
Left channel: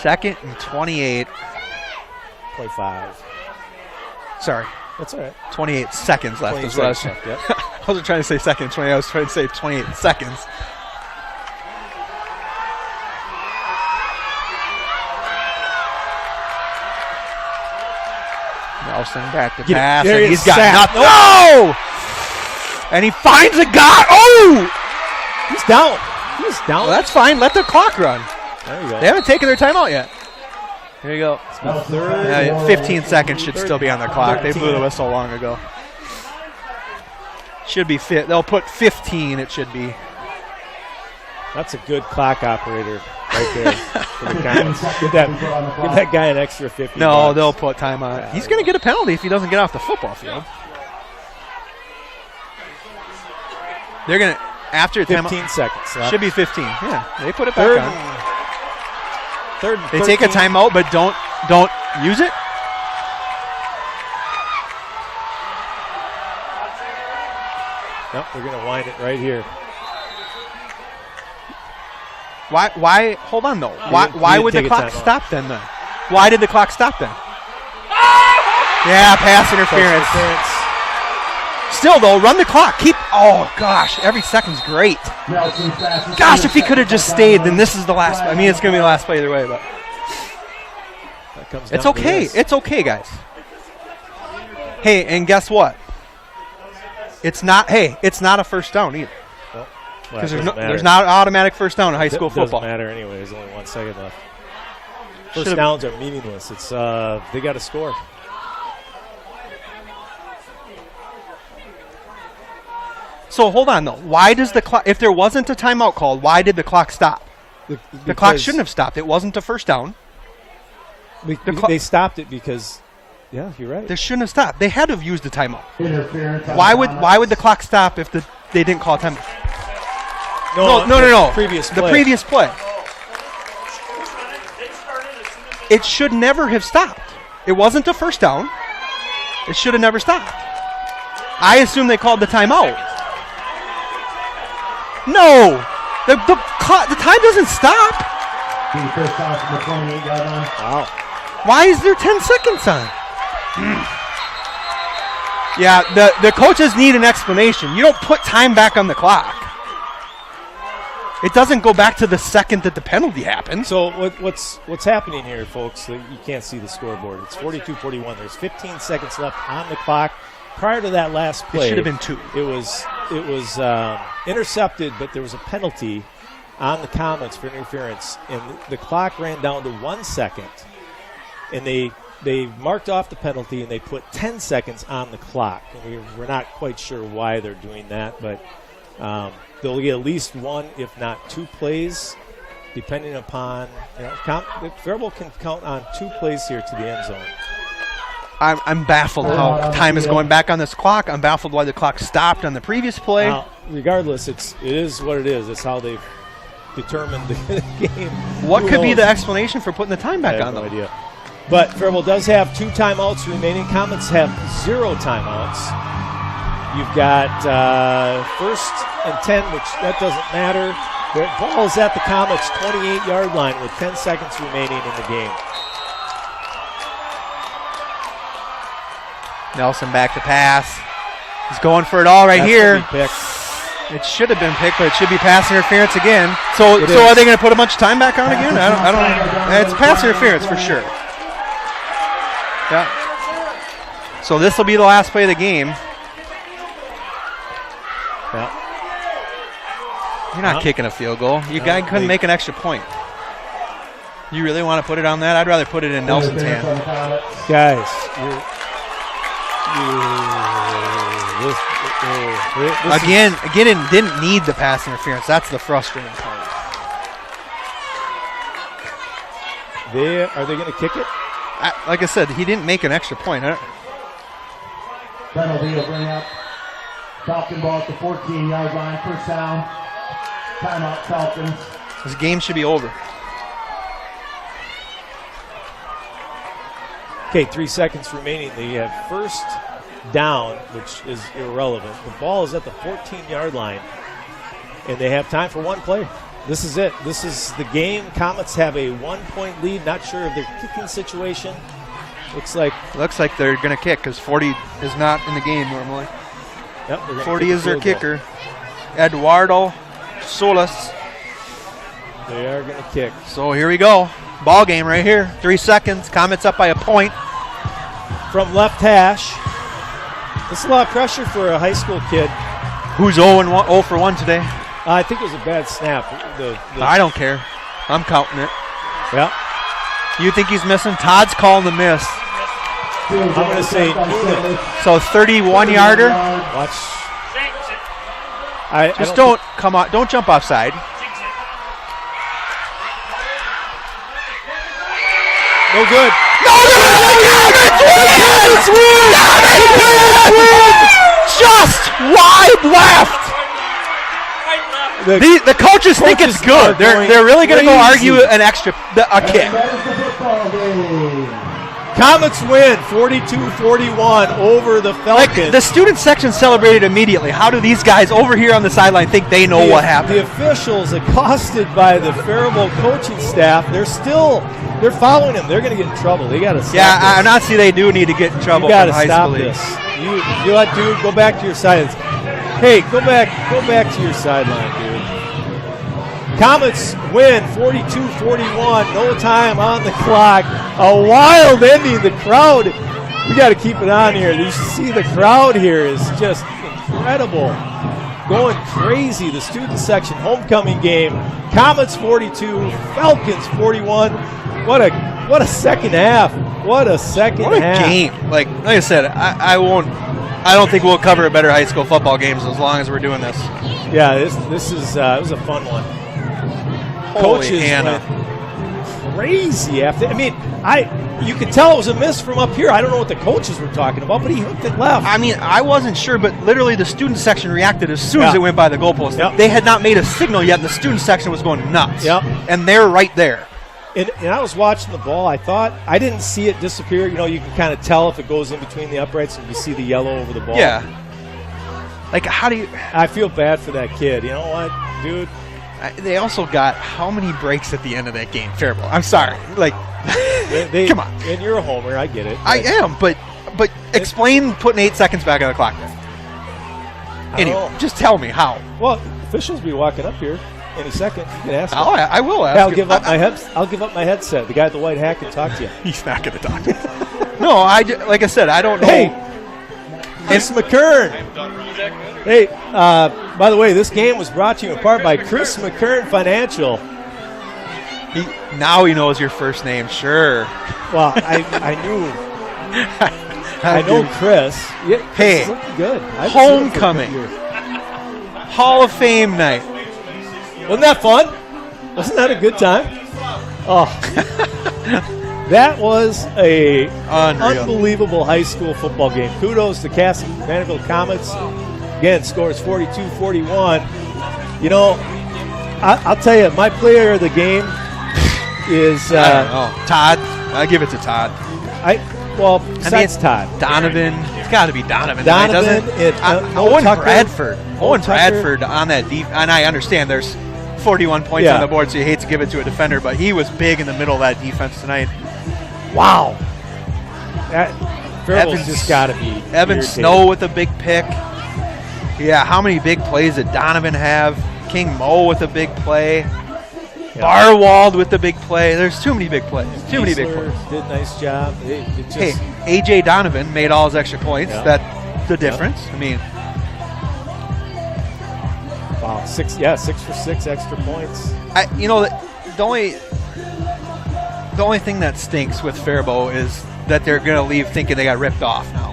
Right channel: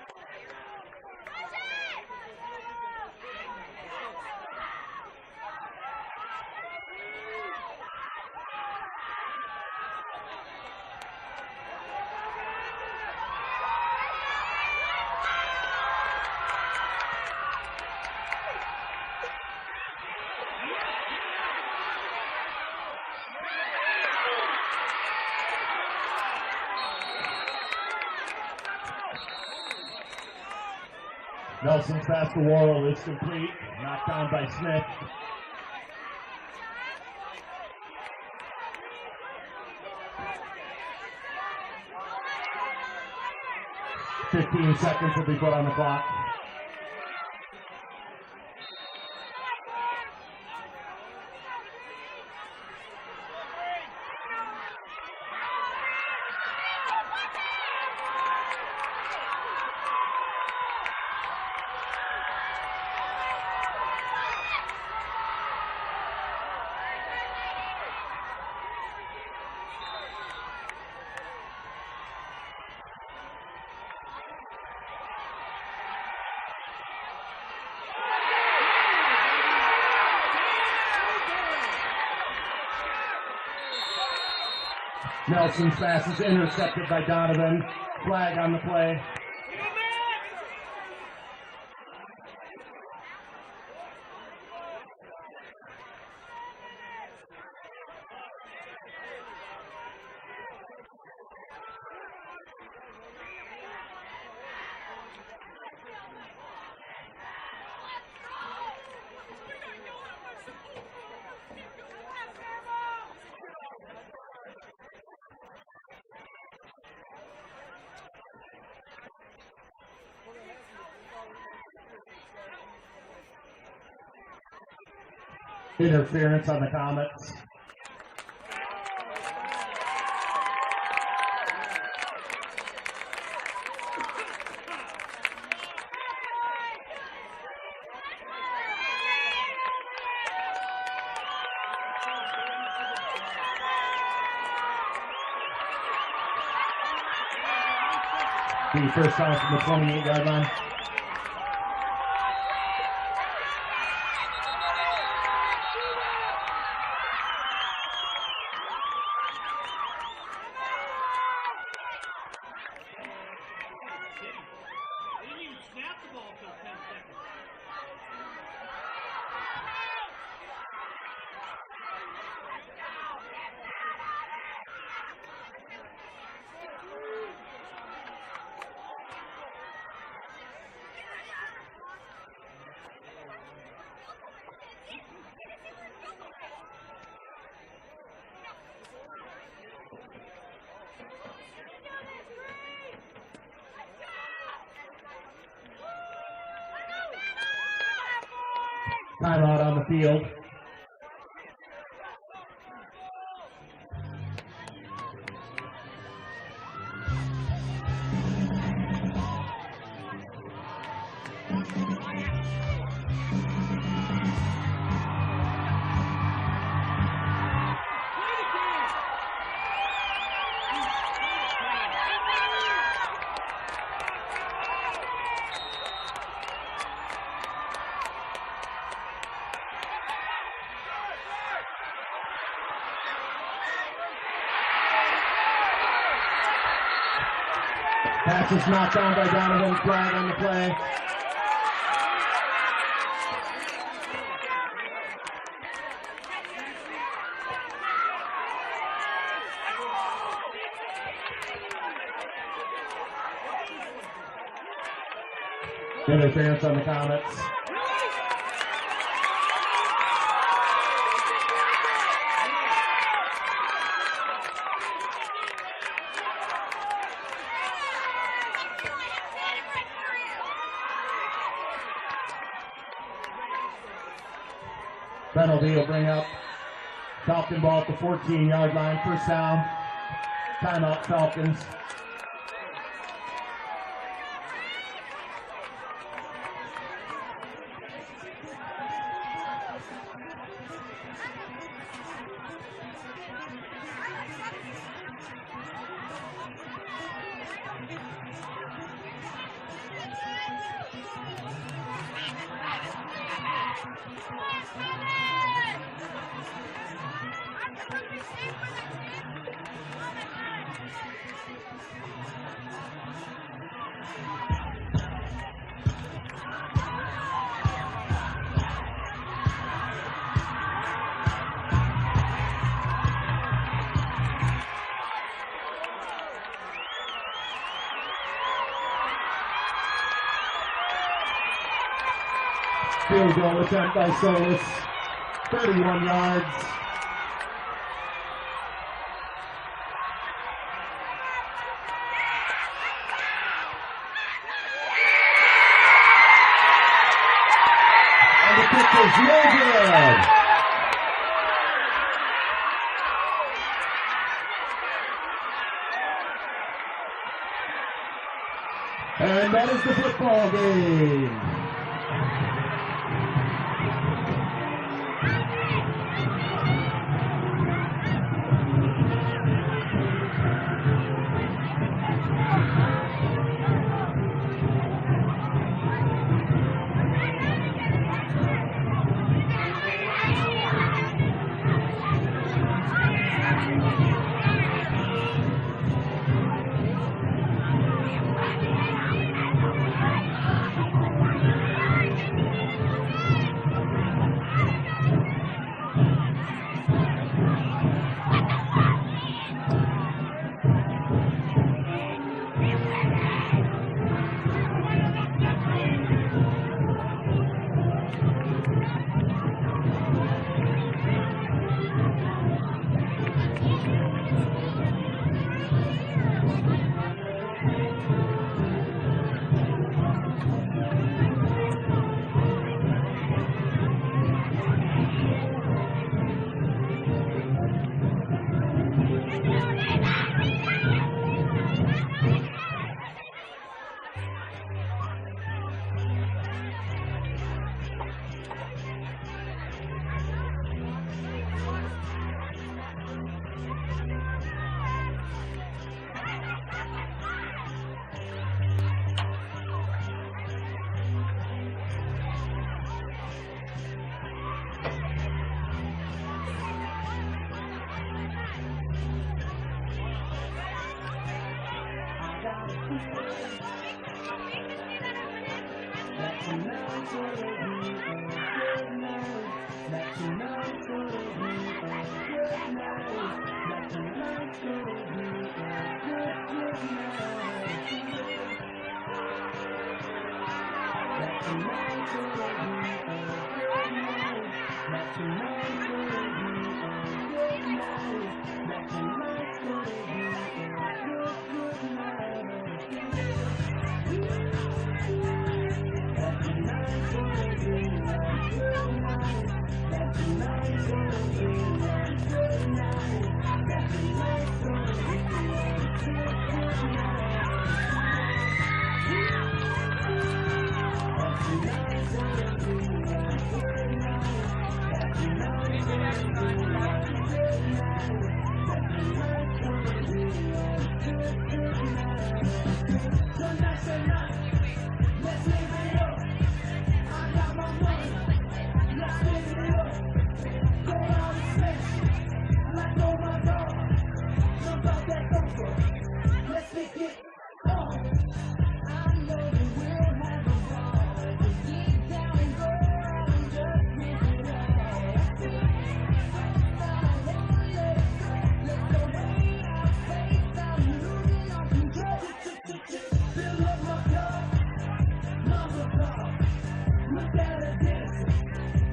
2nd and 28. Play 5. Sorry, That's all right. 28 seconds left. 20 Is what I was, seconds left, yep. I wasn't trying to say second 20. I was trying to say 28 seconds. Nelson back to Get it. pass, There and he he's is, got sacked. nothing. No! And he finds a guy. Oh! He's down. He's down. Well, that's fine. Let the clock run. There you go. They haven't taken their timeout yet. Here you go. Nelson back to Yeah, Warriors. 15 seconds should still be on the clock. They blew the whistle long ago. Should be fit. They'll put 15. It should be. That's a good clock operator right there. For the 15 Comets. seconds Give that, to be put on the give clock. that guy an extra 50. No, bucks. they'll put time on it. He's going to get a penalty if he doesn't get off the football field. They're going to, after 15 timeout, seconds left. should be 15. Yeah, they put it back Third, on. third and They take a 13. timeout, but don't use it. Nope, they're going to wind it right here. Why? Hold on though. Why didn't would the take a clock timeout. stop then? Why did the clock stop then? Yeah, pass interference. Still though, run the clock. Oh gosh, every second's great. Nelson's pass is Gosh, if he could have just stayed, then intercepted this is the last. I mean, it's gonna be the last play either way, but That comes it's down to okay. this. It's okay, guys. Hey, and guess what? It's not. Hey, it's not a first down either. Well, Because it doesn't matter. there's not an automatic first down in high school Doesn't football. matter anyway. There's only 1 second left. First Should've- downs are meaningless. It's they got to score. So hold on though. Why does the clock? If there wasn't a timeout called, why did the clock stop? The clock shouldn't have stopped. It wasn't a first down. They stopped it because, yeah, you're right. They shouldn't have stopped. They had to have used the timeout. Interference on Why Comets. would the clock stop if they didn't call timeout? No. No. Previous The play. previous play. It should never have stopped. It wasn't a first down. It should have never stopped. I assume they called the timeout. No, the time doesn't stop. The first down from the 28-yard line. Wow. Why is there 10 seconds on? Yeah, the coaches need an explanation. You don't put time back on the clock. It doesn't go back to the second that the penalty happened. So what's happening here, folks? You can't see the scoreboard. It's 42-41. There's 15 seconds left on the clock. Prior to that last play, It should have been 2. It was intercepted, but there was a penalty on the Comets for interference, and the clock ran down to 1 second. And they marked off the penalty, and they put 10 seconds on the clock. And we're not quite sure why they're doing that, but they'll get at least 1, if not 2 plays, depending upon. Faribault can count on 2 plays here to the end zone. I'm baffled how time is going back on this clock. I'm baffled why the clock stopped on the previous play. Now, regardless, it is what it is. It's how they've determined the game. What Who could be knows? the explanation for putting the time back I have on no them? idea. But Faribault does have 2 timeouts remaining. Comets have 0 timeouts. You've got 1st and 10, which that doesn't matter. The ball is at the Comets' 28-yard line with 10 seconds remaining in the game. Nelson back to pass. He's going for it all right That's here. gonna be picked. It should have been picked, but it should be pass interference again. So It are is. they going to put a bunch of time back on again? I don't. It's pass interference for sure. Yeah. So this will be the last play of the game. Yeah. You're not No. kicking a field goal. You guy couldn't they- make an extra point. You really want to put it on that? I'd rather put it in Nelson's Interference on hand. the Comets. Guys, this Again, it didn't need the pass interference. That's the frustrating part. are they going to kick it? Like I said, he didn't make an extra point. Penalty will bring up Falcon ball at the 14-yard line. First down. Timeout, Falcons. This game should be over. Okay, 3 seconds remaining. They have 1st down, which is irrelevant. The ball is at the 14-yard line, and they have time for 1 play. This is it. This is the game. Comets have a 1-point lead. Not sure of their kicking situation. Looks like They're going to kick because 40 is not in the game normally. yep, they're gonna 40 kick a is their field goal. kicker. Eduardo Solis. They are going to kick. So here we go. Ball game right here. 3 seconds. Comets up by a point. from left hash. It's a lot of pressure for a high school kid. Who's 0 for 1 today? I think it was a bad snap. I don't care. I'm counting it. Yeah. You think he's missing? Todd's calling the miss. I'm going to say So 31-yarder. watch. Just don't come on. Don't jump offside. No good. Just wide left. The coaches think it's good. They're really going to go argue a kick. And that is the football game. Comets win 42-41 over the Falcons. Like, the student section celebrated immediately. How do these guys over here on the sideline think they know what happened? The officials, accosted by the Faribault coaching staff, they're following him. They're going to get in trouble. They got to stop Yeah, this. I'm not see they do need to get in trouble. You got to from high stop school this. league. You let dude go back to your sidelines. Hey, go back to your sideline, dude. Comets win 42-41. No time on the clock. A wild ending. The crowd, we got to keep it on here. You see the crowd here is just incredible. Going crazy. The student section homecoming game. Comets 42, Falcons 41. What a second half. What a second What a half. game. Like I said, I don't think we'll cover better high school football games as long as we're doing this. Yeah, this is it was a fun one. Holy Coaches Hannah. went crazy after. I mean, you could tell it was a miss from up here. I don't know what the coaches were talking about, but he hooked it left. I mean, I wasn't sure, but literally the student section reacted as soon as Yeah. it went by the goalpost. Yep. They had not made a signal yet. The student section was going nuts. Yep. And they're right there. And I was watching the ball. I didn't see it disappear. You know, you can kind of tell if it goes in between the uprights and you see the yellow over the ball. Yeah. Like, how do you... I feel bad for that kid. You know what, dude? They also got how many breaks at the end of that game? Faribault. I'm sorry. Like, come on. And you're a homer. I get it. I am, but explain putting 8 seconds back on the clock. Anyway, know. just tell me how. Well, officials will be walking up here in a second. You can ask them. I will ask. I'll you. give up my headset. The guy at the white hat can talk to you. He's not going to talk. No, like I said, I don't know. Hey, Chris McKern. Hey, by the way, this game was brought to you in part by Chris McKern Financial. Now he knows your first name, sure. Well, I know Chris. Yeah, Hey, this is looking good. I haven't seen him for a homecoming. good year. Hall of Fame night. Wasn't that fun? Wasn't that a good time? Oh, that was a Unreal. unbelievable high school football game. Kudos to Kasson-Mantorville Comets. Again, scores 42-41. You know, I'll tell you, my player of the game is Todd. I give it to Todd. Besides Todd. Donovan. It's got to be Donovan. Donovan and Owen Tucker. Bradford. Owen Tucker. Bradford on that deep. And I understand there's 41 points Yeah. on the board, so you hate to give it to a defender, but he was big in the middle of that defense tonight. Wow. Faribault's Evans- just got to be Evan irritated. Snow with a big pick. Yeah, how many big plays did Donovan have? King Mo with a big play. Yeah. Barwald with the big play. There's too many big plays. Too many big Kiesler plays. did a nice job. It just, Hey, A.J. Donovan made all his extra points. Yeah. That's the difference. I mean, wow, 6 for 6 extra points. the only thing that stinks with Faribault is that they're going to leave thinking they got ripped off now,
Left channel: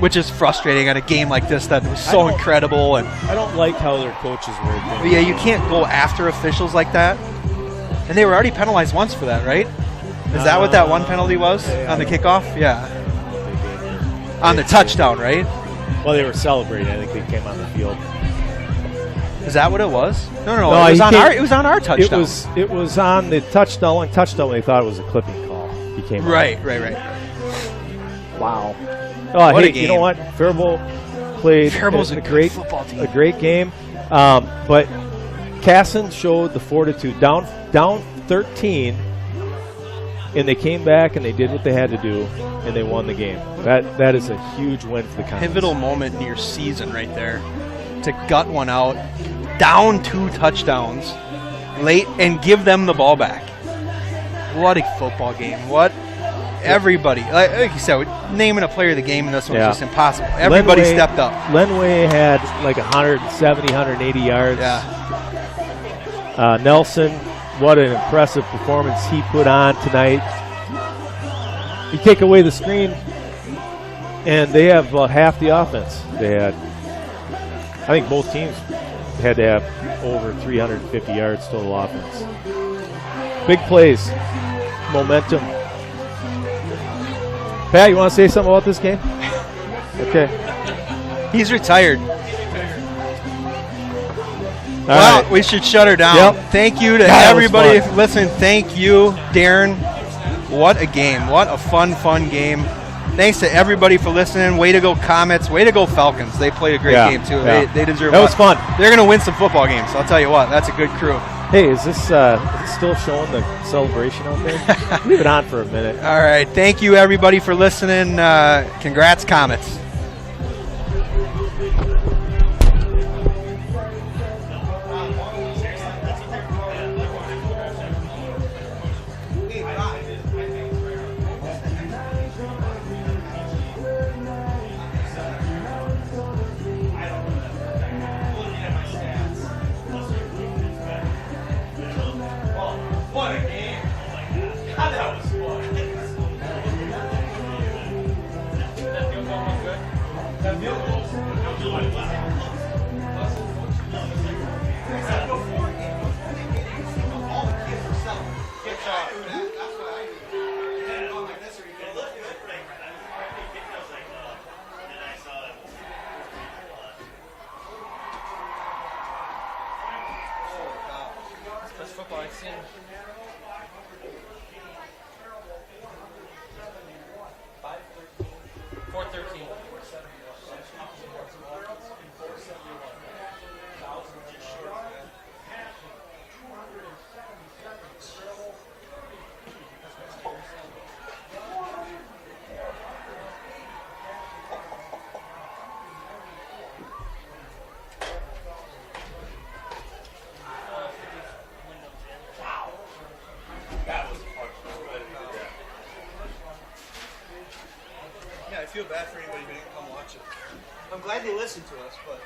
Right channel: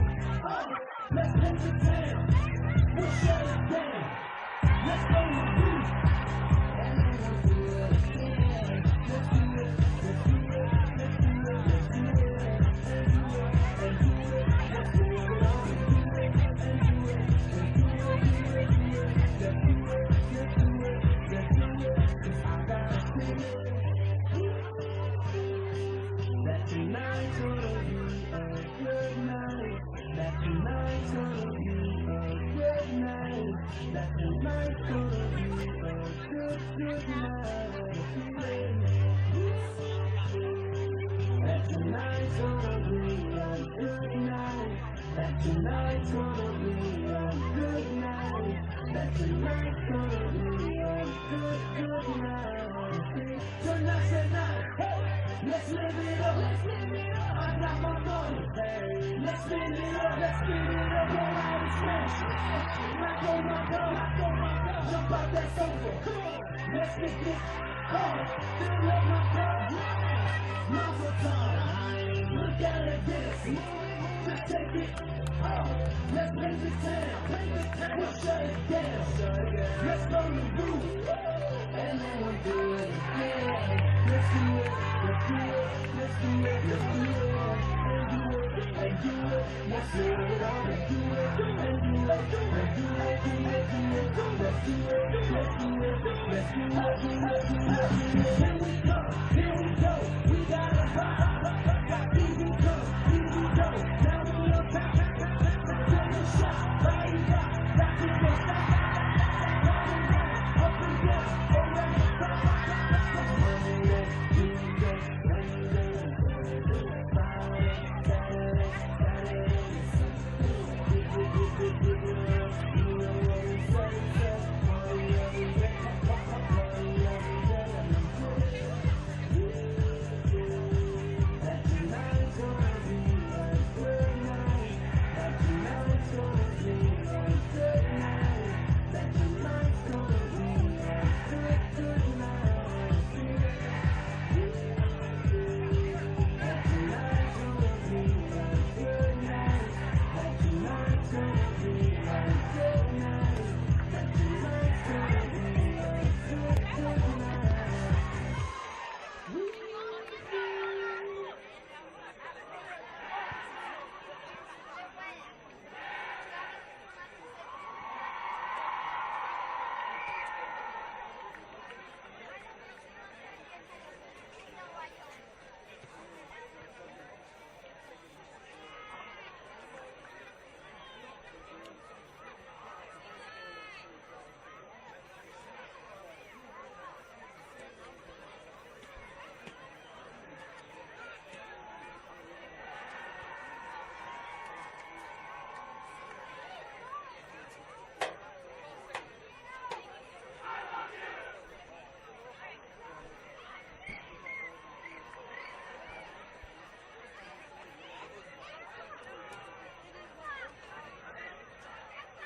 which is frustrating on a game like this that was so incredible. And I don't like how their coaches work. yeah, you can't go after officials like that. And they were already penalized once for that, right? Is that what that one penalty was on the kickoff? Yeah. On the touchdown, right? Well, they were celebrating. I think they came on the field. Is that what it was? No. No, it he was on our touchdown. It was on the touchdown. One touchdown. They thought it was a clipping call. He came on. Right. Wow. What a You game. know what? Faribault played Faribault's a good great football team. A great game. But Kasson showed the fortitude. Down 13, and they came back and they did what they had to do, and they won the game. That is a huge win for the Comets. Pivotal moment in your season right there. To gut one out, down 2 touchdowns late, and give them the ball back. What a football game. everybody, like you said, naming a player of the game in this one Yeah. was just impossible. Everybody Lenway- stepped up. Lenway had like 170, 180 yards. Yeah. Nelson, what an impressive performance he put on tonight. You take away the screen, and they have half the offense they had. I think both teams had to have over 350 yards total offense. Big plays, momentum. Pat, you want to say something about this game? Okay. He's retired. All Well, right. we should shut her down. Yep. Thank you to That was everybody fun. listening. Thank you, Darren. What a game. What a fun game. Thanks to everybody for listening. Way to go, Comets. Way to go, Falcons. They played a great game, too. Yeah. They deserve That was it. fun. They're going to win some football games. I'll tell you what. That's a good crew. Hey, is this still showing the celebration out there? Leave it on for a minute. All right. Thank you, everybody, for listening. Congrats, Comets. That's football I've seen. Yeah, I feel bad for anybody who didn't come watch it. I'm glad they listened to us, but.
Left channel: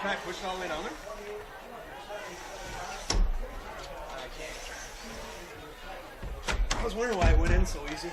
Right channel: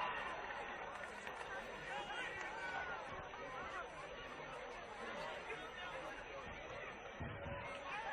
Can I push it all the way down there? I was wondering why it went in so easy.